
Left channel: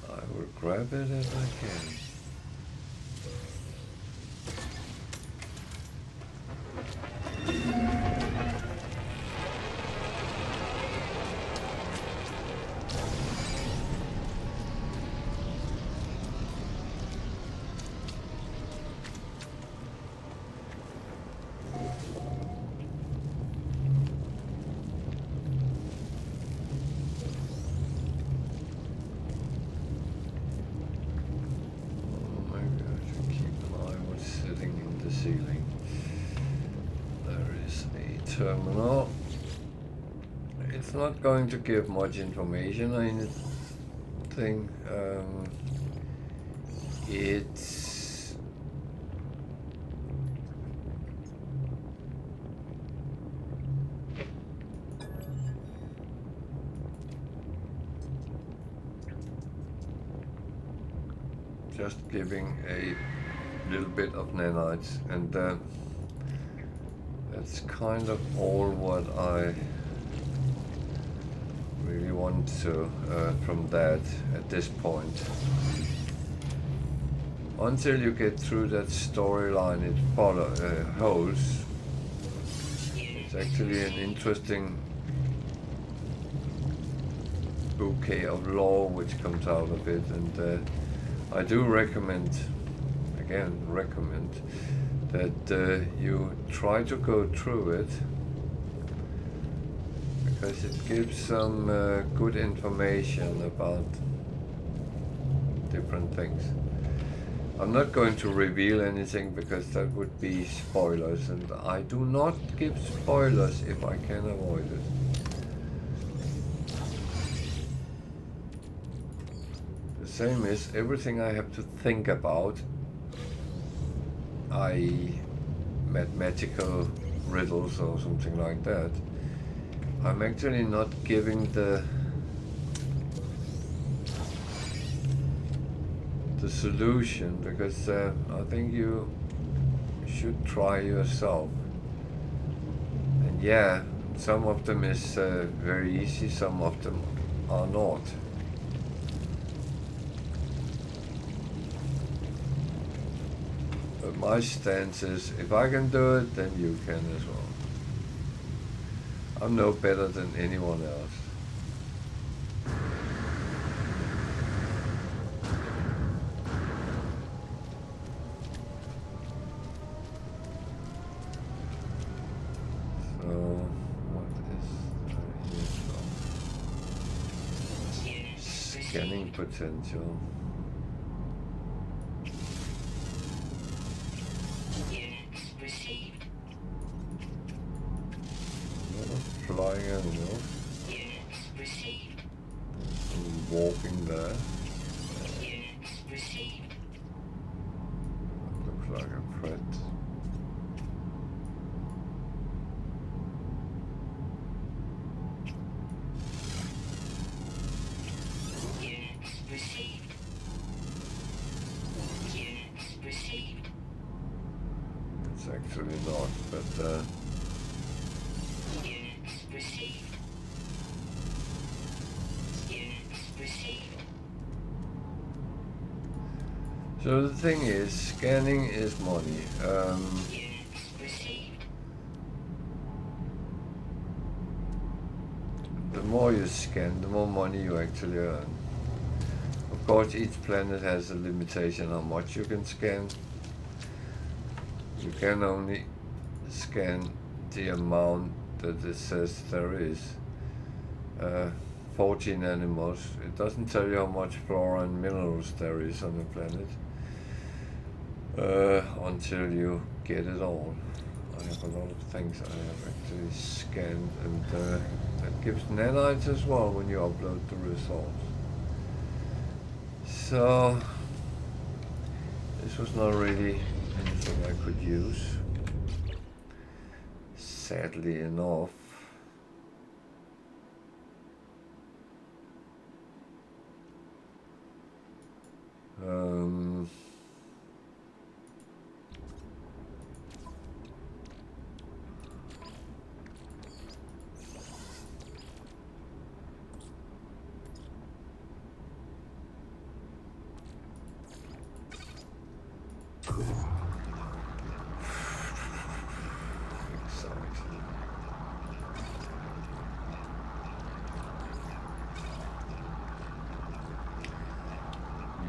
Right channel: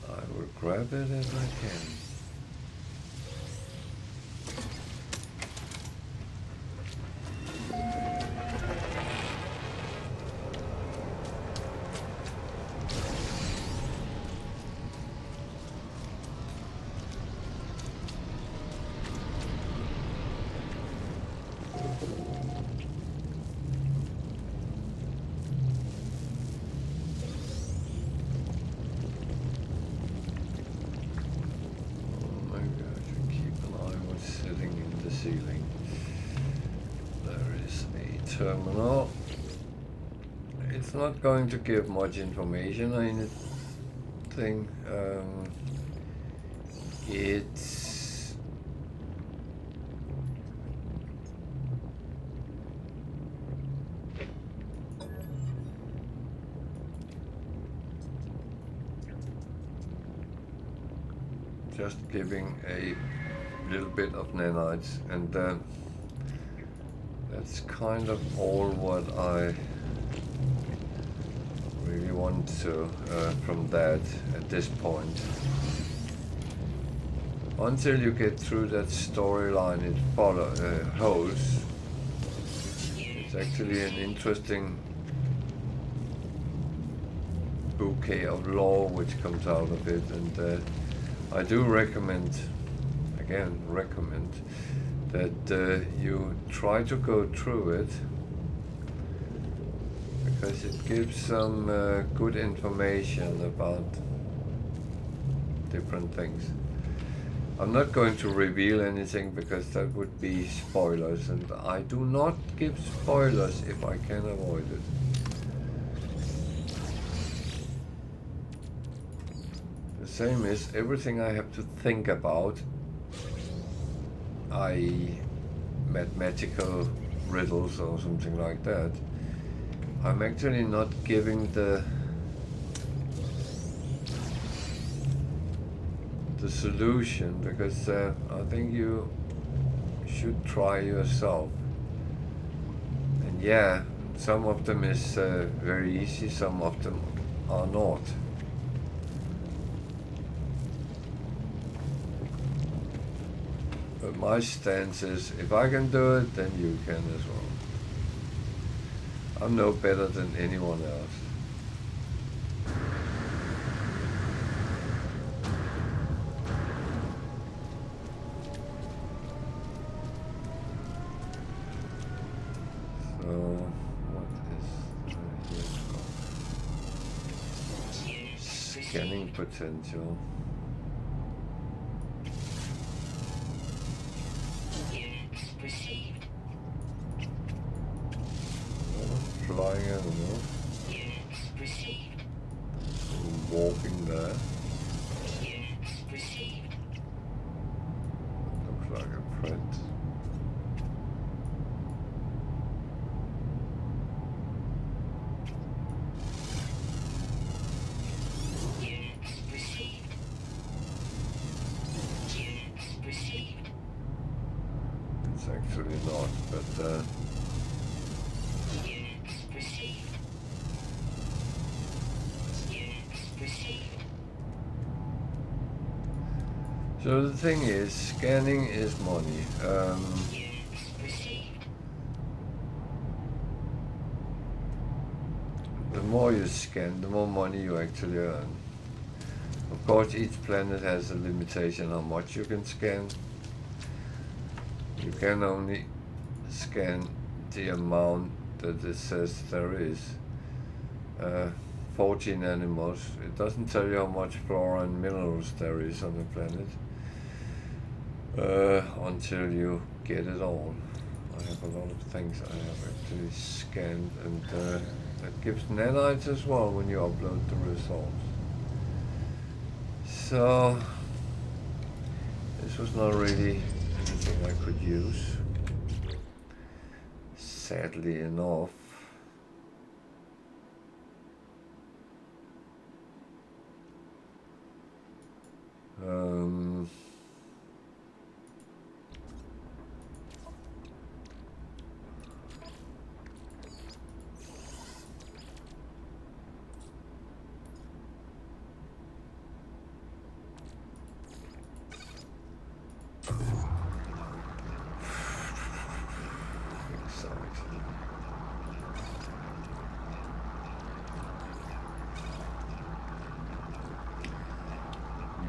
I will grab it if I can. Ceiling. There is a terminal. It's not going to give much information or anything. It's just giving a little bit of nanites, and that's kind of all what I really want to from that at this point. Until you get through that storyline it holds, it's actually an interesting bouquet of lore which comes out of it, and I do recommend that you try to go through it, because it gives some good information about different things. I'm not going to reveal anything because that would be spoilers, and I do not give spoilers if I can avoid it. The same is everything I have to think about, i.e. mathematical riddles or something like that. I'm actually not giving the solution, because I think you should try yourself. And yeah, some of them is very easy, some of them are not. But my stance is, if I can do it, then you can as well. I'm no better than anyone else. So, what is here? Scanning potential. Flying animals. Some walking there. Looks like a threat. It's actually not, but so the thing is, scanning is money. The more you scan, the more money you actually earn. Of course, each planet has a limitation how much you can scan. You can only scan the amount that it says there is. 14 animals. It doesn't tell you how much flora and minerals there is on the planet until you get it all. I have a lot of things I have actually scanned, and that gives nanites as well when you upload the results. So this was not really anything I could use, sadly enough.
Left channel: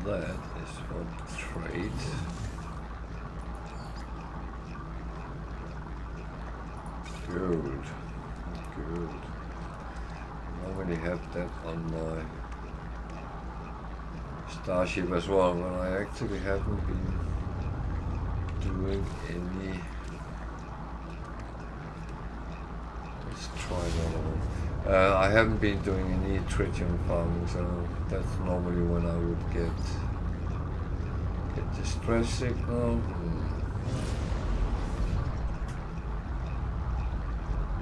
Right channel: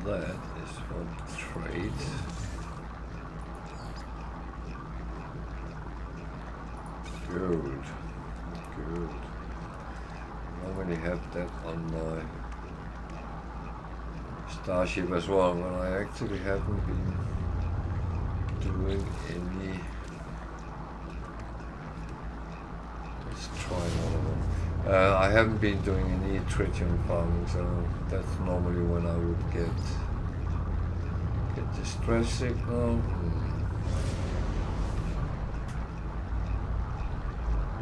That is for trade. Good. Good. I already have that on my starship as well, but I actually haven't been doing any. Let's try another one. I haven't been doing any tritium farming, so that's normally when I would get the stress signal.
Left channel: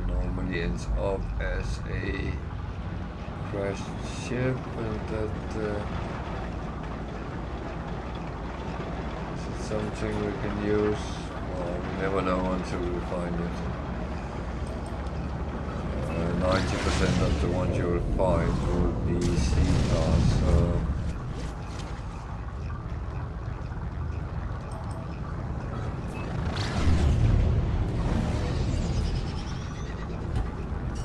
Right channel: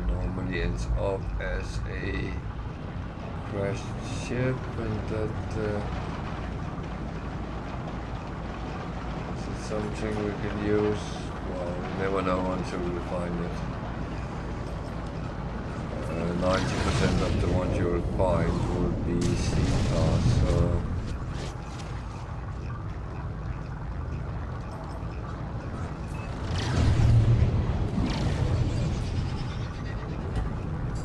Normally ends up as a crashed ship, and that is it something we can use? Well, we never know until we find it. 90% of the ones you'll find will be C-class, so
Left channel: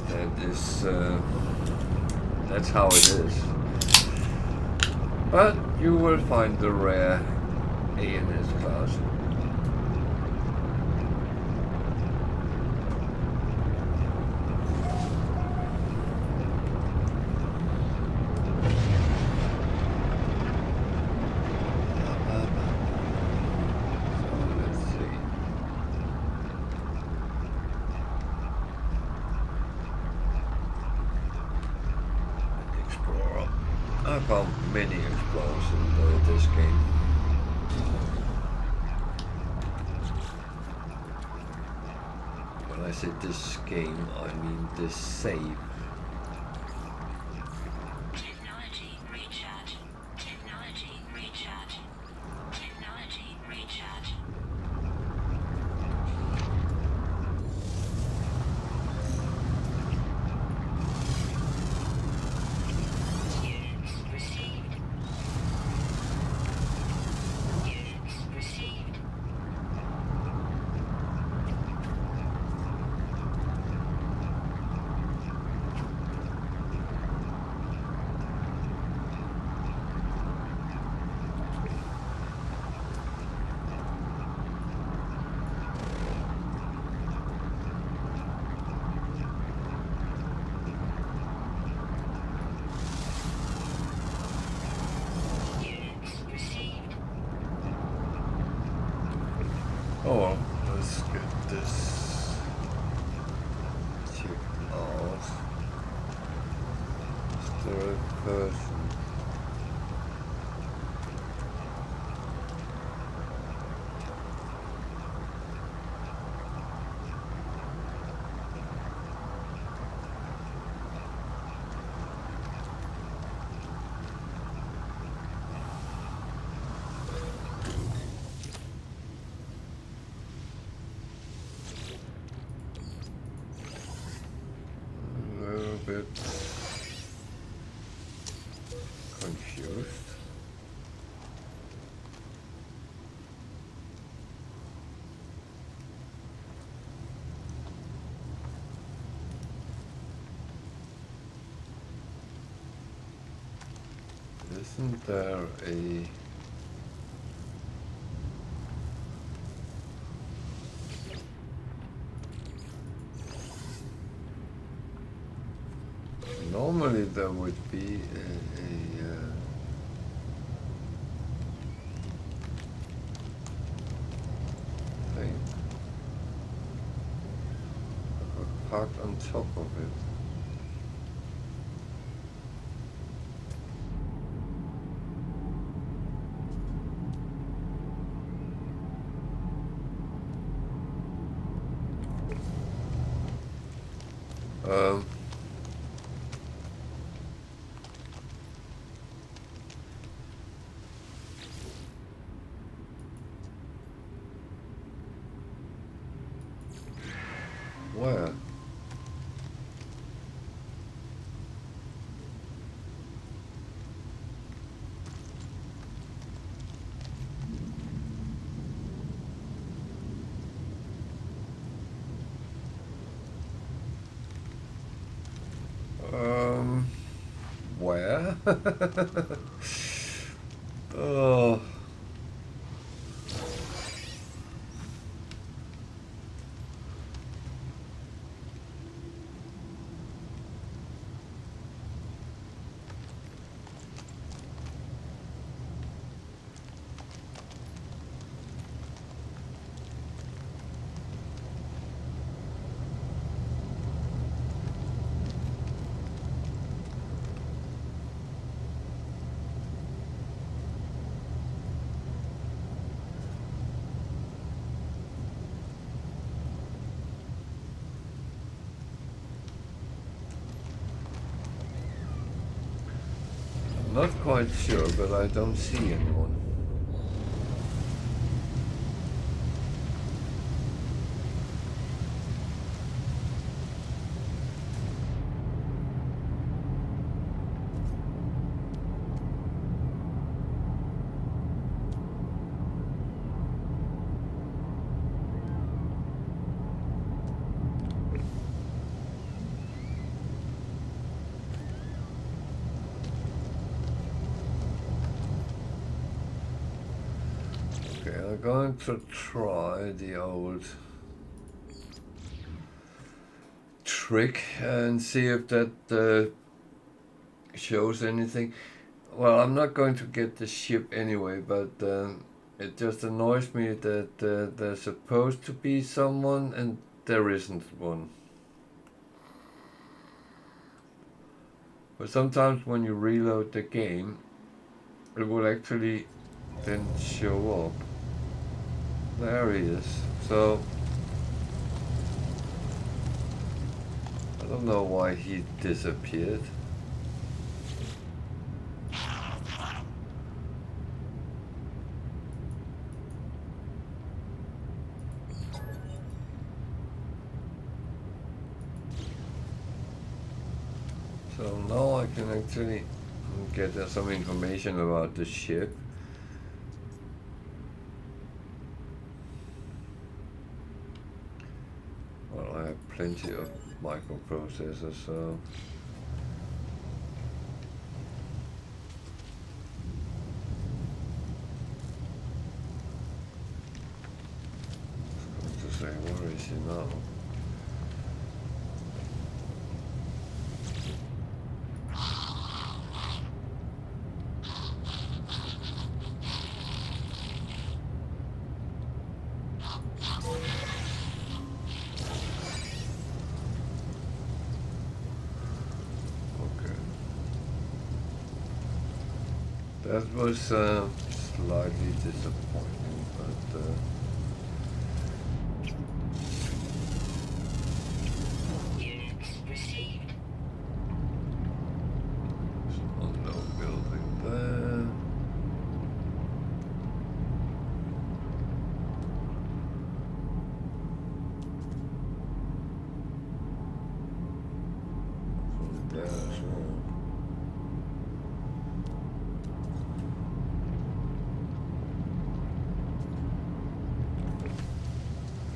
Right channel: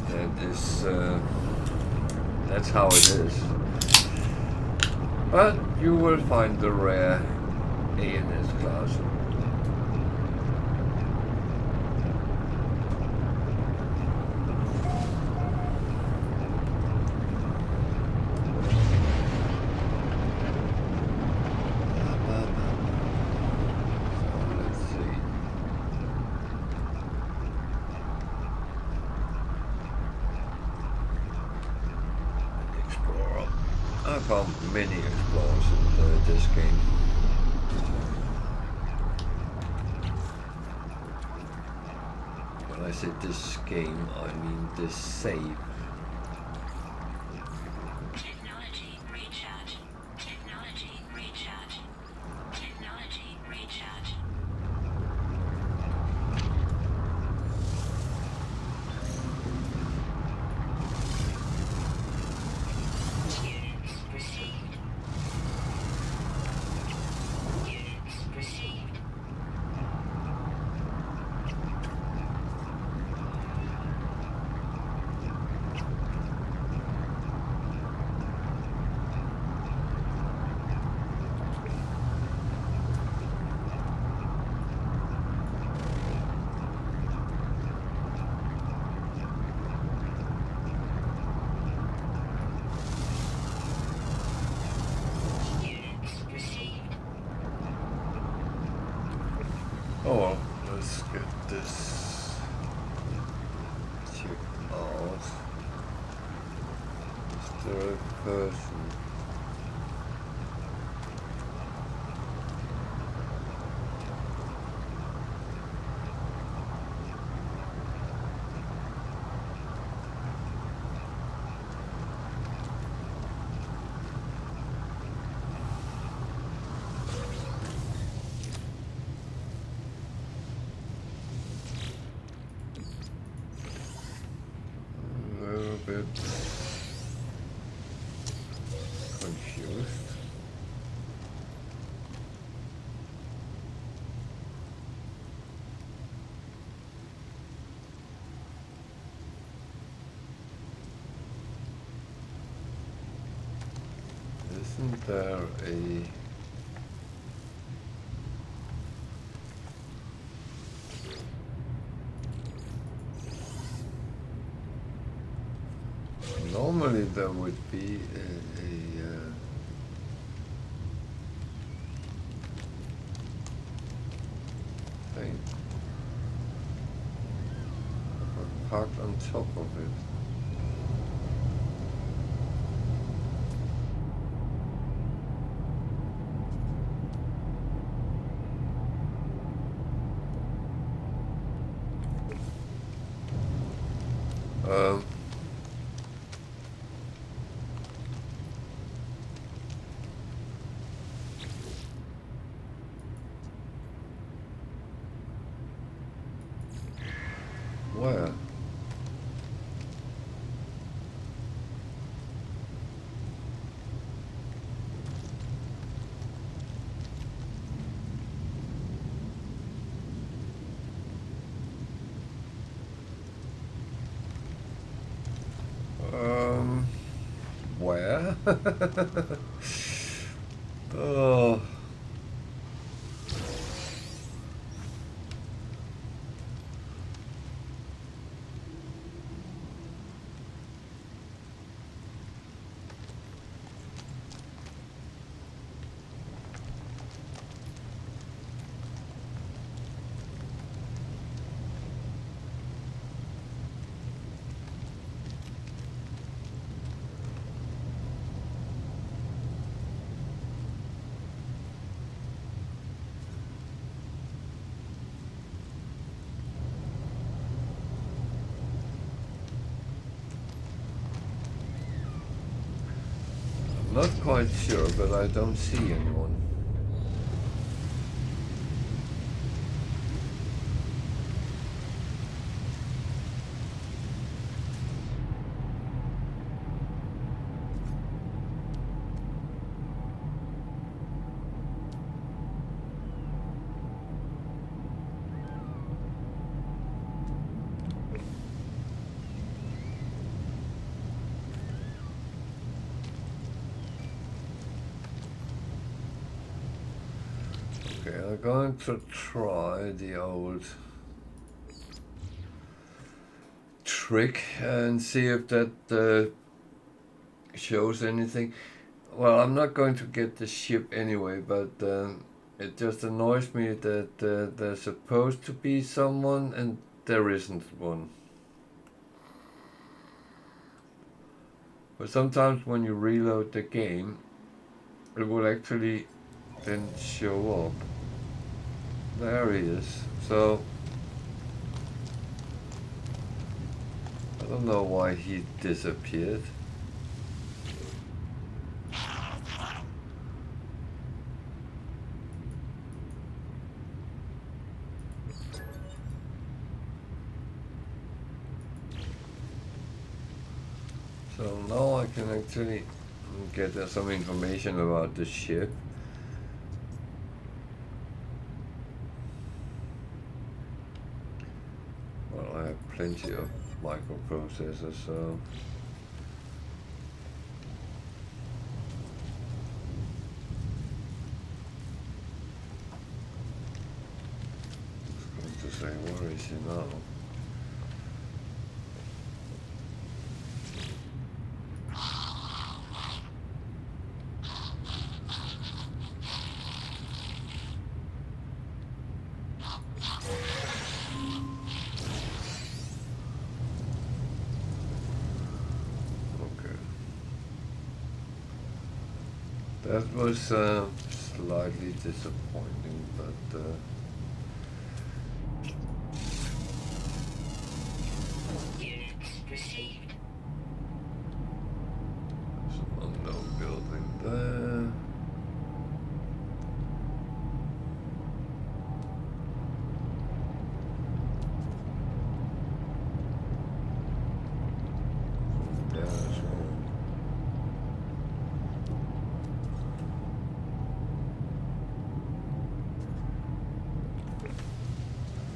that is that's how it is. But you will find the rare A and S class. I found many explorers in this game. When I say this game, I mean this save. Technology recharge. Technology recharge. Technology recharge. Oh well, let's get this checked out. Is there a person? Bit confused. Isn't there a... Normally there would be a thing parked on top of it. Where? Where? Oh. Not quite sure, but I don't see anyone. Okay, I'm going to try the old trick and see if that shows anything. Well, I'm not going to get the ship anyway, but it just annoys me that there's supposed to be someone and there isn't one. But sometimes when you reload the game, it will actually then show up. There he is. So I don't know why he disappeared. So now I can actually get some information about the ship. Well, I have plenty of microprocessors, so I was going to say, where is he now? That was slightly disappointing, but Units received. there's an unknown building there. From there as well.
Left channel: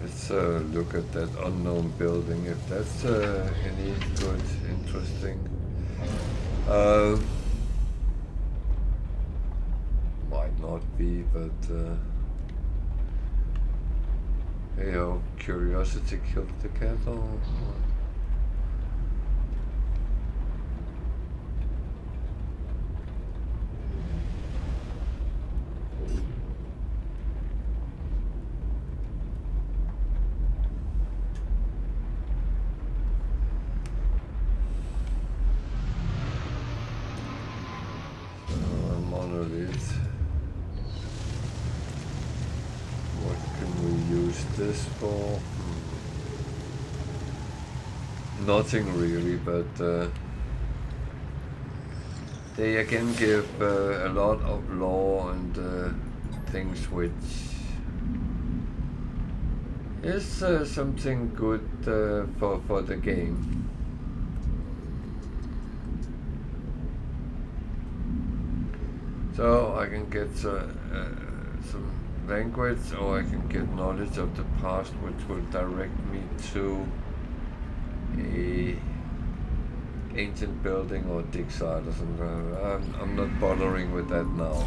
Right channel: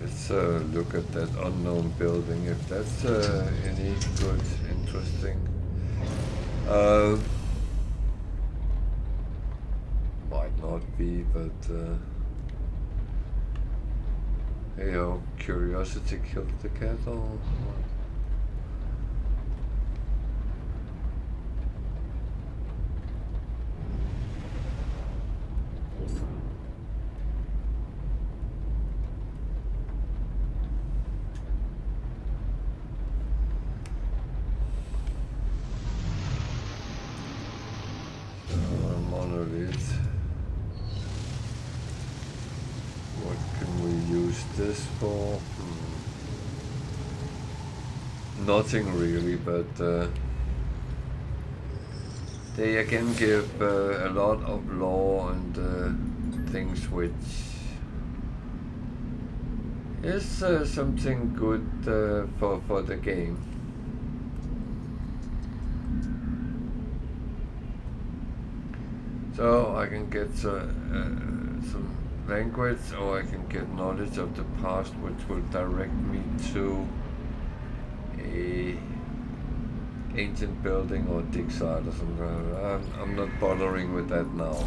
Let's look at that unknown building, if that's any good, interesting. not be, but hey ho, curiosity killed the cat or what? Monolith. What can we use this for? Nothing really, but they again give a lot of lore and things which is something good for the game. So I can get some language, or I can get knowledge of the past, which will direct me to a ancient building or dig site or something. I'm not bothering with that now.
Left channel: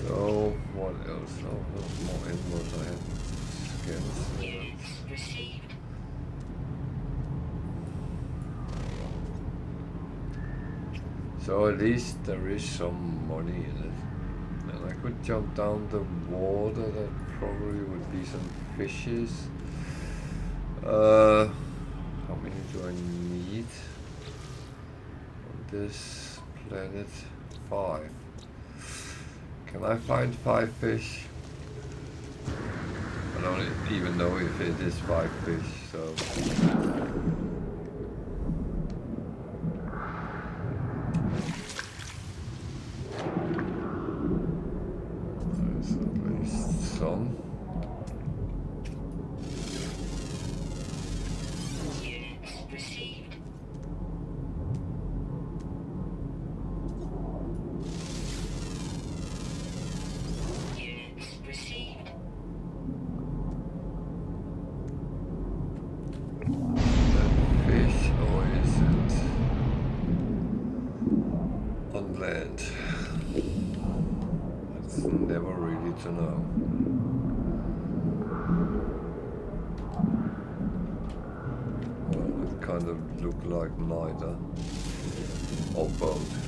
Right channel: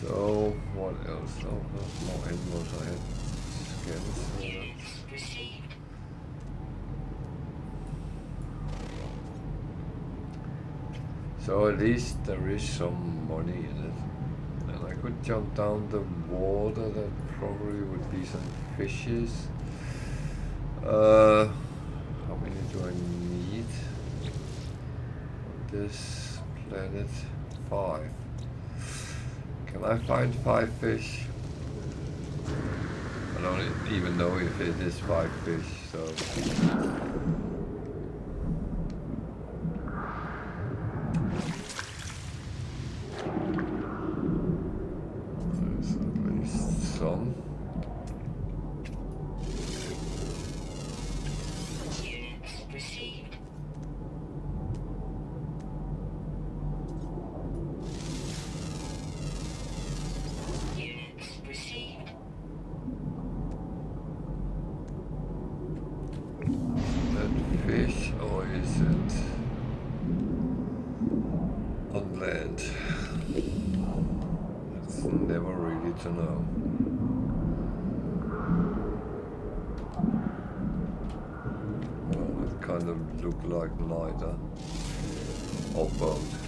So what else? Oh, there's more animals I had scans. So at least there is some money in it. And I could jump down the water, that probably would be some fishes. How many do I need on this planet? 5. Can I find 5 fish? I don't even know if it is 5 fish, so... There's at least some. To know. Well, it kind of looked like neither, or both.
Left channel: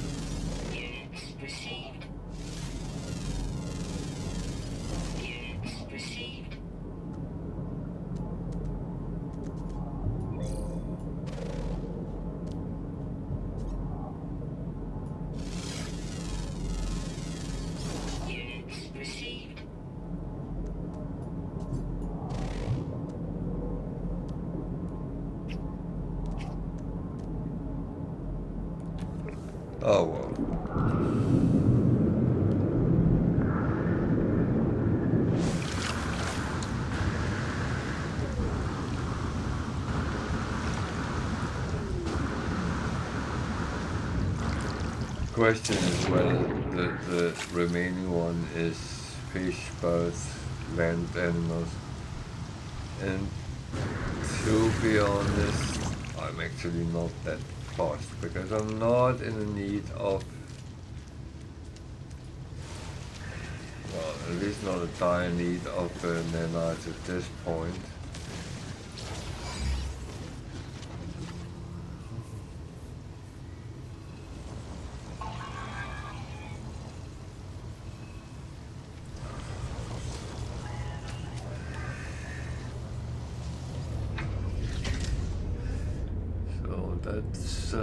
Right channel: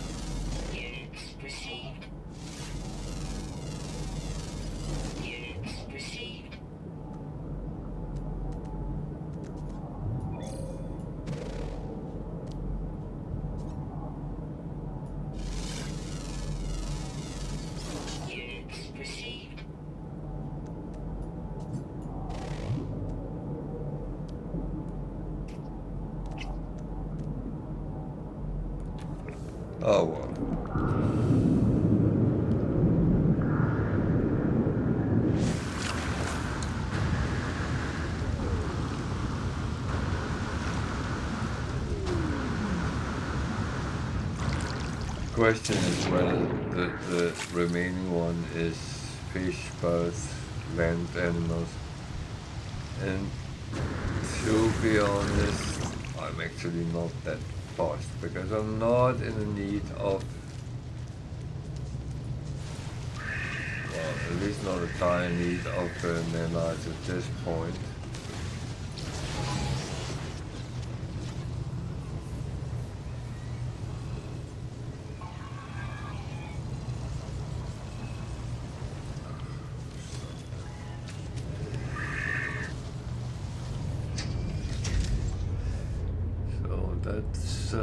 Oh well. Question is whether the remaining one is fish, birds, land animals. And to be honest, I'm actually not that fast, because I'm not in the need of, well, at least not a dire need of nanites at this point. So that's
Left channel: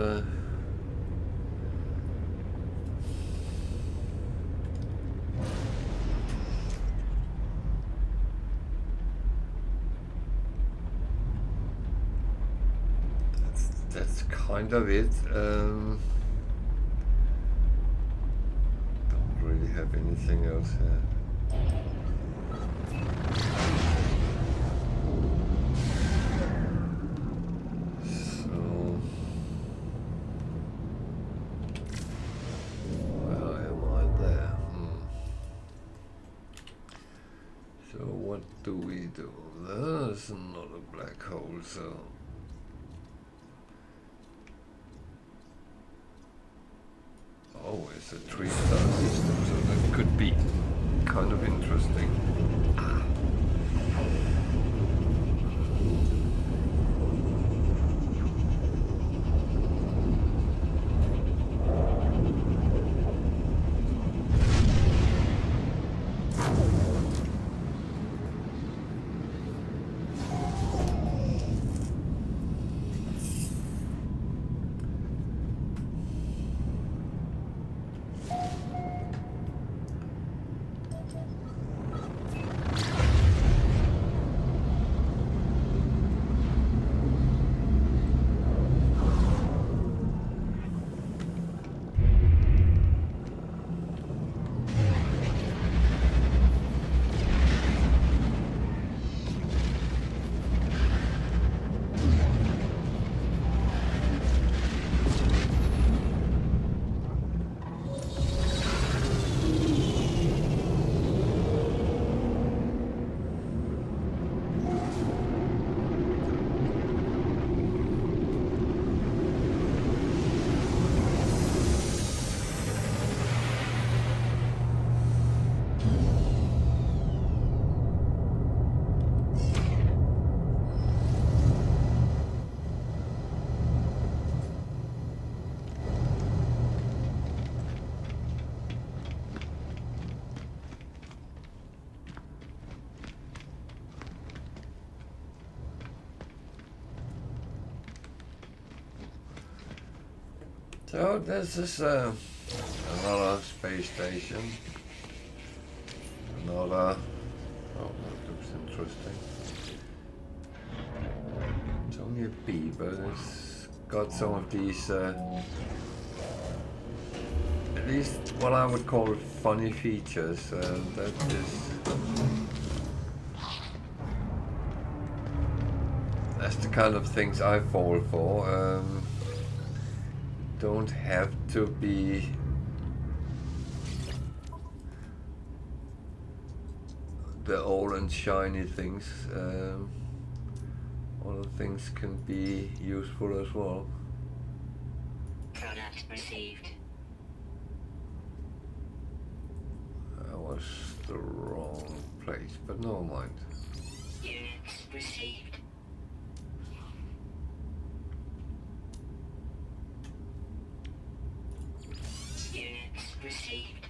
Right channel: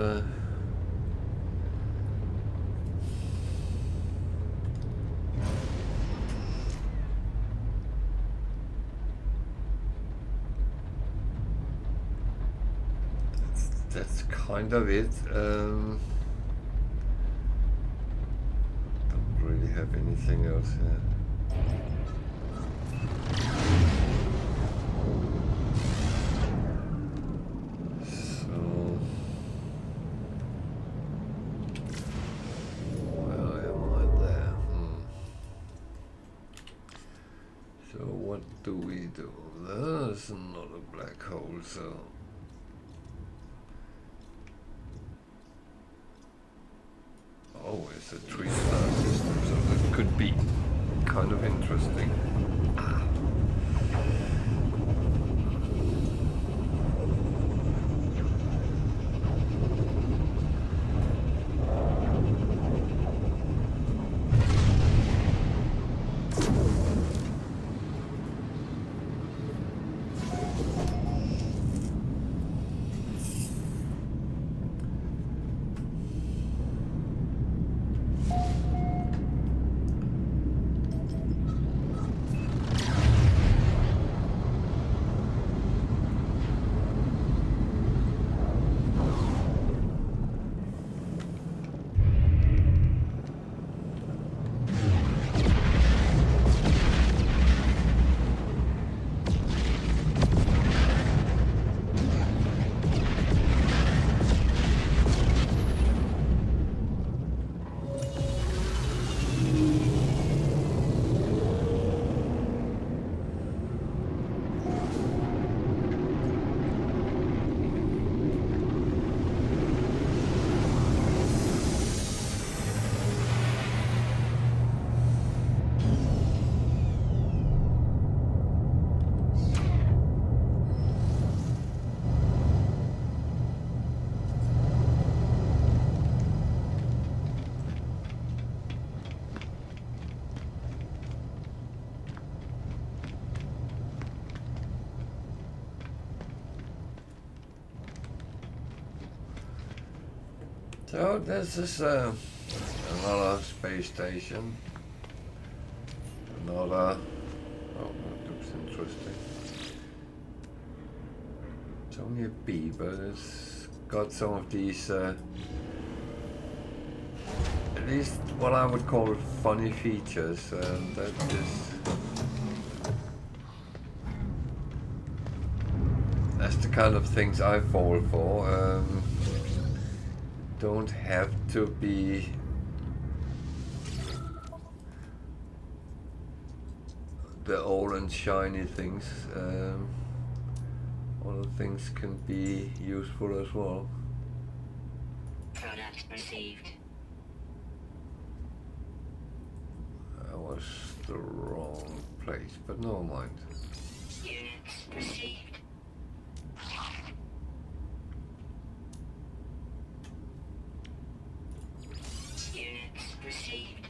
that's kind of it. Don't really have anything else here. what do we do? There's not a black hole, so... Oh, it's a 3-star system, so that could be kind of interesting. So this is another space station. Another... Oh, that looks interesting. It's only a B, but it's got some of these, at least what I would call funny features. That is... That's the kind of things I fall for. Don't have to be the old and shiny things. Other things can be useful as well. Product received. That was the wrong place, but no mind. Units received. Units received.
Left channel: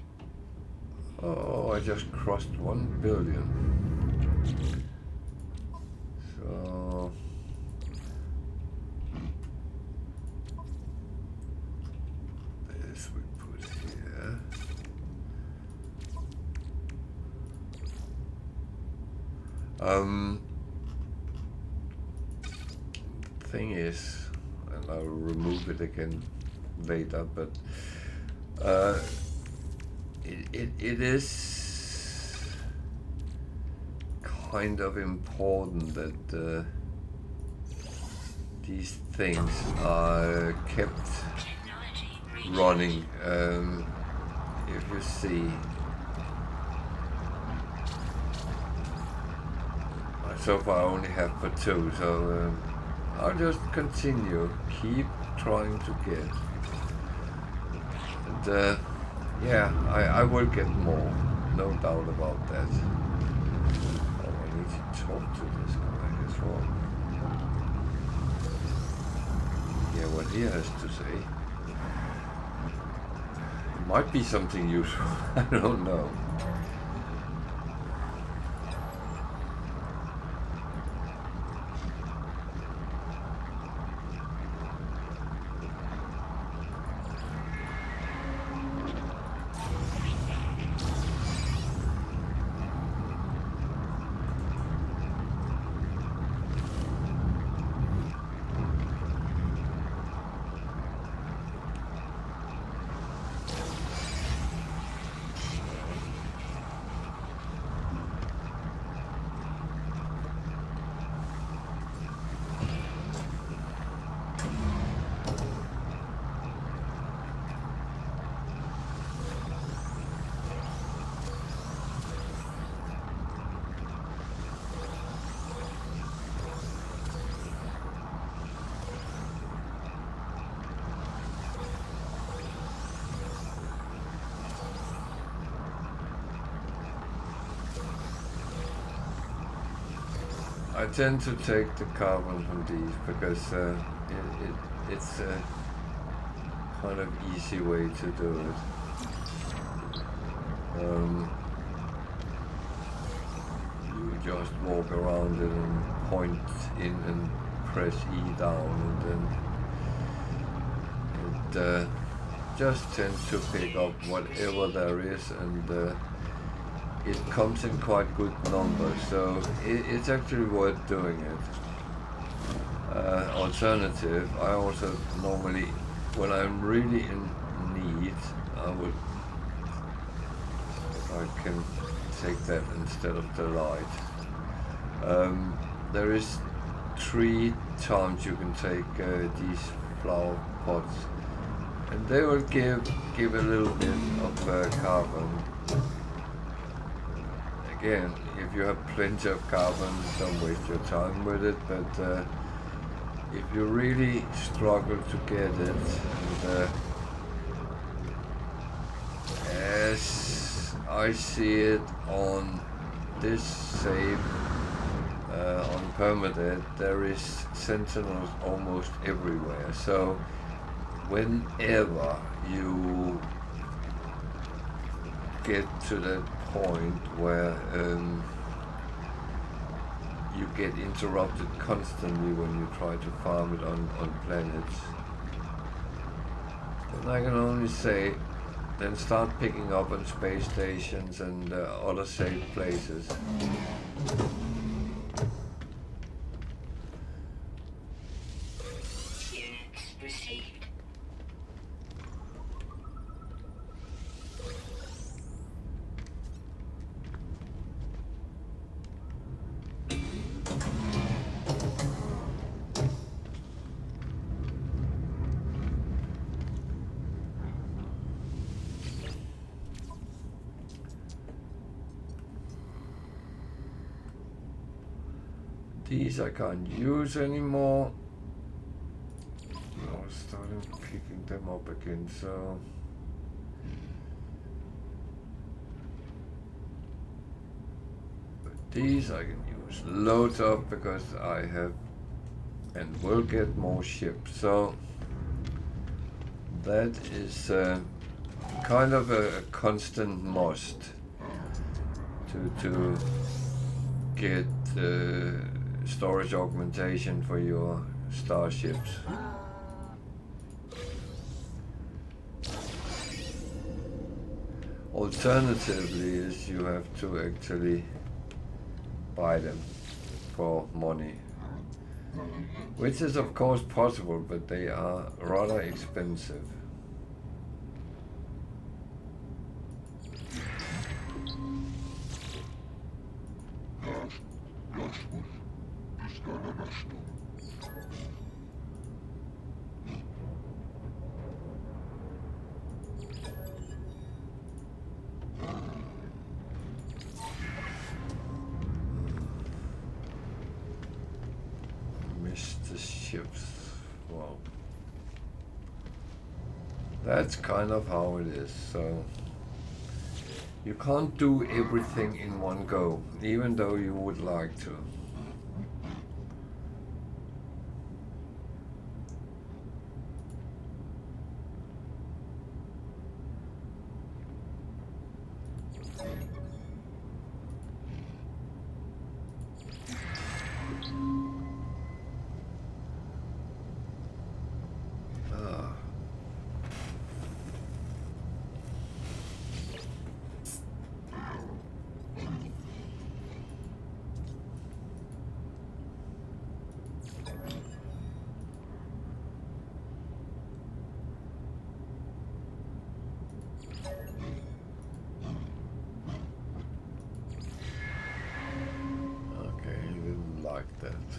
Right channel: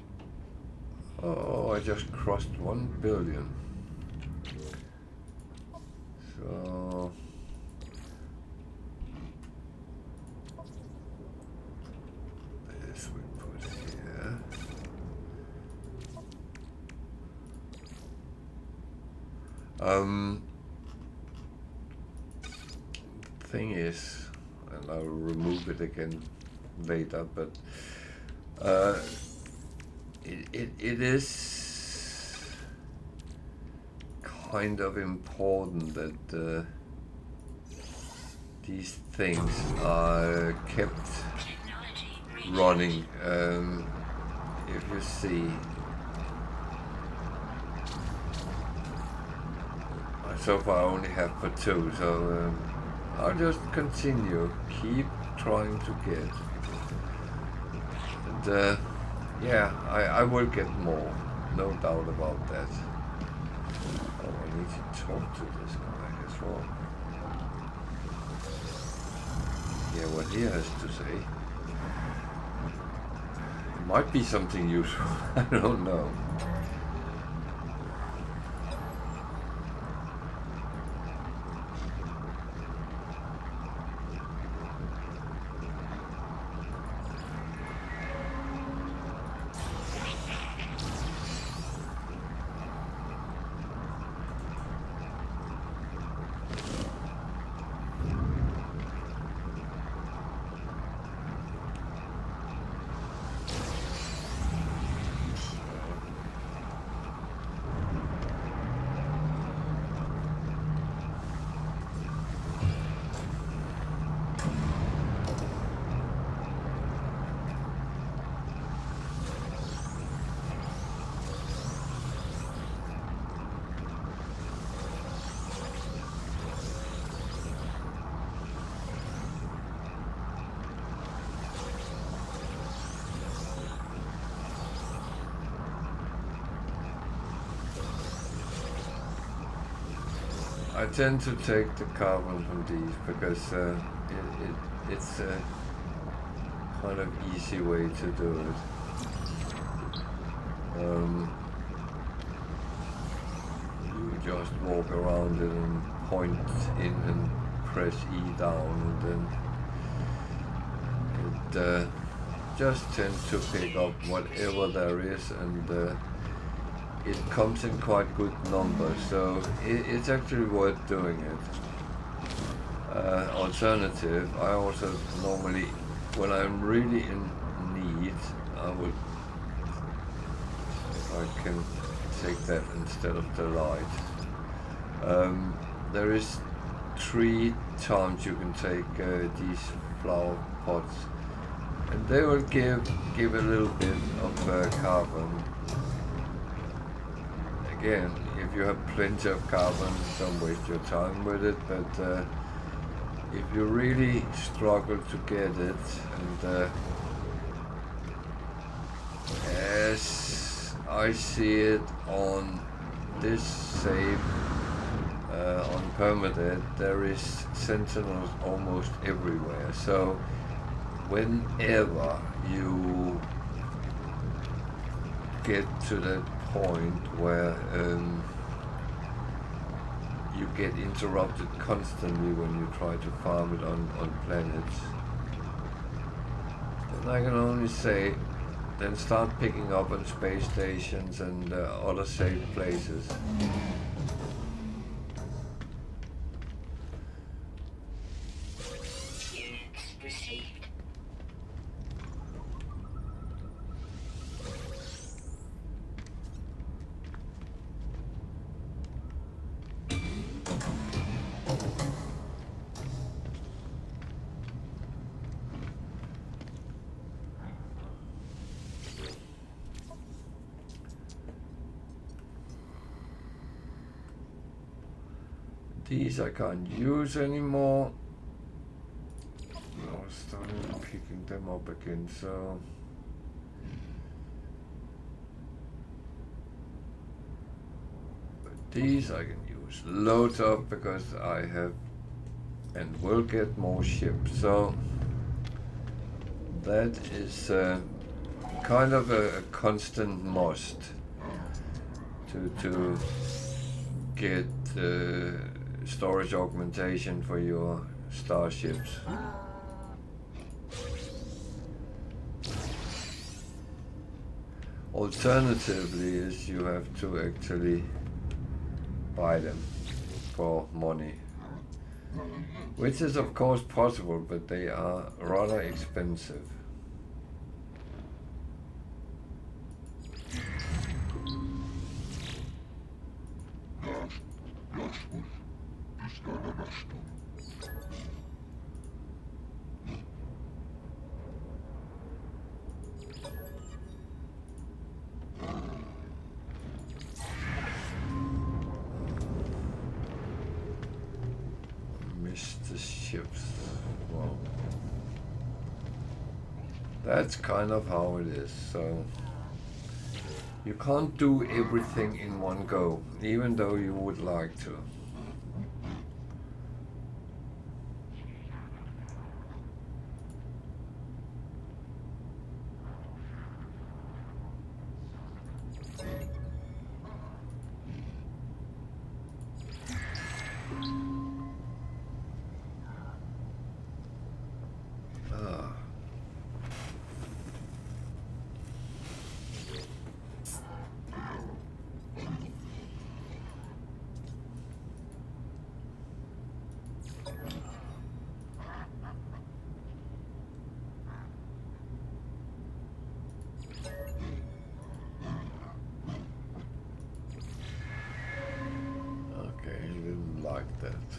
Oh, I just crossed 1 billion. So... this we put here. Thing is, and I'll remove it again later, but it is kind of important that these things are kept running. If you see, so far I only have for 2, so I'll just continue, keep trying to get. And yeah, I will get more, no doubt about that. Oh, I need to talk to this guy as well. Yeah, what he has to say. It might be something useful, I don't know. I tend to take the carbon from these because it's a kind of easy way to do it. You just walk around it and point in and press E down, and then it just tends to pick up whatever there is, and it comes in quite good numbers, so it's actually worth doing it. Alternative, I also normally, when I'm really in need, I would, if I can take that instead of the light. There is 3 times you can take these flower pots, and they will give a little bit of carbon. Again, if you have plenty of carbon, don't waste your time with it, but if you really struggle to get it, and as I see it on this save, on Permadeath, there is sentinels almost everywhere, so whenever you get to that point where you get interrupted constantly when you try to farm it on planets, then I can only say, then start picking up on space stations and other safe places. Units received. These I can't use anymore. I was starting picking them up again, so but these I can use loads of because I have and will get more ships. So that is kind of a constant must to get storage augmentation for your starships. Alternatively is you have to actually buy them for money, which is of course possible, but they are rather expensive. Missed the ships. Well, that's kind of how it is. So you can't do everything in one go, even though you would like to. Like that.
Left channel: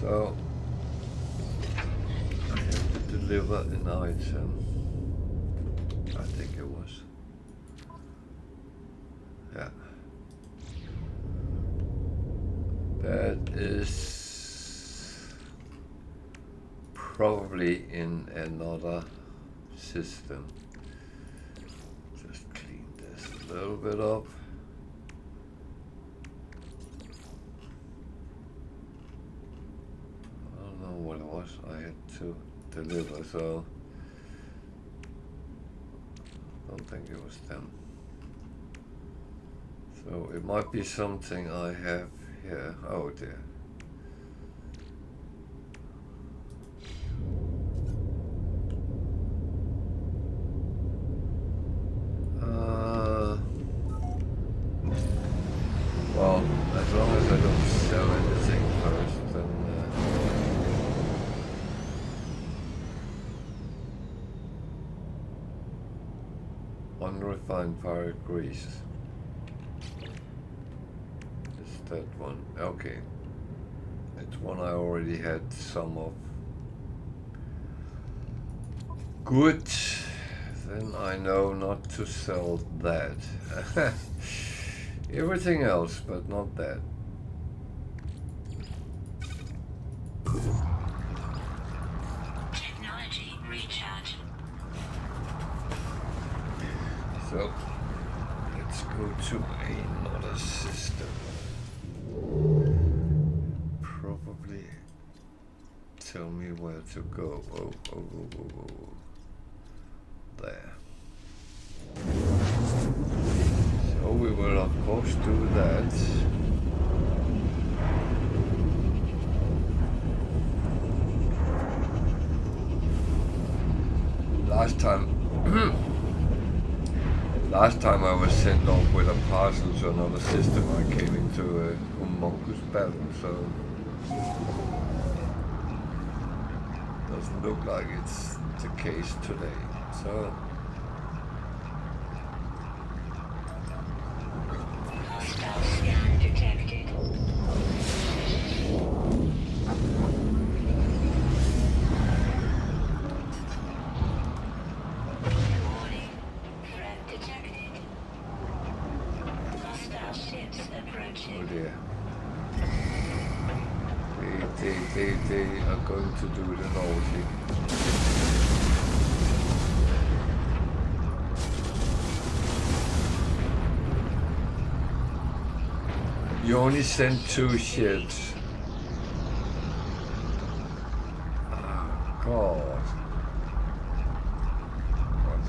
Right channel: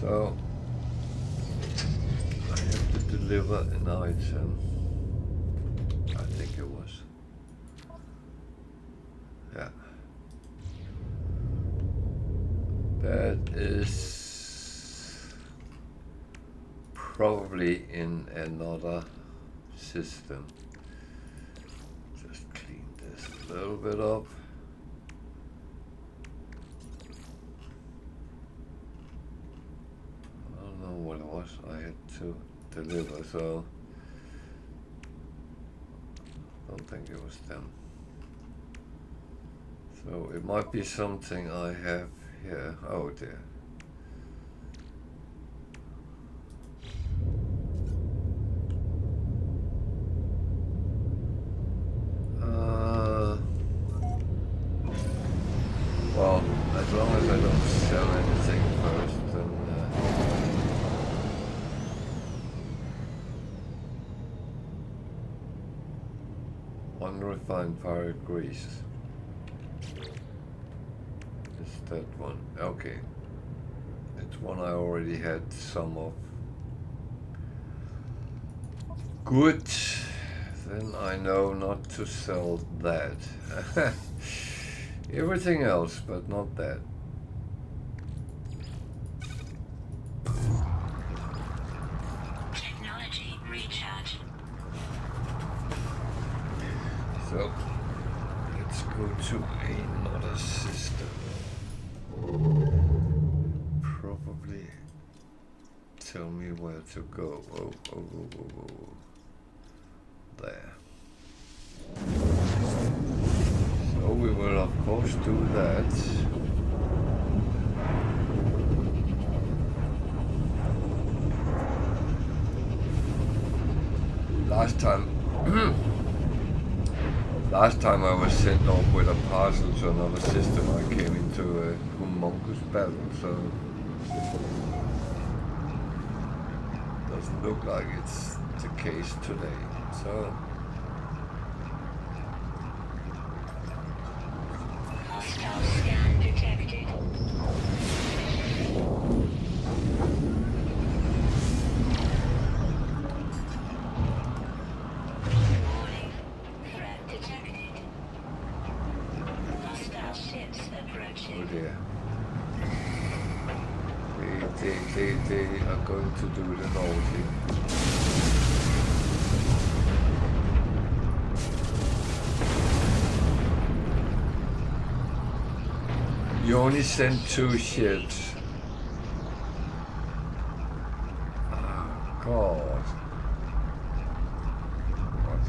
So I have to deliver an item. I think it was. Yeah. That is probably in another system. Just clean this a little bit up. was I had to deliver, so I don't think it was them. So it might be something I have here. Oh dear. Well, as long as I don't sell anything first, then unrefined pirate grease. Is that one? Okay. It's one I already had some of. Good. Then I know not to sell that. Everything else, but not that. Technology recharge. So, let's go to another system. Probably tell me where to go. Oh. There. So we will of course do that. Last time I was sent off with a parcel to another system, I came into a humongous battle, so doesn't look like it's the case today. So Hostile scan detected. Warning. Threat detected. Hostile ships approaching. oh dear. They are going to do the naughty. You only sent 2 ships. Oh, God. What?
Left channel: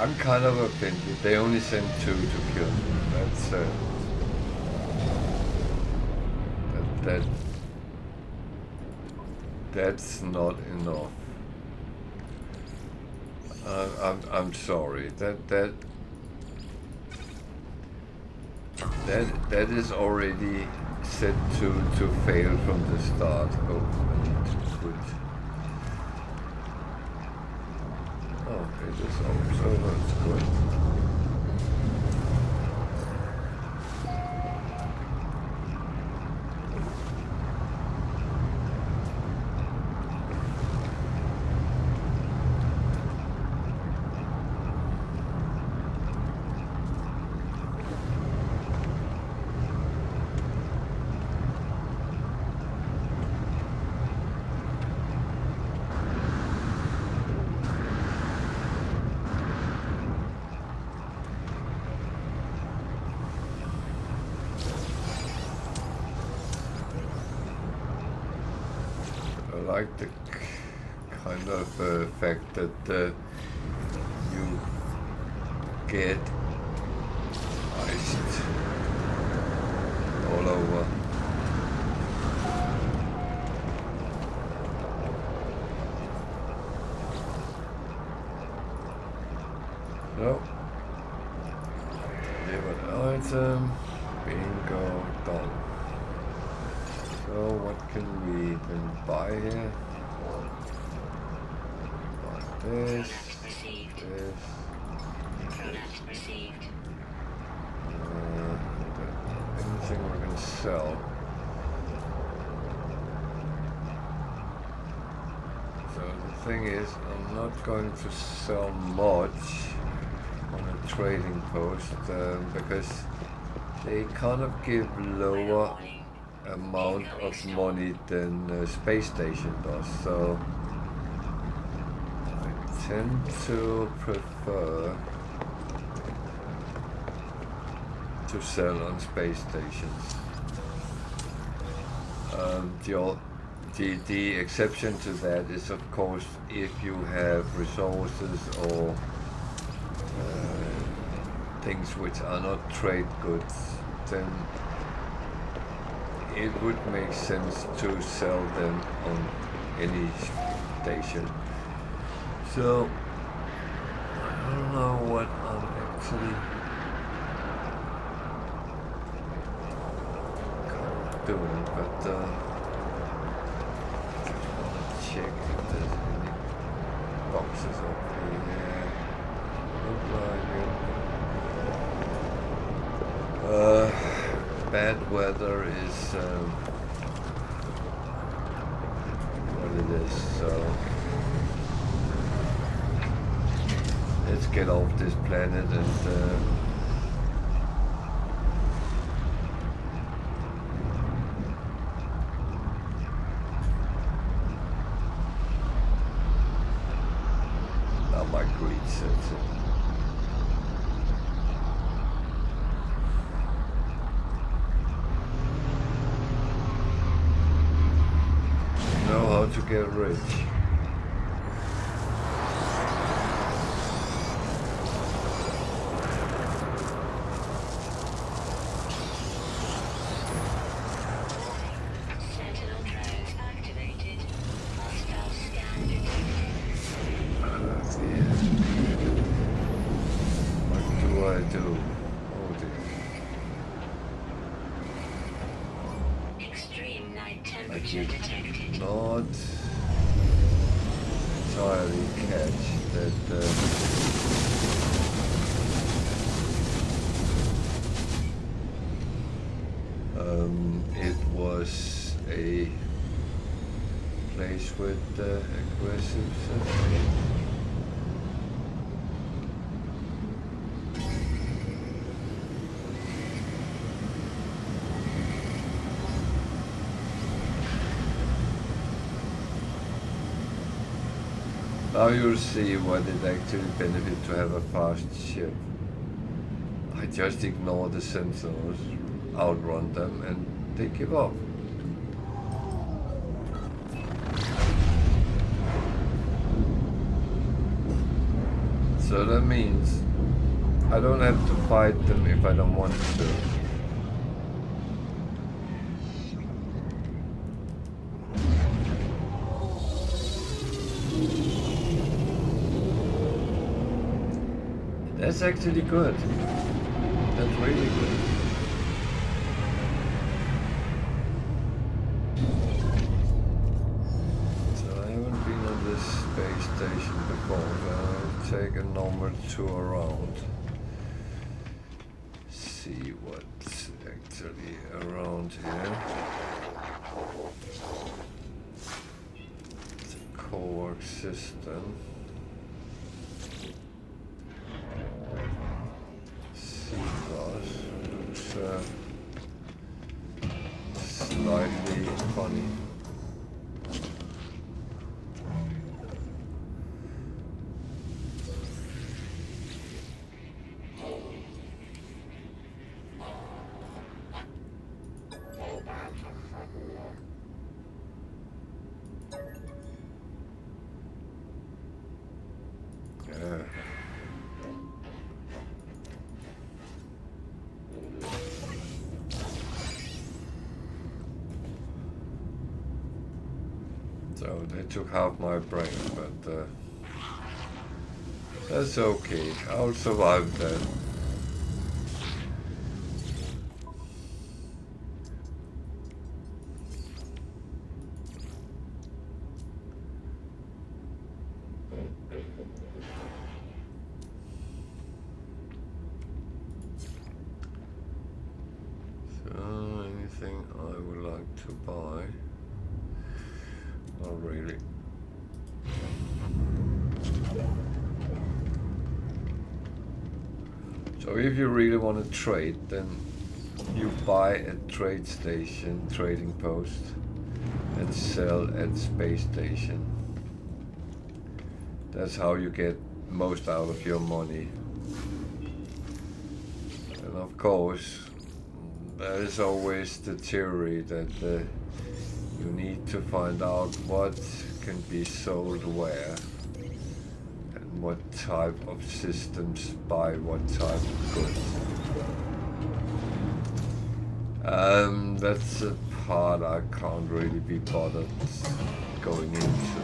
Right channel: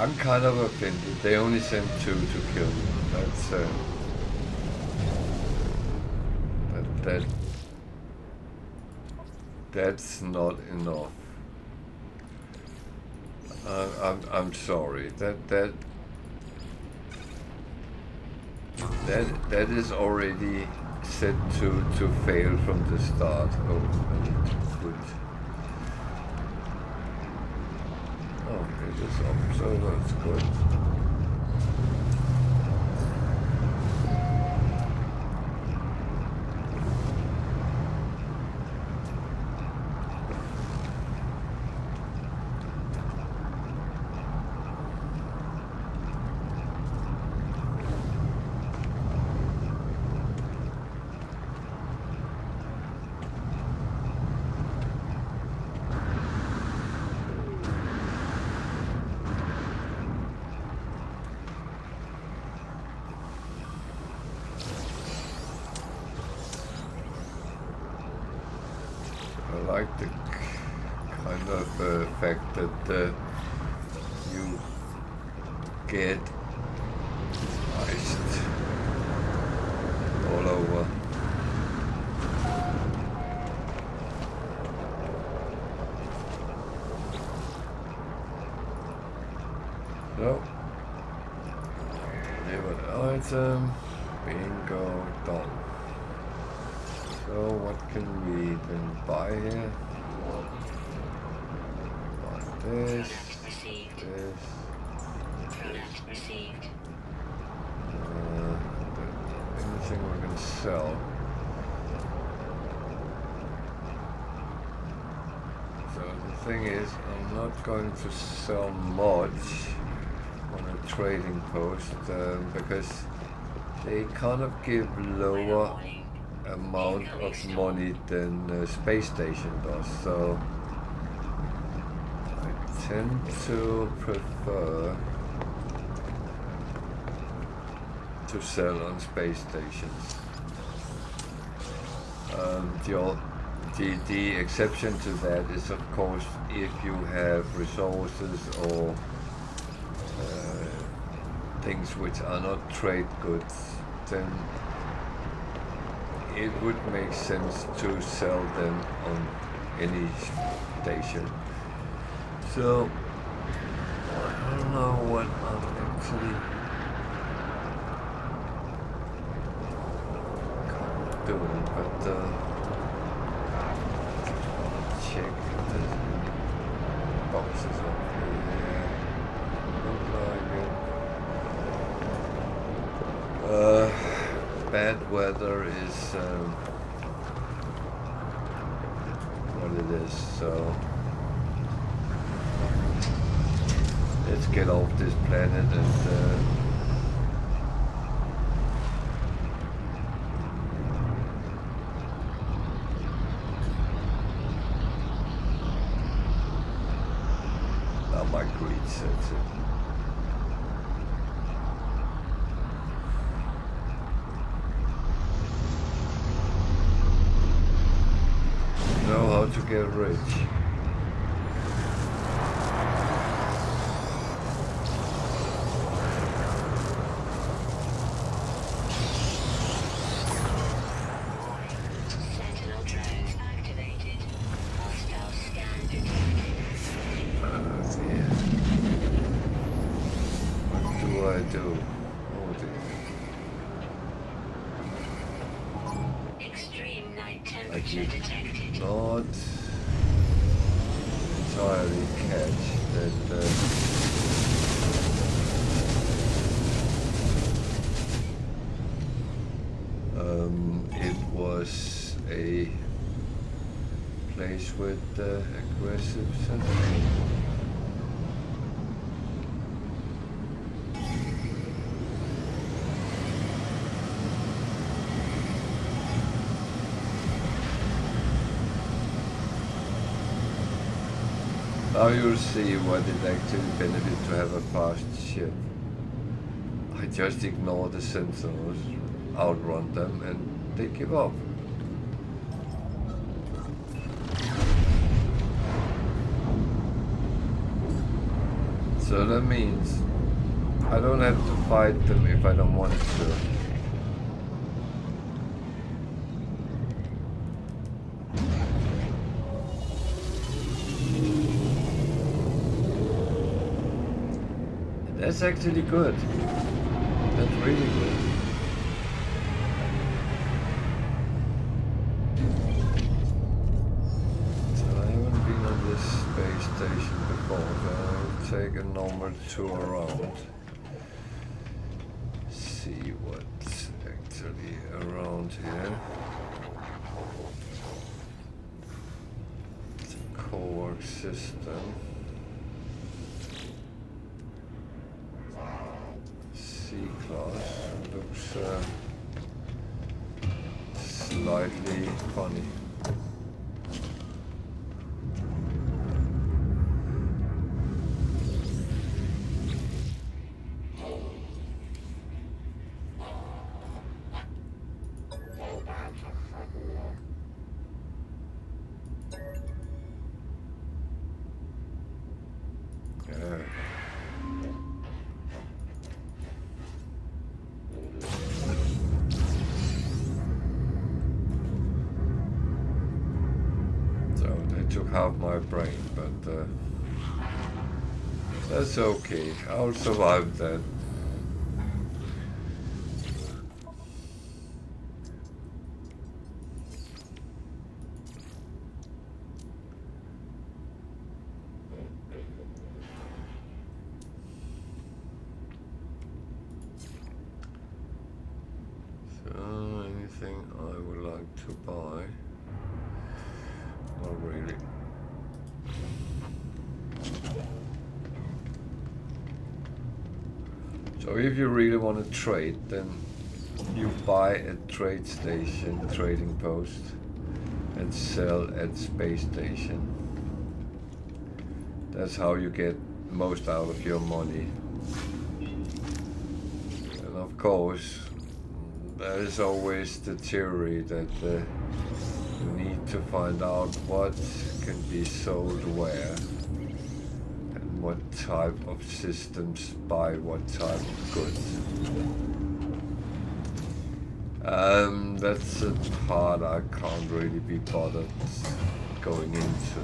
I'm kind of offended. They only sent 2 to kill me. That's not enough. I'm sorry. That is already set to fail from the start. Oh, I need to quit. Oh, it is up, so that's good. I like the kind of fact that you get iced all over. So, delivered item, bingo, done. So what can we then buy here? Buy this, this. Anything we're gonna sell. So the thing is, I'm not going to sell much on a trading post because they kind of give lower amount of money than space station does. So I tend to prefer to sell on space stations. The exception to that is, of course, if you have resources or things which are not trade goods, then it would make sense to sell them on any station. So I don't know what I'm actually doing, but just want to check if there's any boxes up here. Look like it. Bad weather is what it is, so let's get off this planet and now my greed sets it. Know how to get rich. Sentinel drones activated. Hostile scan detected. Yeah. What do I do? Oh dear. Extreme night I temperature did detected. not entirely catch that it was a place with aggressive sentinels. Now you'll see what it actually benefits to have a fast ship. I just ignore the sentinels, outrun them, and they give up. So that means I don't have to fight them if I don't want to. That's actually good. That's really good. So I haven't been on this space station before, so I'll take a normal tour around. See what's actually around here. It's a co-work system. C-class looks slightly funny. Yeah. So they took half my brain, but that's okay. I'll survive that. So anything I would like to buy? Not really. So if you really want to trade, then you buy at trade station, trading post, and sell at space station. That's how you get most out of your money. And of course, there is always the theory that you need to find out what can be sold where, and what type of systems buy what type of goods. That's a part I can't really be bothered going into.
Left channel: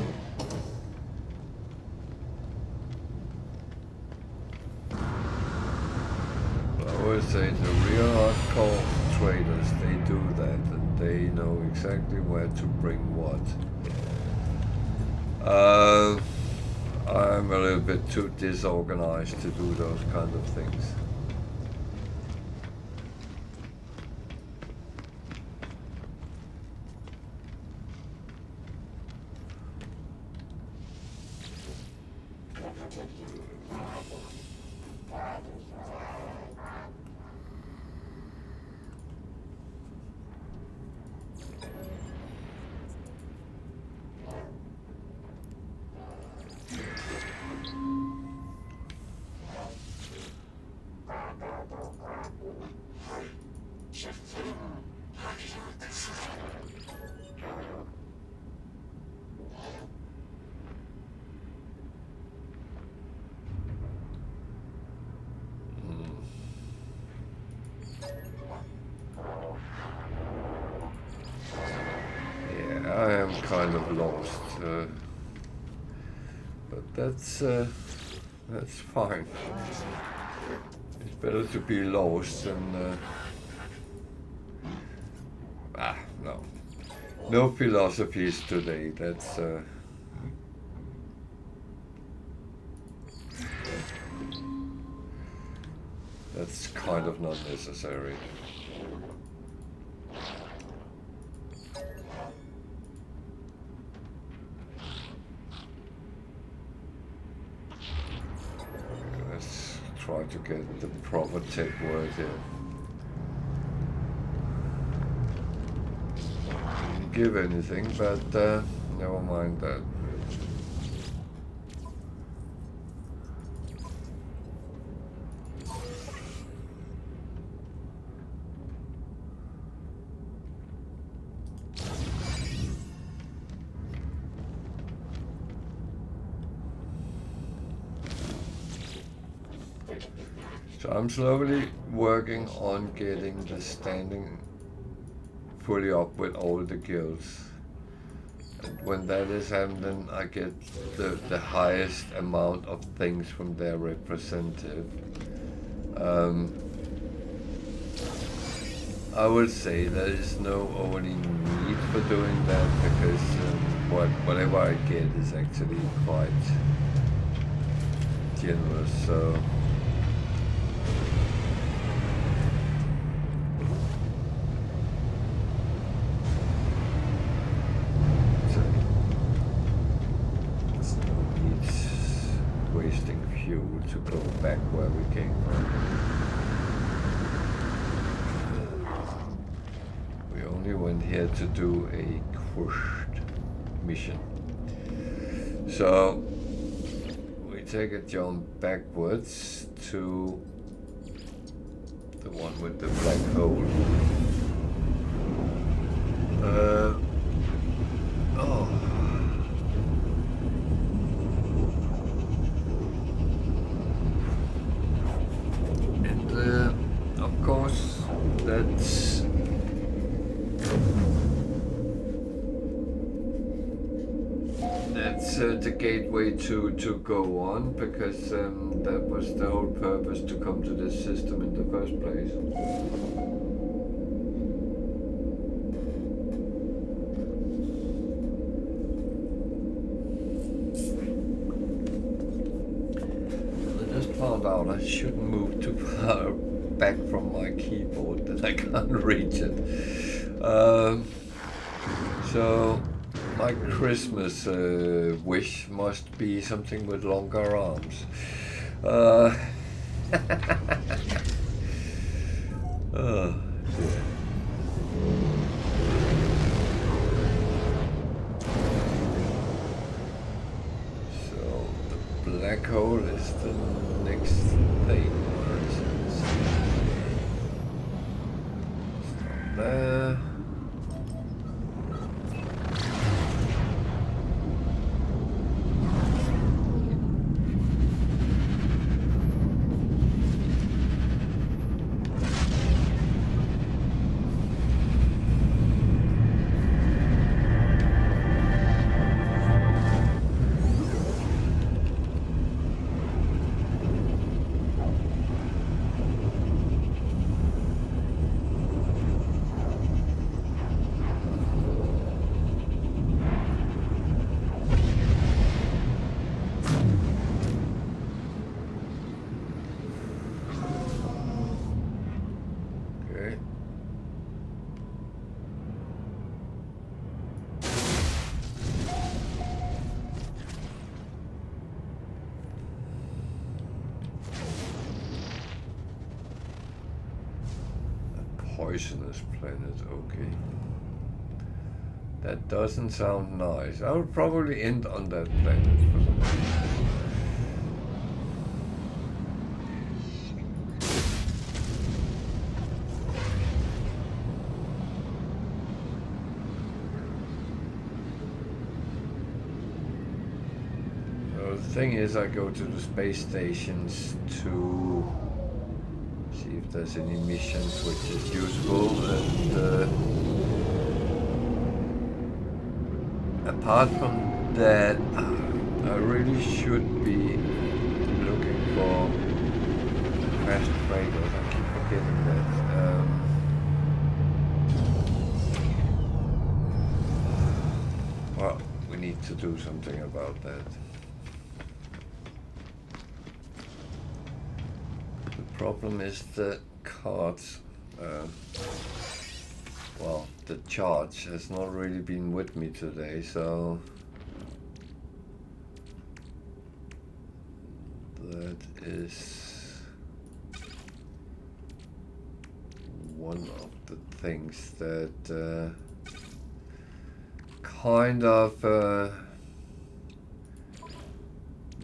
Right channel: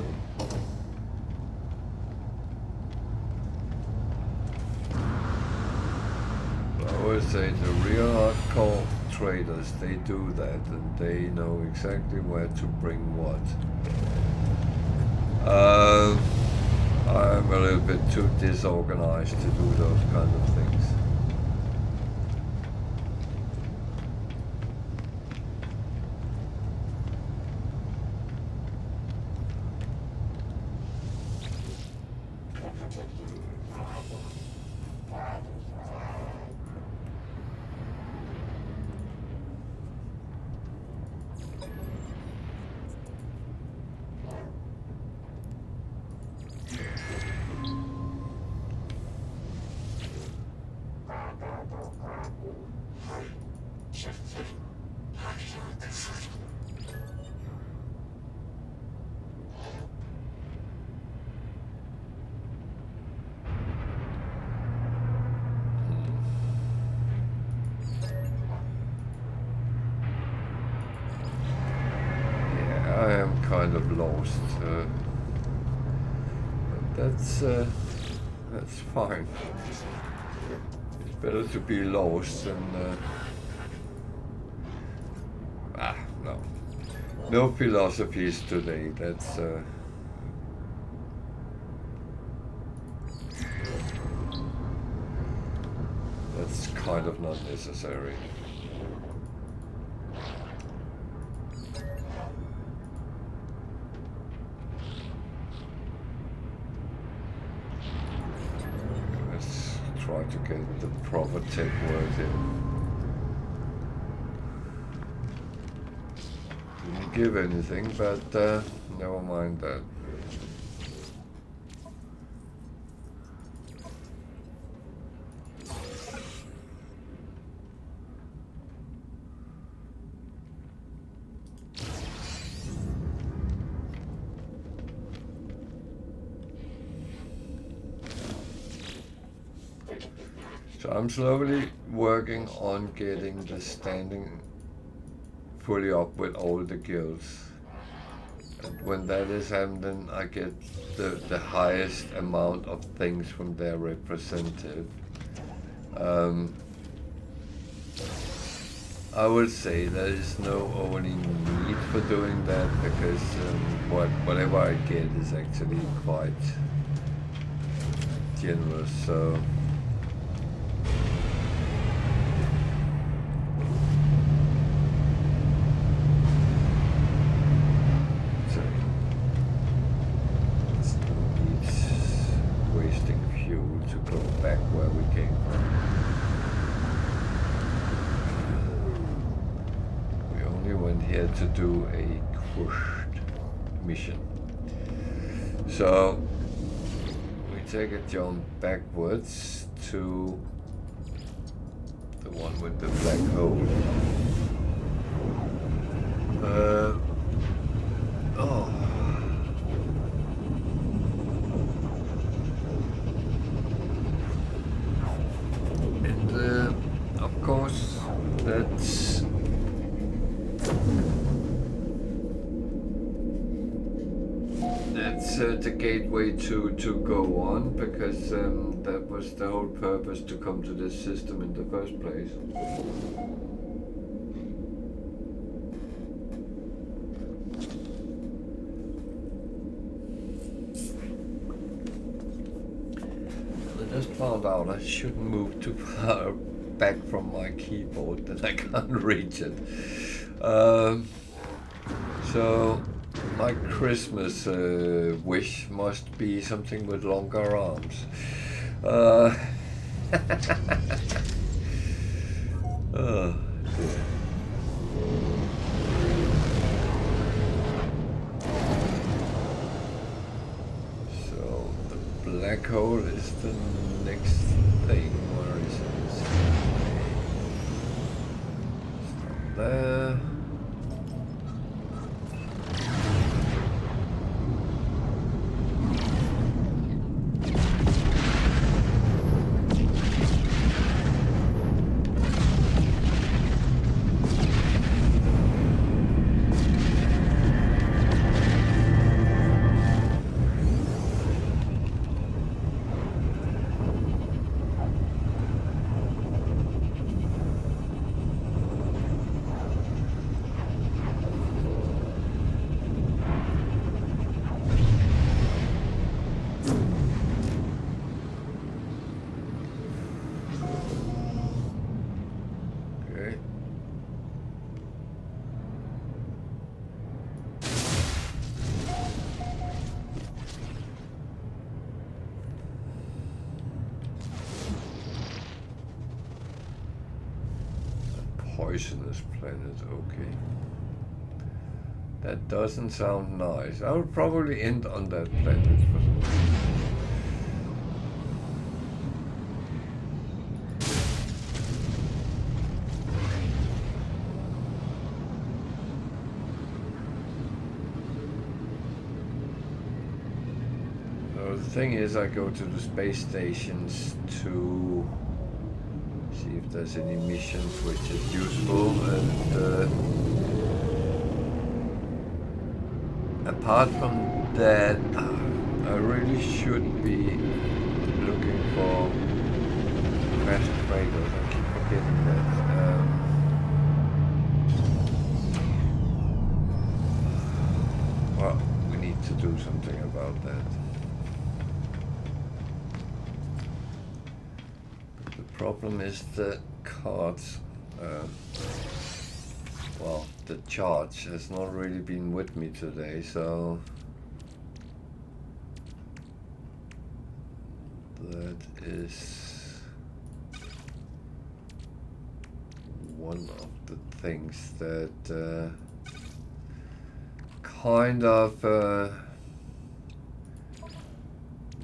But I always say the real hardcore traders, they do that, and they know exactly where to bring what. I'm a little bit too disorganized to do those kind of things. I am kind of lost, but that's fine. It's better to be lost than no philosophies today. That's kind of not necessary. Try to get the proper tech word here. Didn't give anything, but never mind that. So I'm slowly working on getting the standing fully up with all the guilds. And when that is happening, I get the highest amount of things from their representative. I would say there is no only need for doing that, because whatever I get is actually quite generous. So wasting fuel to go back where we came from. We only went here to do a quest mission. So we take a jump backwards to the one with the black hole. Of course, that's the gateway to go on, because that was the whole purpose to come to this system in the first place. I just found out I shouldn't move too far back from my keyboard that I can't reach it. So my Christmas wish must be something with longer arms. Oh dear. So the black hole is the next thing. Where is it? Stop there. Okay. A poisonous planet, okay. That doesn't sound nice. I would probably end on that planet for some reason. So the thing is, I go to the space stations to see if there's any missions which is useful, and apart from that, I really should be looking for fast freighters. I keep forgetting that. Well, we need to do something about that. The problem is the cards. Well, the charge has not really been with me today, so that is one of the things that kind of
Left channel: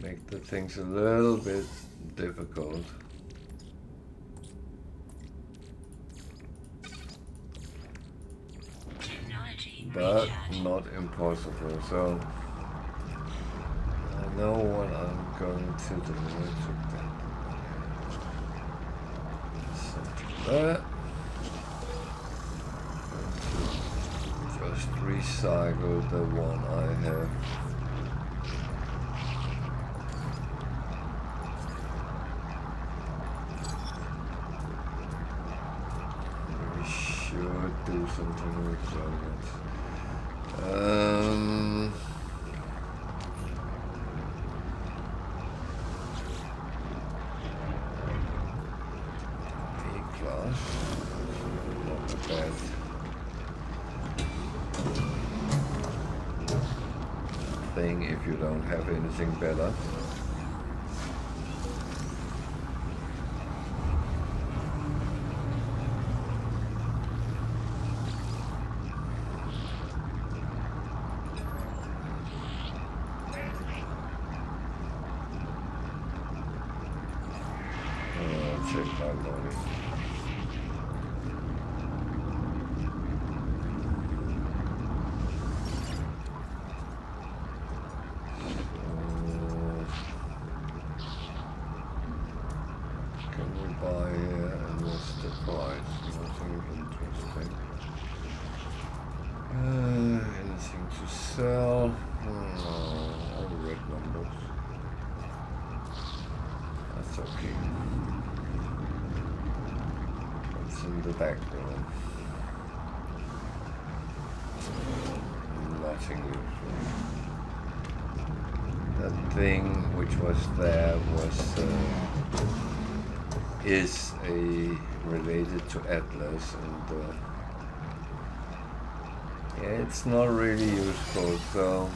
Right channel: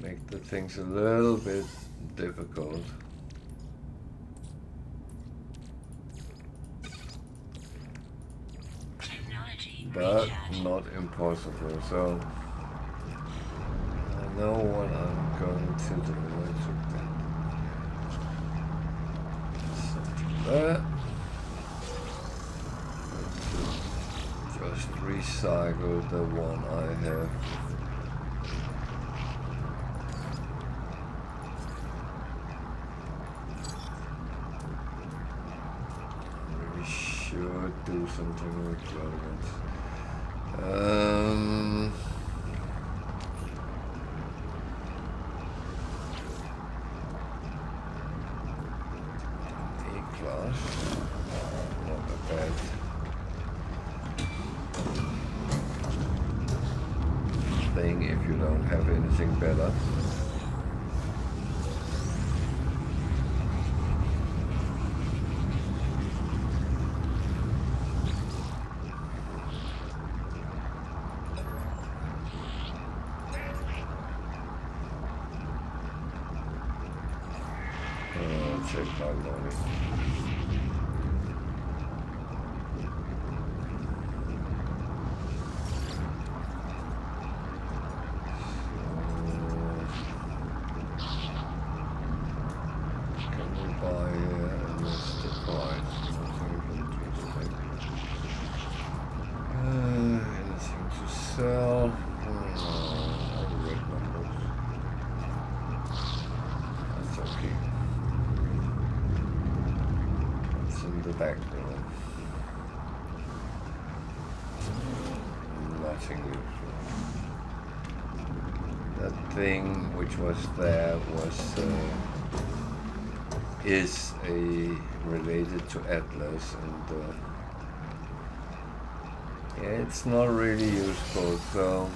make the things a little bit difficult. But not impossible, so I know what I'm going to do. That. Just recycle the one I have. We should do something with that. E-class, not a bad thing if you don't have anything better. Check my loading. Can we buy and what's the price? Nothing interesting. Anything to sell? All the red numbers. That's okay. In the background. Nothing useful. That thing which was there was is related to Atlas, and yeah, it's not really useful, so